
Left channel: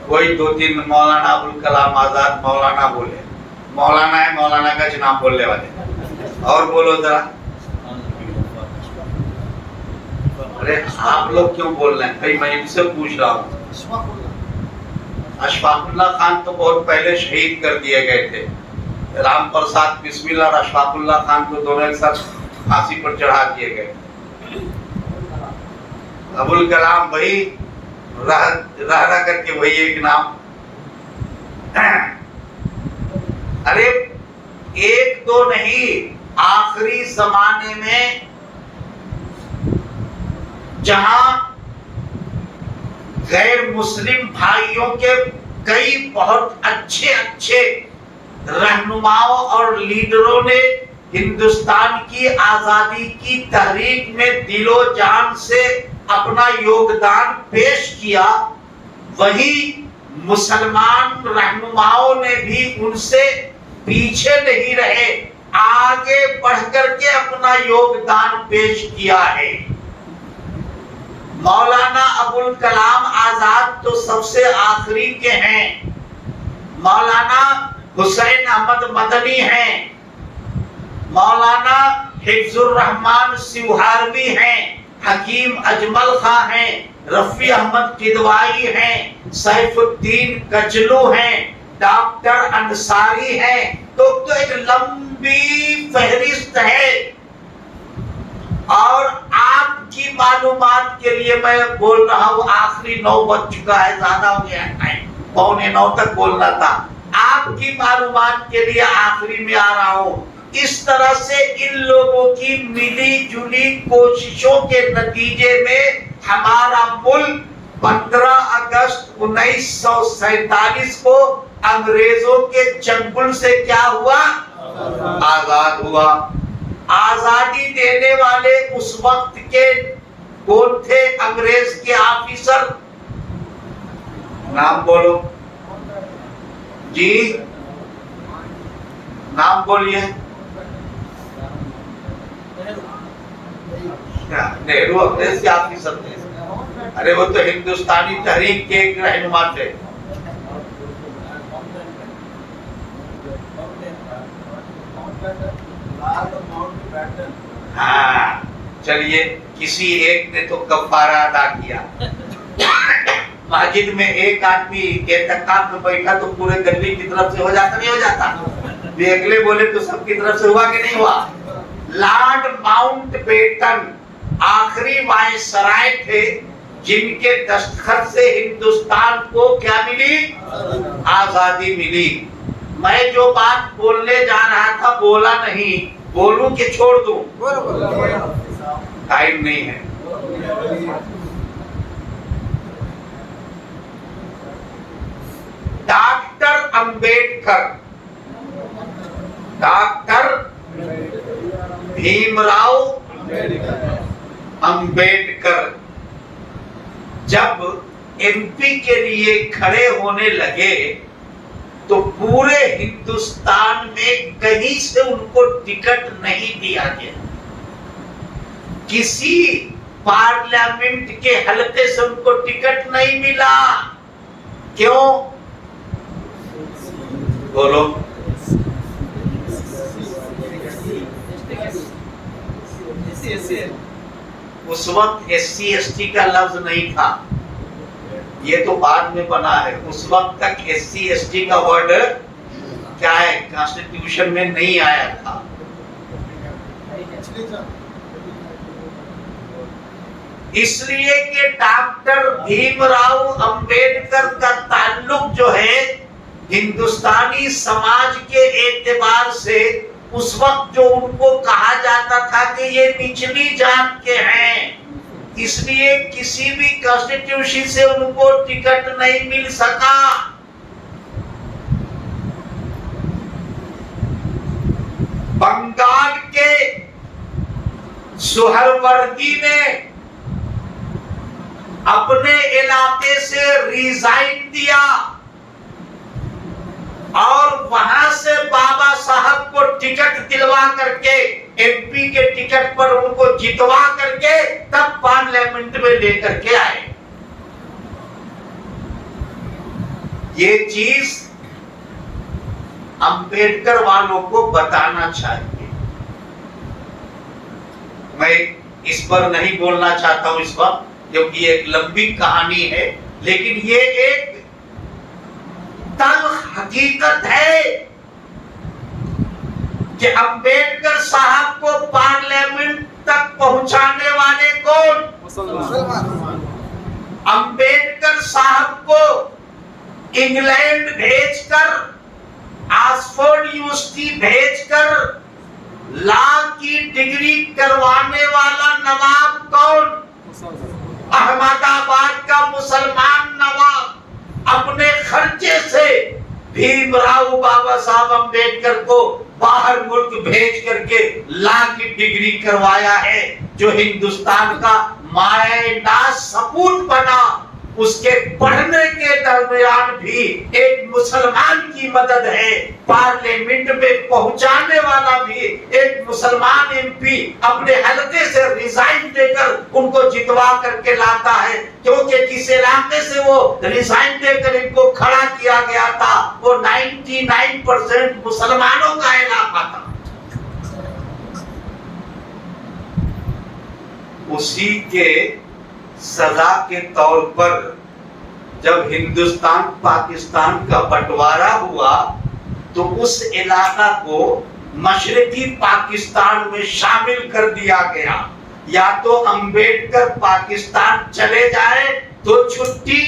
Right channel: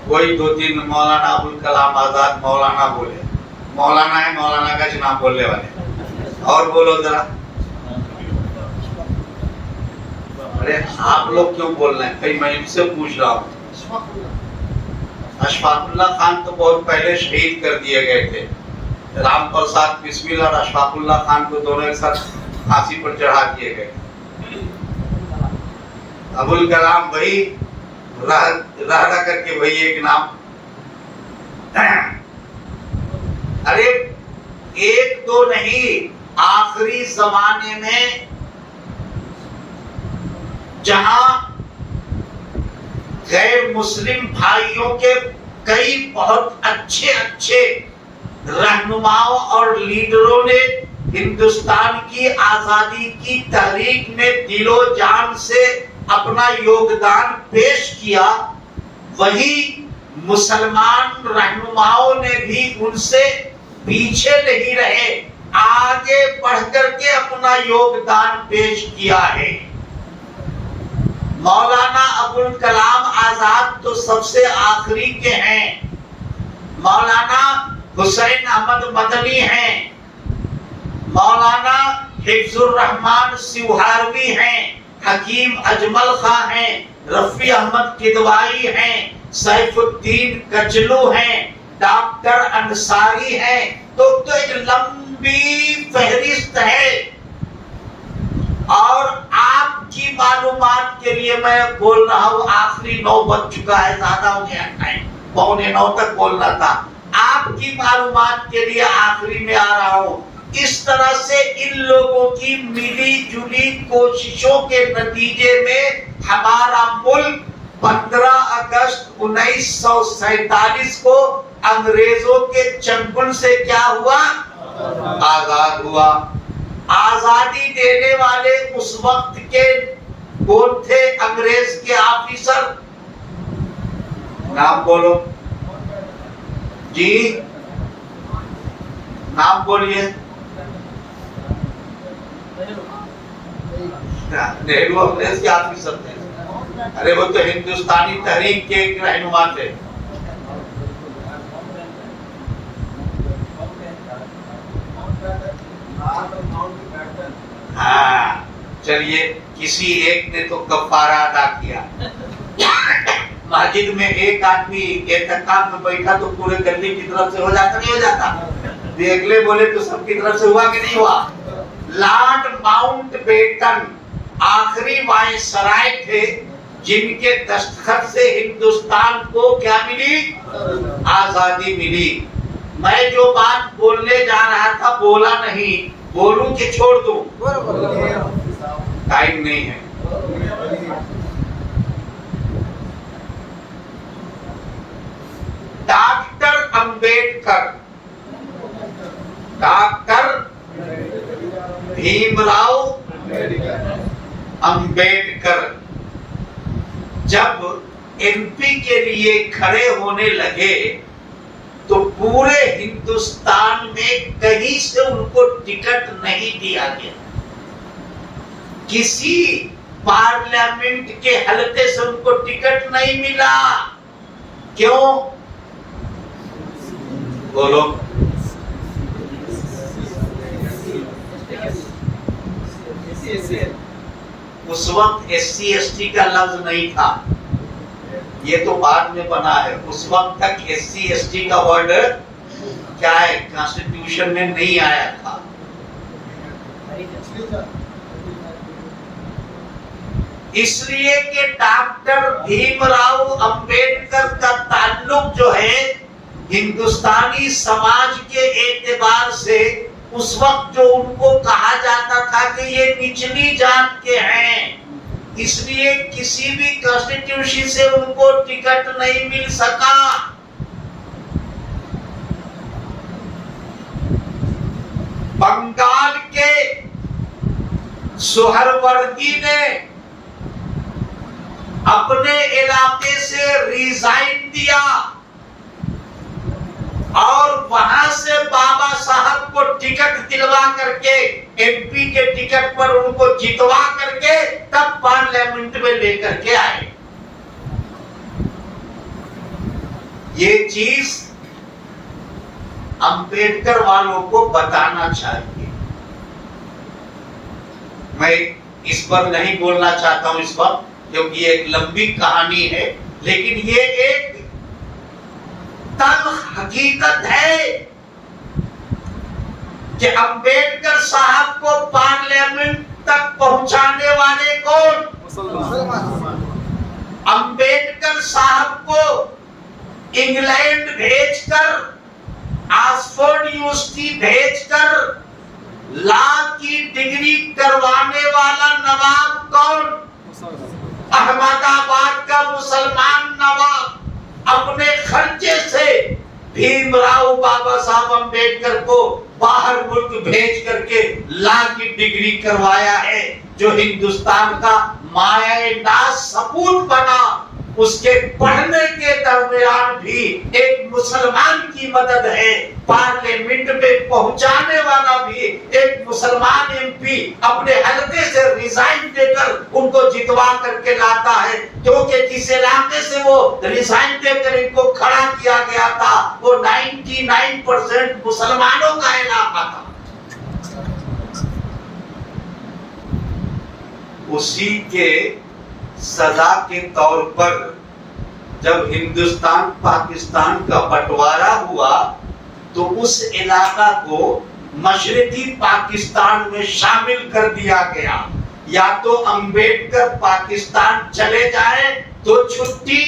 کوئی دو تین مولانا ابوالکلام آزاد مولانا بولے. مولانا ہے، مولانا کا نام بولنے والے. اور بولو ذرا. ارے آپ لوگ کیوں بول رہے ہیں؟ میں ان سے پوچھ رہا ہوں. اشفاق اللہ خان تو بہت پہلے شہید کر دیے گئے تھے. رام پرساد بسمل اور اشفاق اللہ خان کو دونوں ایک ساتھ پھانسی پر چڑھا دیے گئے. ابوالکلام وہی رہ کر کے وہی ایک نام. ارے ایک دو نہیں، آخری زمانے میں جہاں غیر مسلم بھائیوں کے کئی بہت اچھے رہنماؤں اور لیڈروں نے ہندوستان کی آزادی کی تحریک میں دل و جان سے اپنا یوگدان پیش کیا، وہی مسلمان رہنماؤں نے بھی ان سے پیچھے نہیں رہے، آگے بڑھ کر کے اپنا یوگدان پیش کیا ہے. مولانا ابوالکلام آزاد تو سب سے آخری کے ہیں. مولانا حسین احمد مدنی ہیں. مولانا حفظ الرحمان سیوہاروی ہیں. حکیم اجمل خان ہیں. رفیع احمد کدوائی ہیں. سیف الدین کچلو ہیں. ڈاکٹر انصاری ہیں. تو ایک لمبی فہرست ہے. اور آپ کی معلومات کے لیے میں بول رہا ہوں، آخری 9 بج چکا ہے، زیادہ ہو گیا ٹائم، 8:45 تک بولنا تھا. آپ کی معلومات کے لیے آخری میں آ رہا ہوں. اس طرح سے ان لوگوں کی ملی جلی کوششوں کے نتیجے میں ہمارا ملک 15 اگست 1947 کو انگریزوں کے چنگل سے کیا ہوا؟ آزاد ہوا. آزادی دینے والے اس وقت کے کون تھے؟ انگریز کے آفیسر. نام بولو جی، نام بولیے. نہرو انگریز کے آفیسر تھے. ارے وہ تو ہندوستانی تحریک کے ایک رہنما تھے. ہاں چلیے، کسی ایک نے تو کفارہ ادا کیا. مسجد میں ایک آدمی اعتکاف میں بیٹھا تو پورے گلی کی طرف سے ہو جاتا نہیں ہو جاتا؟ اگلے بولے تو سب کی طرف سے ہوا کہ نہیں ہوا؟ لارڈ ماؤنٹ بیٹن آخری وائسرائے تھے جن کے دستخط سے ہندوستان کو کیا ملی؟ آزادی ملی. میں جو بات بولنے جا رہا تھا بولا نہیں، بولوں کہ چھوڑ دوں؟ ٹائم نہیں ہے. ڈاکٹر بھیم راؤ امبیڈکر جب ایم پی کے لیے کھڑے ہونے لگے تو پورے ہندوستان میں کہیں سے ان کو ٹکٹ نہیں دیا گیا. کسی پارلیمنٹ کے حلقے سے ان کو ٹکٹ نہیں ملا. کیوں؟ بولو. اس وقت ایس سی ایس ٹی کا لفظ نہیں تھا, یہ تو بعد میں بنا ہے. اس وقت تک ایس سی ایس ٹی کا ورڈ کیا ہے, کانسٹیٹیوشن میں نہیں آیا تھا. اس لیے کہ ڈاکٹر بھیم راؤ امبیڈکر کا تعلق جو ہے ہندوستانی سماج کے اعتبار سے اس وقت جو ان کو کہا جاتا تھا کہ یہ نچلی جات کے ہیں, اس لیے کسی بھی کانسٹیٹیوشن سے ان کو ٹکٹ نہیں مل سکا. بنگال کے سہروردی نے اپنے علاقے سے ریزائن دیا اور وہاں سے بابا صاحب کو ٹکٹ دلوا کر کے ایم پی کے ٹکٹ پر ان کو جتوا کر کے تب پارلیمنٹ میں لے کر کے آئے. یہ چیز امبیڈکر والوں کو بتانا چاہیے. میں اس پر نہیں بولنا چاہتا ہوں اس وقت کیونکہ یہ ایک لمبی کہانی ہے, لیکن یہ ایک تلخ حقیقت ہے کہ امبیڈکر صاحب کو پارلیمنٹ تک پہنچانے والے کون؟ امبیڈکر صاحب کو انگلینڈ بھیج کر, آکسفورڈ یونیورسٹی بھیج کر لا کی ڈگری کروانے والا نواب کون؟ احمد آباد کا مسلمان نواب اپنے خرچے سے بھیم راؤ بابا صاحب امبیڈکر کو باہر ملک بھیج کر کے لا کی ڈگری کروایا ہے, جو ہندوستان کا مائع ناز ثبوت بنا. اس کے پڑھنے کے درمیان بھی ایک مسلمان کی مدد ہے, پارلیمنٹ میں پہنچانے والا بھی ایک مسلمان ایم پی اپنے حلقے سے ریزائن دے کر ان کو جتوا کر کے لاتا ہے, کیونکہ جس علاقے سے وہ ریزائن دے کر ان کو کھڑا کیا گیا تھا وہ 99% مسلمانوں کا علاقہ تھا. اسی کے سزا کے طور پر جب ہندوستان پاکستان کا بٹوارا ہوا تو اس علاقہ کو مشرقی پاکستان میں شامل کر دیا گیا. یا تو امبیڈکر پاکستان چلے جائے تو چھٹی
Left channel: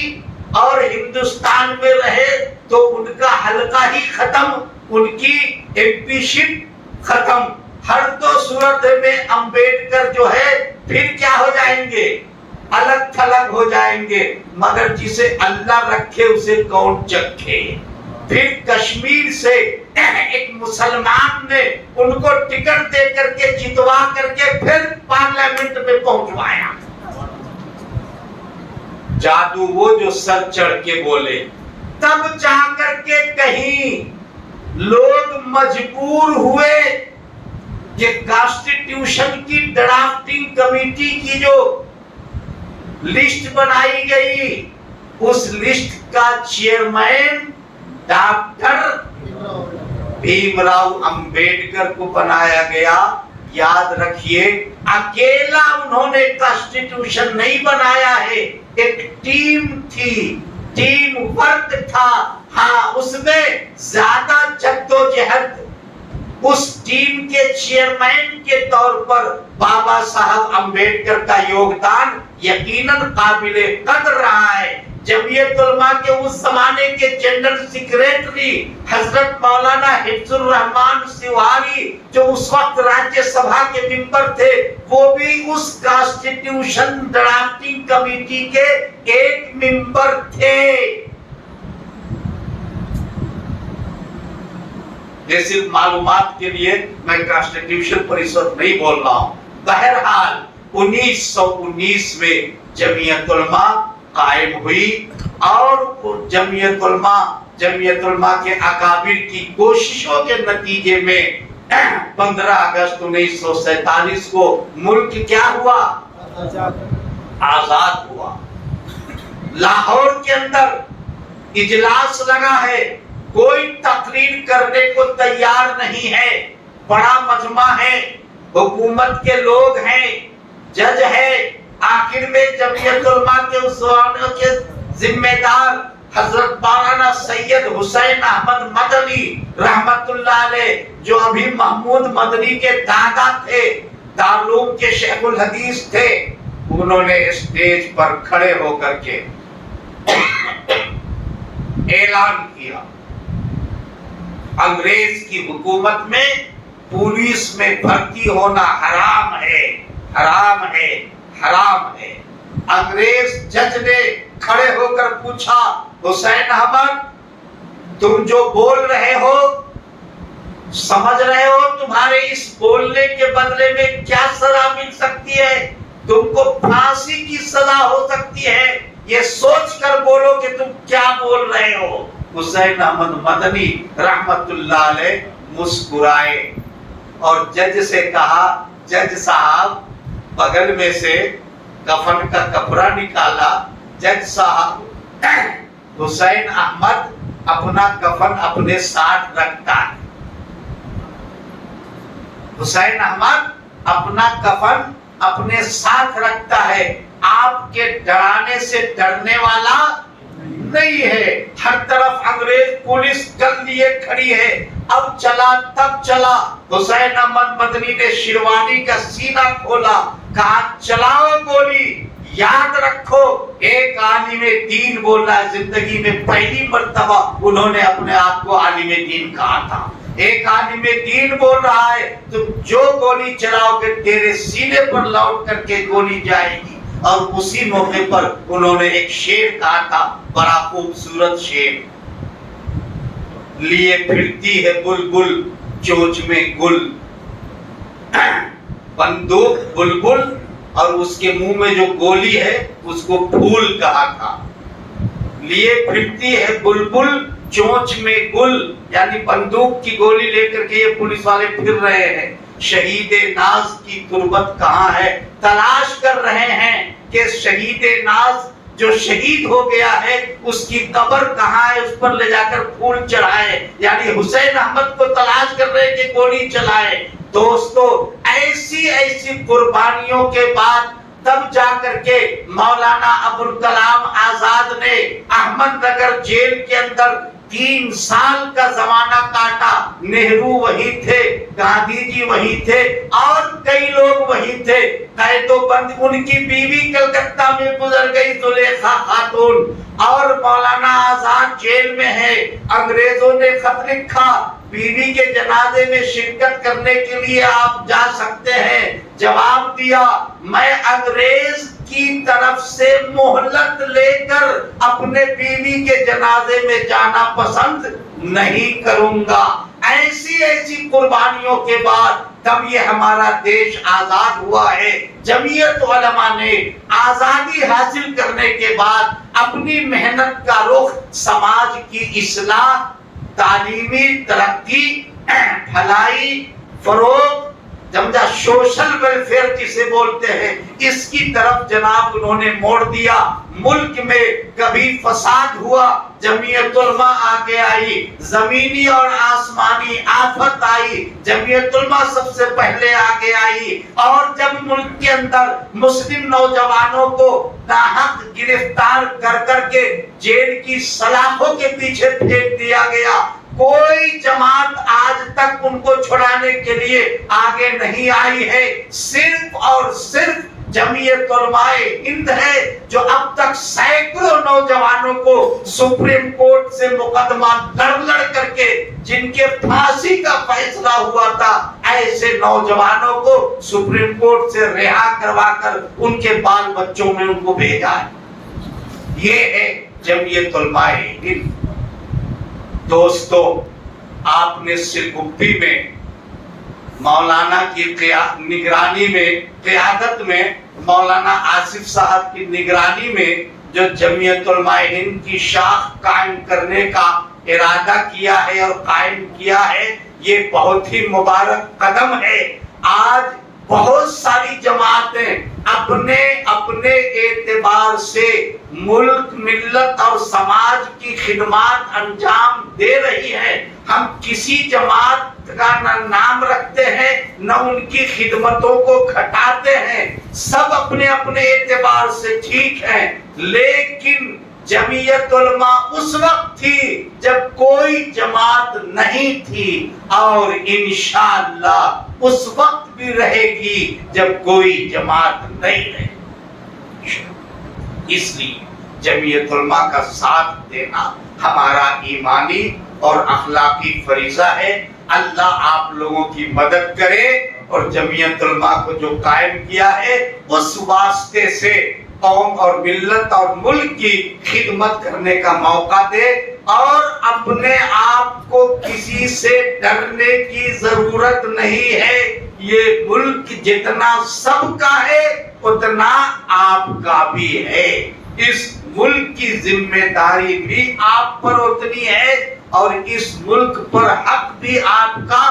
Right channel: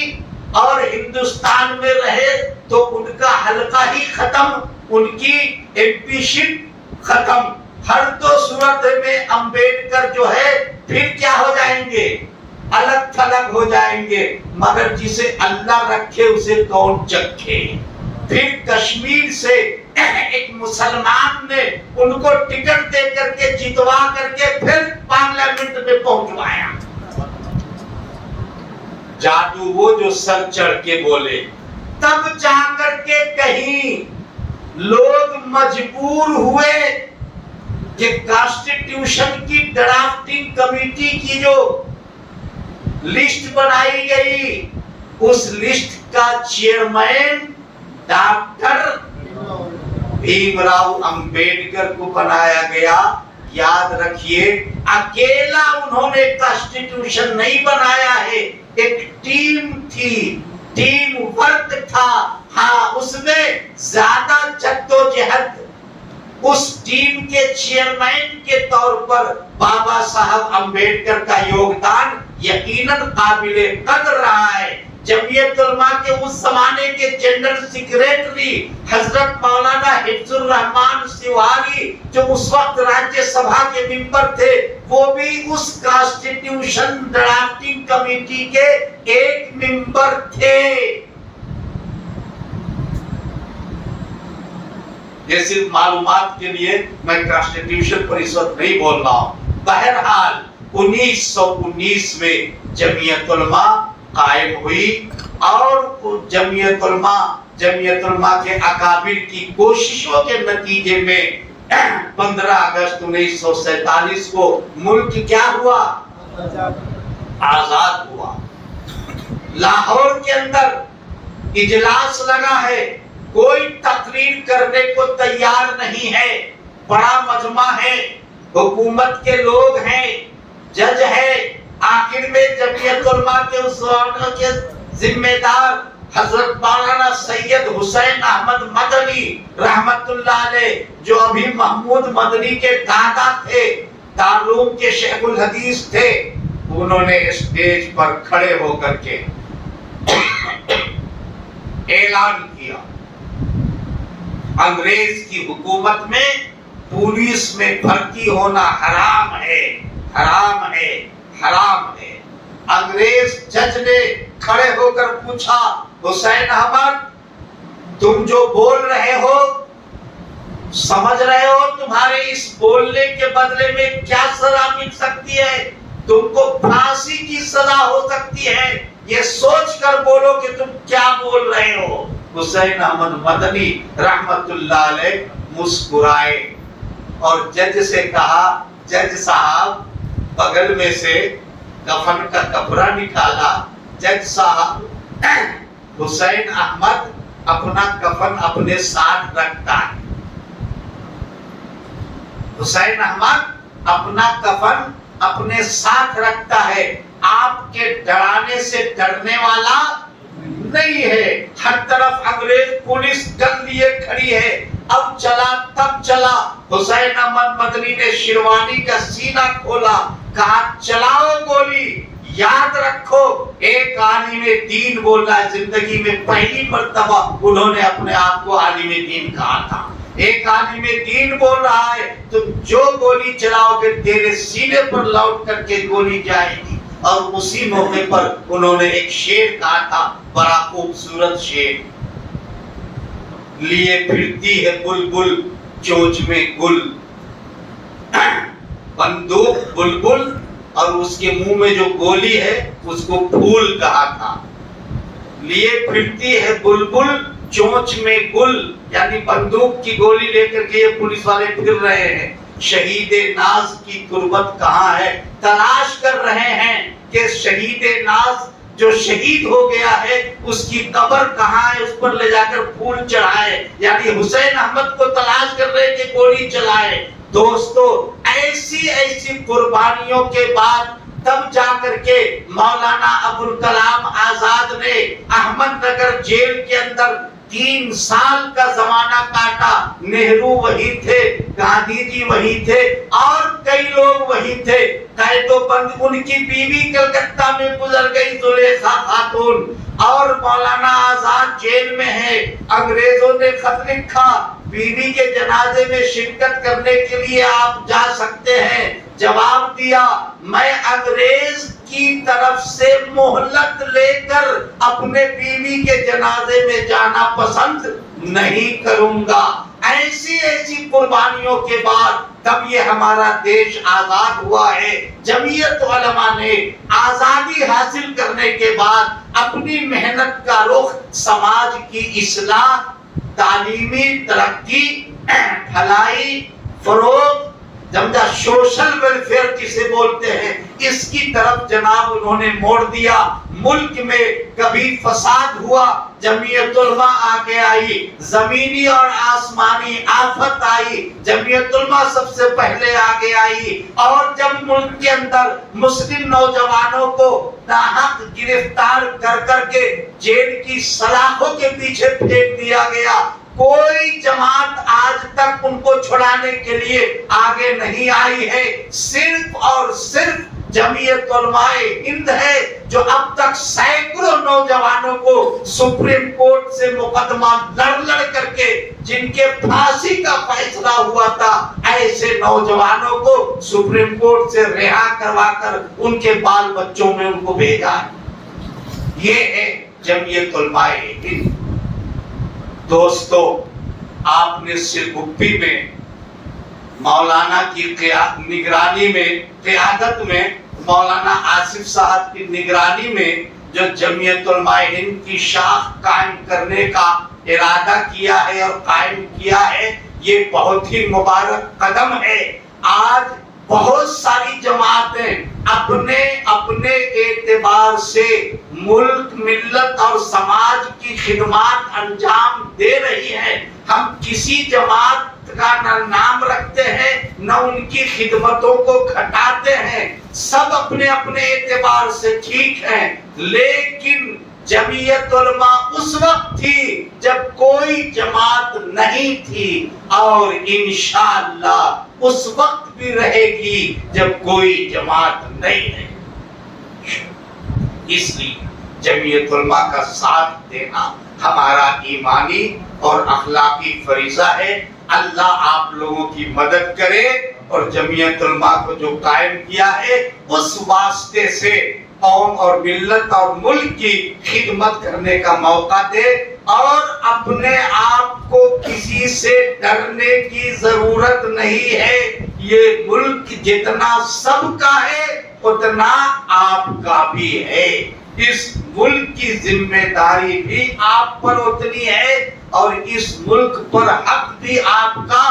اور ہندوستان میں رہے تو ان کا حلقہ ہی ختم, ان کی ایم پی شپ ختم. ہر دو صورت میں امبیڈکر جو ہے پھر کیا ہو جائیں گے, الگ تھلگ ہو جائیں گے. مگر جسے اللہ رکھے اسے کون چکھے. پھر کشمیر سے ایک مسلمان نے ان کو ٹکٹ دے کر کے جتوا کر کے پھر پارلیمنٹ میں پہنچوایا. جادو وہ جو سر چڑھ کے بولے, تب جا کر کے کہیں لوگ مجبور ہوئے کہ کانسٹیٹیوشن کی ڈرافٹنگ کمیٹی کی جو لسٹ بنائی گئی اس لسٹ کا چیئرمین ڈاکٹر بھیم راؤ امبیڈکر کو بنایا گیا. یاد رکھیے اکیلا انہوں نے کانسٹیٹیوشن نہیں بنایا ہے, ایک ٹیم تھی, ٹیم ورک تھا. ہاں اس میں زیادہ جدوجہد اس ٹیم کے چیئرمین کے طور پر بابا صاحب امبیڈکر کا یوگدان یقیناً قابل قدر رہا ہے. جمعیت علماء کے اس زمانے کے جنرل سیکریٹری حضرت مولانا حفظ الرحمان سیواری جو اس وقت راجیہ سبھا کے ممبر تھے, وہ بھی اس کانسٹیٹیوشن ڈرافٹنگ کمیٹی کے ایک ممبر تھے. یہ صرف معلومات کے لیے میں کانسٹیٹیوشن پر اس وقت نہیں بول رہا ہوں. بہرحال 1919 میں جمعیت علماء قائم ہوئی اور جمعیت علماء کے اکابر کی کوششوں کے نتیجے میں 15 اگست 1947 کو ملک کیا ہوا؟ آزاد ہوا. لاہور کے اندر اجلاس لگا ہے، کوئی تقریر کرنے کو تیار نہیں ہے. بڑا مجمع ہے، حکومت کے لوگ ہیں، جج ہے. آخر میں جمعیت علماء کے اصولوں کے ذمہ دار حضرت مولانا سید حسین احمد مدنی رحمت اللہ علیہ، جو ابھی محمود مدنی کے دادا تھے، دارالعلوم کے شیخ الحدیث تھے، انہوں نے اسٹیج پر کھڑے ہو کر کے اعلان کیا انگریز کی حکومت میں پولیس میں بھرتی ہونا حرام ہے، حرام ہے، حرام ہے. انگریز جج نے کھڑے ہو کر پوچھا، حسین احمد تم جو بول رہے ہو سمجھ رہے ہو تمہارے اس بولنے کے بدلے میں کیا سزا مل سکتی ہے؟ تم کو پھانسی کی سزا ہو سکتی ہے، یہ سوچ کر بولو کہ تم کیا بول رہے ہو. حسین احمد مدنی رحمت اللہ علیہ مسکرائے اور جج سے کہا، جج صاحب بغل میں سے کفن کا کپڑا نکالا. جج صاحب حسین احمد اپنا کفن اپنے ساتھ رکھتا ہے، حسین احمد اپنا کفن اپنے ساتھ رکھتا ہے، آپ کے ڈرانے سے ڈرنے والا نہیں ہے. ہر طرف انگریز پولیس گن لیے کھڑی ہے. اب چلا تب چلا. حسین احمد مدنی نے شیروانی کا سینہ کھولا، کہا چلاؤ گولی. یاد رکھو ایک عالم دین بول رہا ہے، زندگی میں پہلی مرتبہ انہوں نے اپنے آپ کو عالم دین کہا تھا. ایک عالم دین بول رہا ہے تم جو گولی چلاؤ گے تیرے سینے پر لوٹ کر کے گولی جائے گی. اور اسی موقع پر انہوں نے ایک شعر کہا تھا، بڑا خوبصورت شعر، لیے پھرتی ہے بلبل چونچ میں گل. بندوق بلبل اور اس کے منہ میں جو گولی ہے اس کو پھول کہا تھا. لیے پھرتی ہے بلبل چونچ میں گل، یعنی بندوق کی گولی لے کر کے یہ پولیس والے پھر رہے ہیں. شہید ناز کی تربت کہاں ہے، تلاش کر رہے ہیں کہ شہید ناز جو شہید ہو گیا ہے اس کی قبر کہاں ہے، اس پر لے جا کر پھول چڑھائے. یعنی حسین احمد کو تلاش کر رہے کہ گولی چلائے. دوستو ایسی قربانیوں کے بعد تب جا کر کے مولانا ابوالکلام آزاد نے احمد نگر جیل کے اندر 3 سال کا زمانہ کاٹا. نہرو وہی تھے، گاندھی جی وہی تھے اور کئی لوگ وہی تھے. قید و بند ان کی بیوی کلکتہ میں گزر گئی، زلیخا خاتون، اور مولانا آزاد جیل میں ہے. انگریزوں نے خط لکھا، بیوی کے جنازے میں شرکت کرنے کے لیے آپ جا سکتے ہیں. جواب دیا، میں انگریز کی طرف سے مہلت لے کر اپنے بیوی کے جنازے میں جانا پسند نہیں کروں گا. ایسی قربانیوں کے بعد تب یہ ہمارا دیش آزاد ہوا ہے. جمعیت علماء نے آزادی حاصل کرنے کے بعد اپنی محنت کا رخ سماج کی اصلاح، تعلیمی ترقی، بھلائی، فروغ، جمجا سوشل ویلفیئر جسے بولتے ہیں، اس کی طرف جناب انہوں نے موڑ دیا. ملک میں کبھی فساد ہوا، جمعیت علماء آگے آئی. زمینی اور آسمانی آفت آئی، جمعیت علماء سب سے پہلے آگے آئی. اور جب ملک کے اندر مسلم نوجوانوں کو ناحق گرفتار کر کر کے جیل کی سلاخوں کے پیچھے پھینک دیا گیا، کوئی جماعت آج تک ان کو چھڑانے کے لیے آگے نہیں آئی ہے. صرف اور صرف جمعیت علماء ہند ہے جو اب تک سینکڑوں نوجوانوں کو سپریم کورٹ سے مقدمہ لڑ کر کے جن کے پھانسی کا فیصلہ ہوا تھا، ایسے نوجوانوں کو سپریم کورٹ سے رہا کروا کر ان کے بال بچوں میں ان کو بھیجا ہے. یہ ہے جمعیت علماء ہند. دوستو آپ نے سرگپی میں مولانا کی نگرانی میں، قیادت میں، مولانا آصف صاحب کی نگرانی میں جو جمعیت علماء ہند کی شاخ قائم کرنے کا ارادہ کیا ہے اور قائم کیا ہے، یہ بہت ہی مبارک قدم ہے۔ آج بہت ساری جماعتیں اپنے اپنے اعتبار سے ملک، ملت اور سماج کی خدمات انجام دے رہی ہیں۔ ہم کسی جماعت کا نہ نام رکھتے ہیں نہ ان کی خدمتوں کو گھٹاتے ہیں، سب اپنے اپنے اعتبار سے ٹھیک ہیں، لیکن جمعیت علماء اس وقت تھی جب کوئی جماعت نہیں تھی، اور انشاءاللہ اس وقت بھی رہے گی جب کوئی جماعت نہیں ہے۔ اس لیے جمعیت علماء کا ساتھ دینا ہمارا ایمانی اور اخلاقی فریضہ ہے۔ اللہ آپ لوگوں کی مدد کرے اور جمعیت علماء کو جو قائم کیا ہے اس واسطے سے قوم اور ملت اور ملک کی خدمت کرنے کا موقع دے، اور اپنے آپ کو کسی سے ڈرنے کی ضرورت نہیں ہے۔ یہ ملک جتنا سب کا ہے اتنا آپ کا بھی ہے۔ اس ملک کی ذمہ داری بھی آپ پر اتنی ہے، اور اس ملک پر حق بھی آپ کا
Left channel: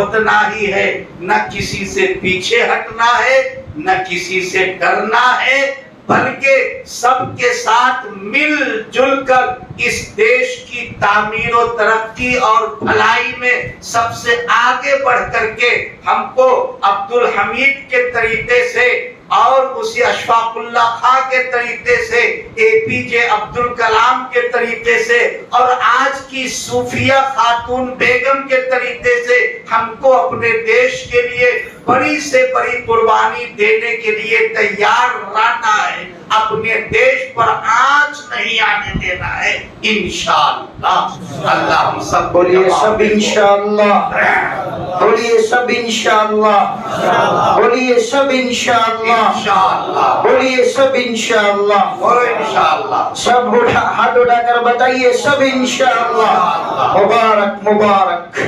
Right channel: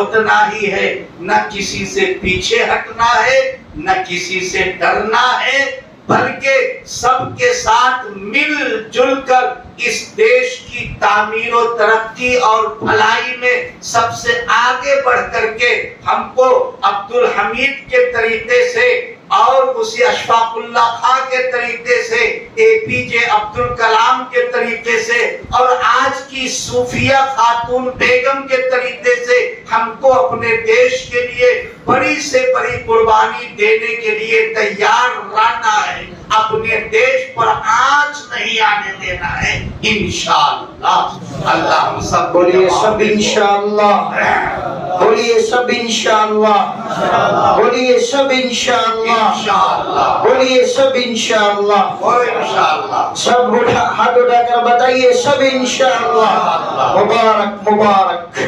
اتنا ہی ہے۔ نہ کسی سے پیچھے ہٹنا ہے، نہ کسی سے ڈرنا ہے، بلکہ سب کے ساتھ مل جل کر اس دیش کی تعمیر و ترقی اور بھلائی میں سب سے آگے بڑھ کر کے ہم کو عبدالحمید کے طریقے سے اور اسی اشفاق اللہ خان کے طریقے سے، اے پی جے عبدالکلام کے طریقے سے، اور آج کی صوفیہ خاتون بیگم کے طریقے سے ہم کو اپنے دیش کے لیے بڑی سے بڑی قربانی دینے کے لیے تیار رہنا ہے۔ اپنے دیش پر آنچ نہیں آنے دینا ہے، انشاءاللہ۔ اللہ ہم سب بولیے سب انشاءاللہ، بولیے سب انشاءاللہ، بولیے سب انشاءاللہ، بولیے سب انشاءاللہ، سب ہاتھ اٹھا کر بتائیے سب انشاءاللہ۔ مبارک مبارک،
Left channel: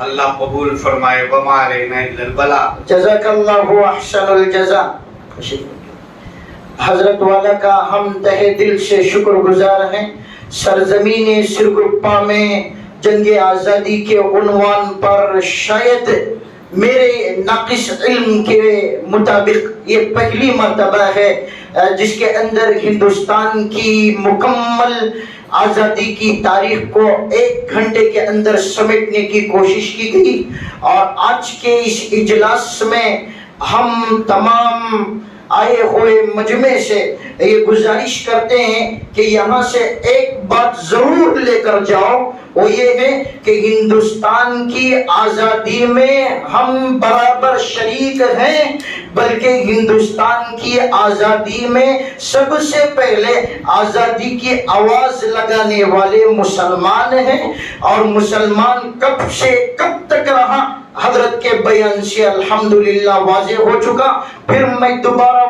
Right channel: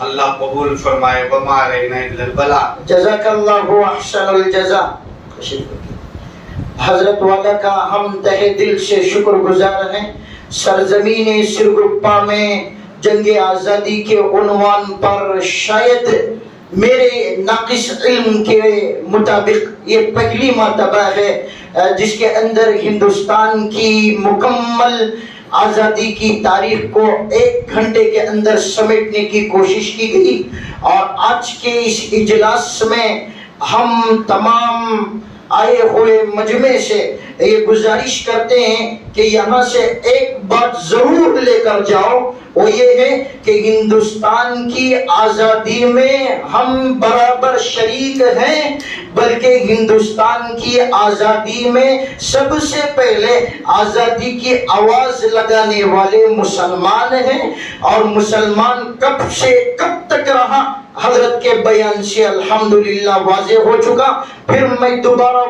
اللہ قبول فرمائے۔ وما علینا الا البلاغ۔ جزاک اللہ احسن الجزا۔ حضرت والا کا ہم تہہ دل سے شکر گزار ہیں۔ سرزمین سرگپا میں جنگ آزادی کے عنوان پر شاید میرے ناقص علم کے مطابق یہ پہلی مرتبہ ہے جس کے اندر ہندوستان کی مکمل آزادی کی تاریخ کو 1 گھنٹے کے اندر سمیٹنے کی کوشش کی گئی، اور آج کے اس اجلاس میں ہم تمام آئے ہوئے مجمع سے یہ گزارش کرتے ہیں کہ یہاں سے ایک بات ضرور لے کر جاؤ، وہ یہ ہے کہ ہندوستان کی آزادی میں ہم برابر شریک ہیں، بلکہ ہندوستان کی آزادی میں سب سے پہلے آزادی کی آواز لگانے والے مسلمان ہیں، اور مسلمان کب سے کب تک رہا حضرت کے بیان سے الحمدللہ واضح ہو چکا۔ پھر میں دوبارہ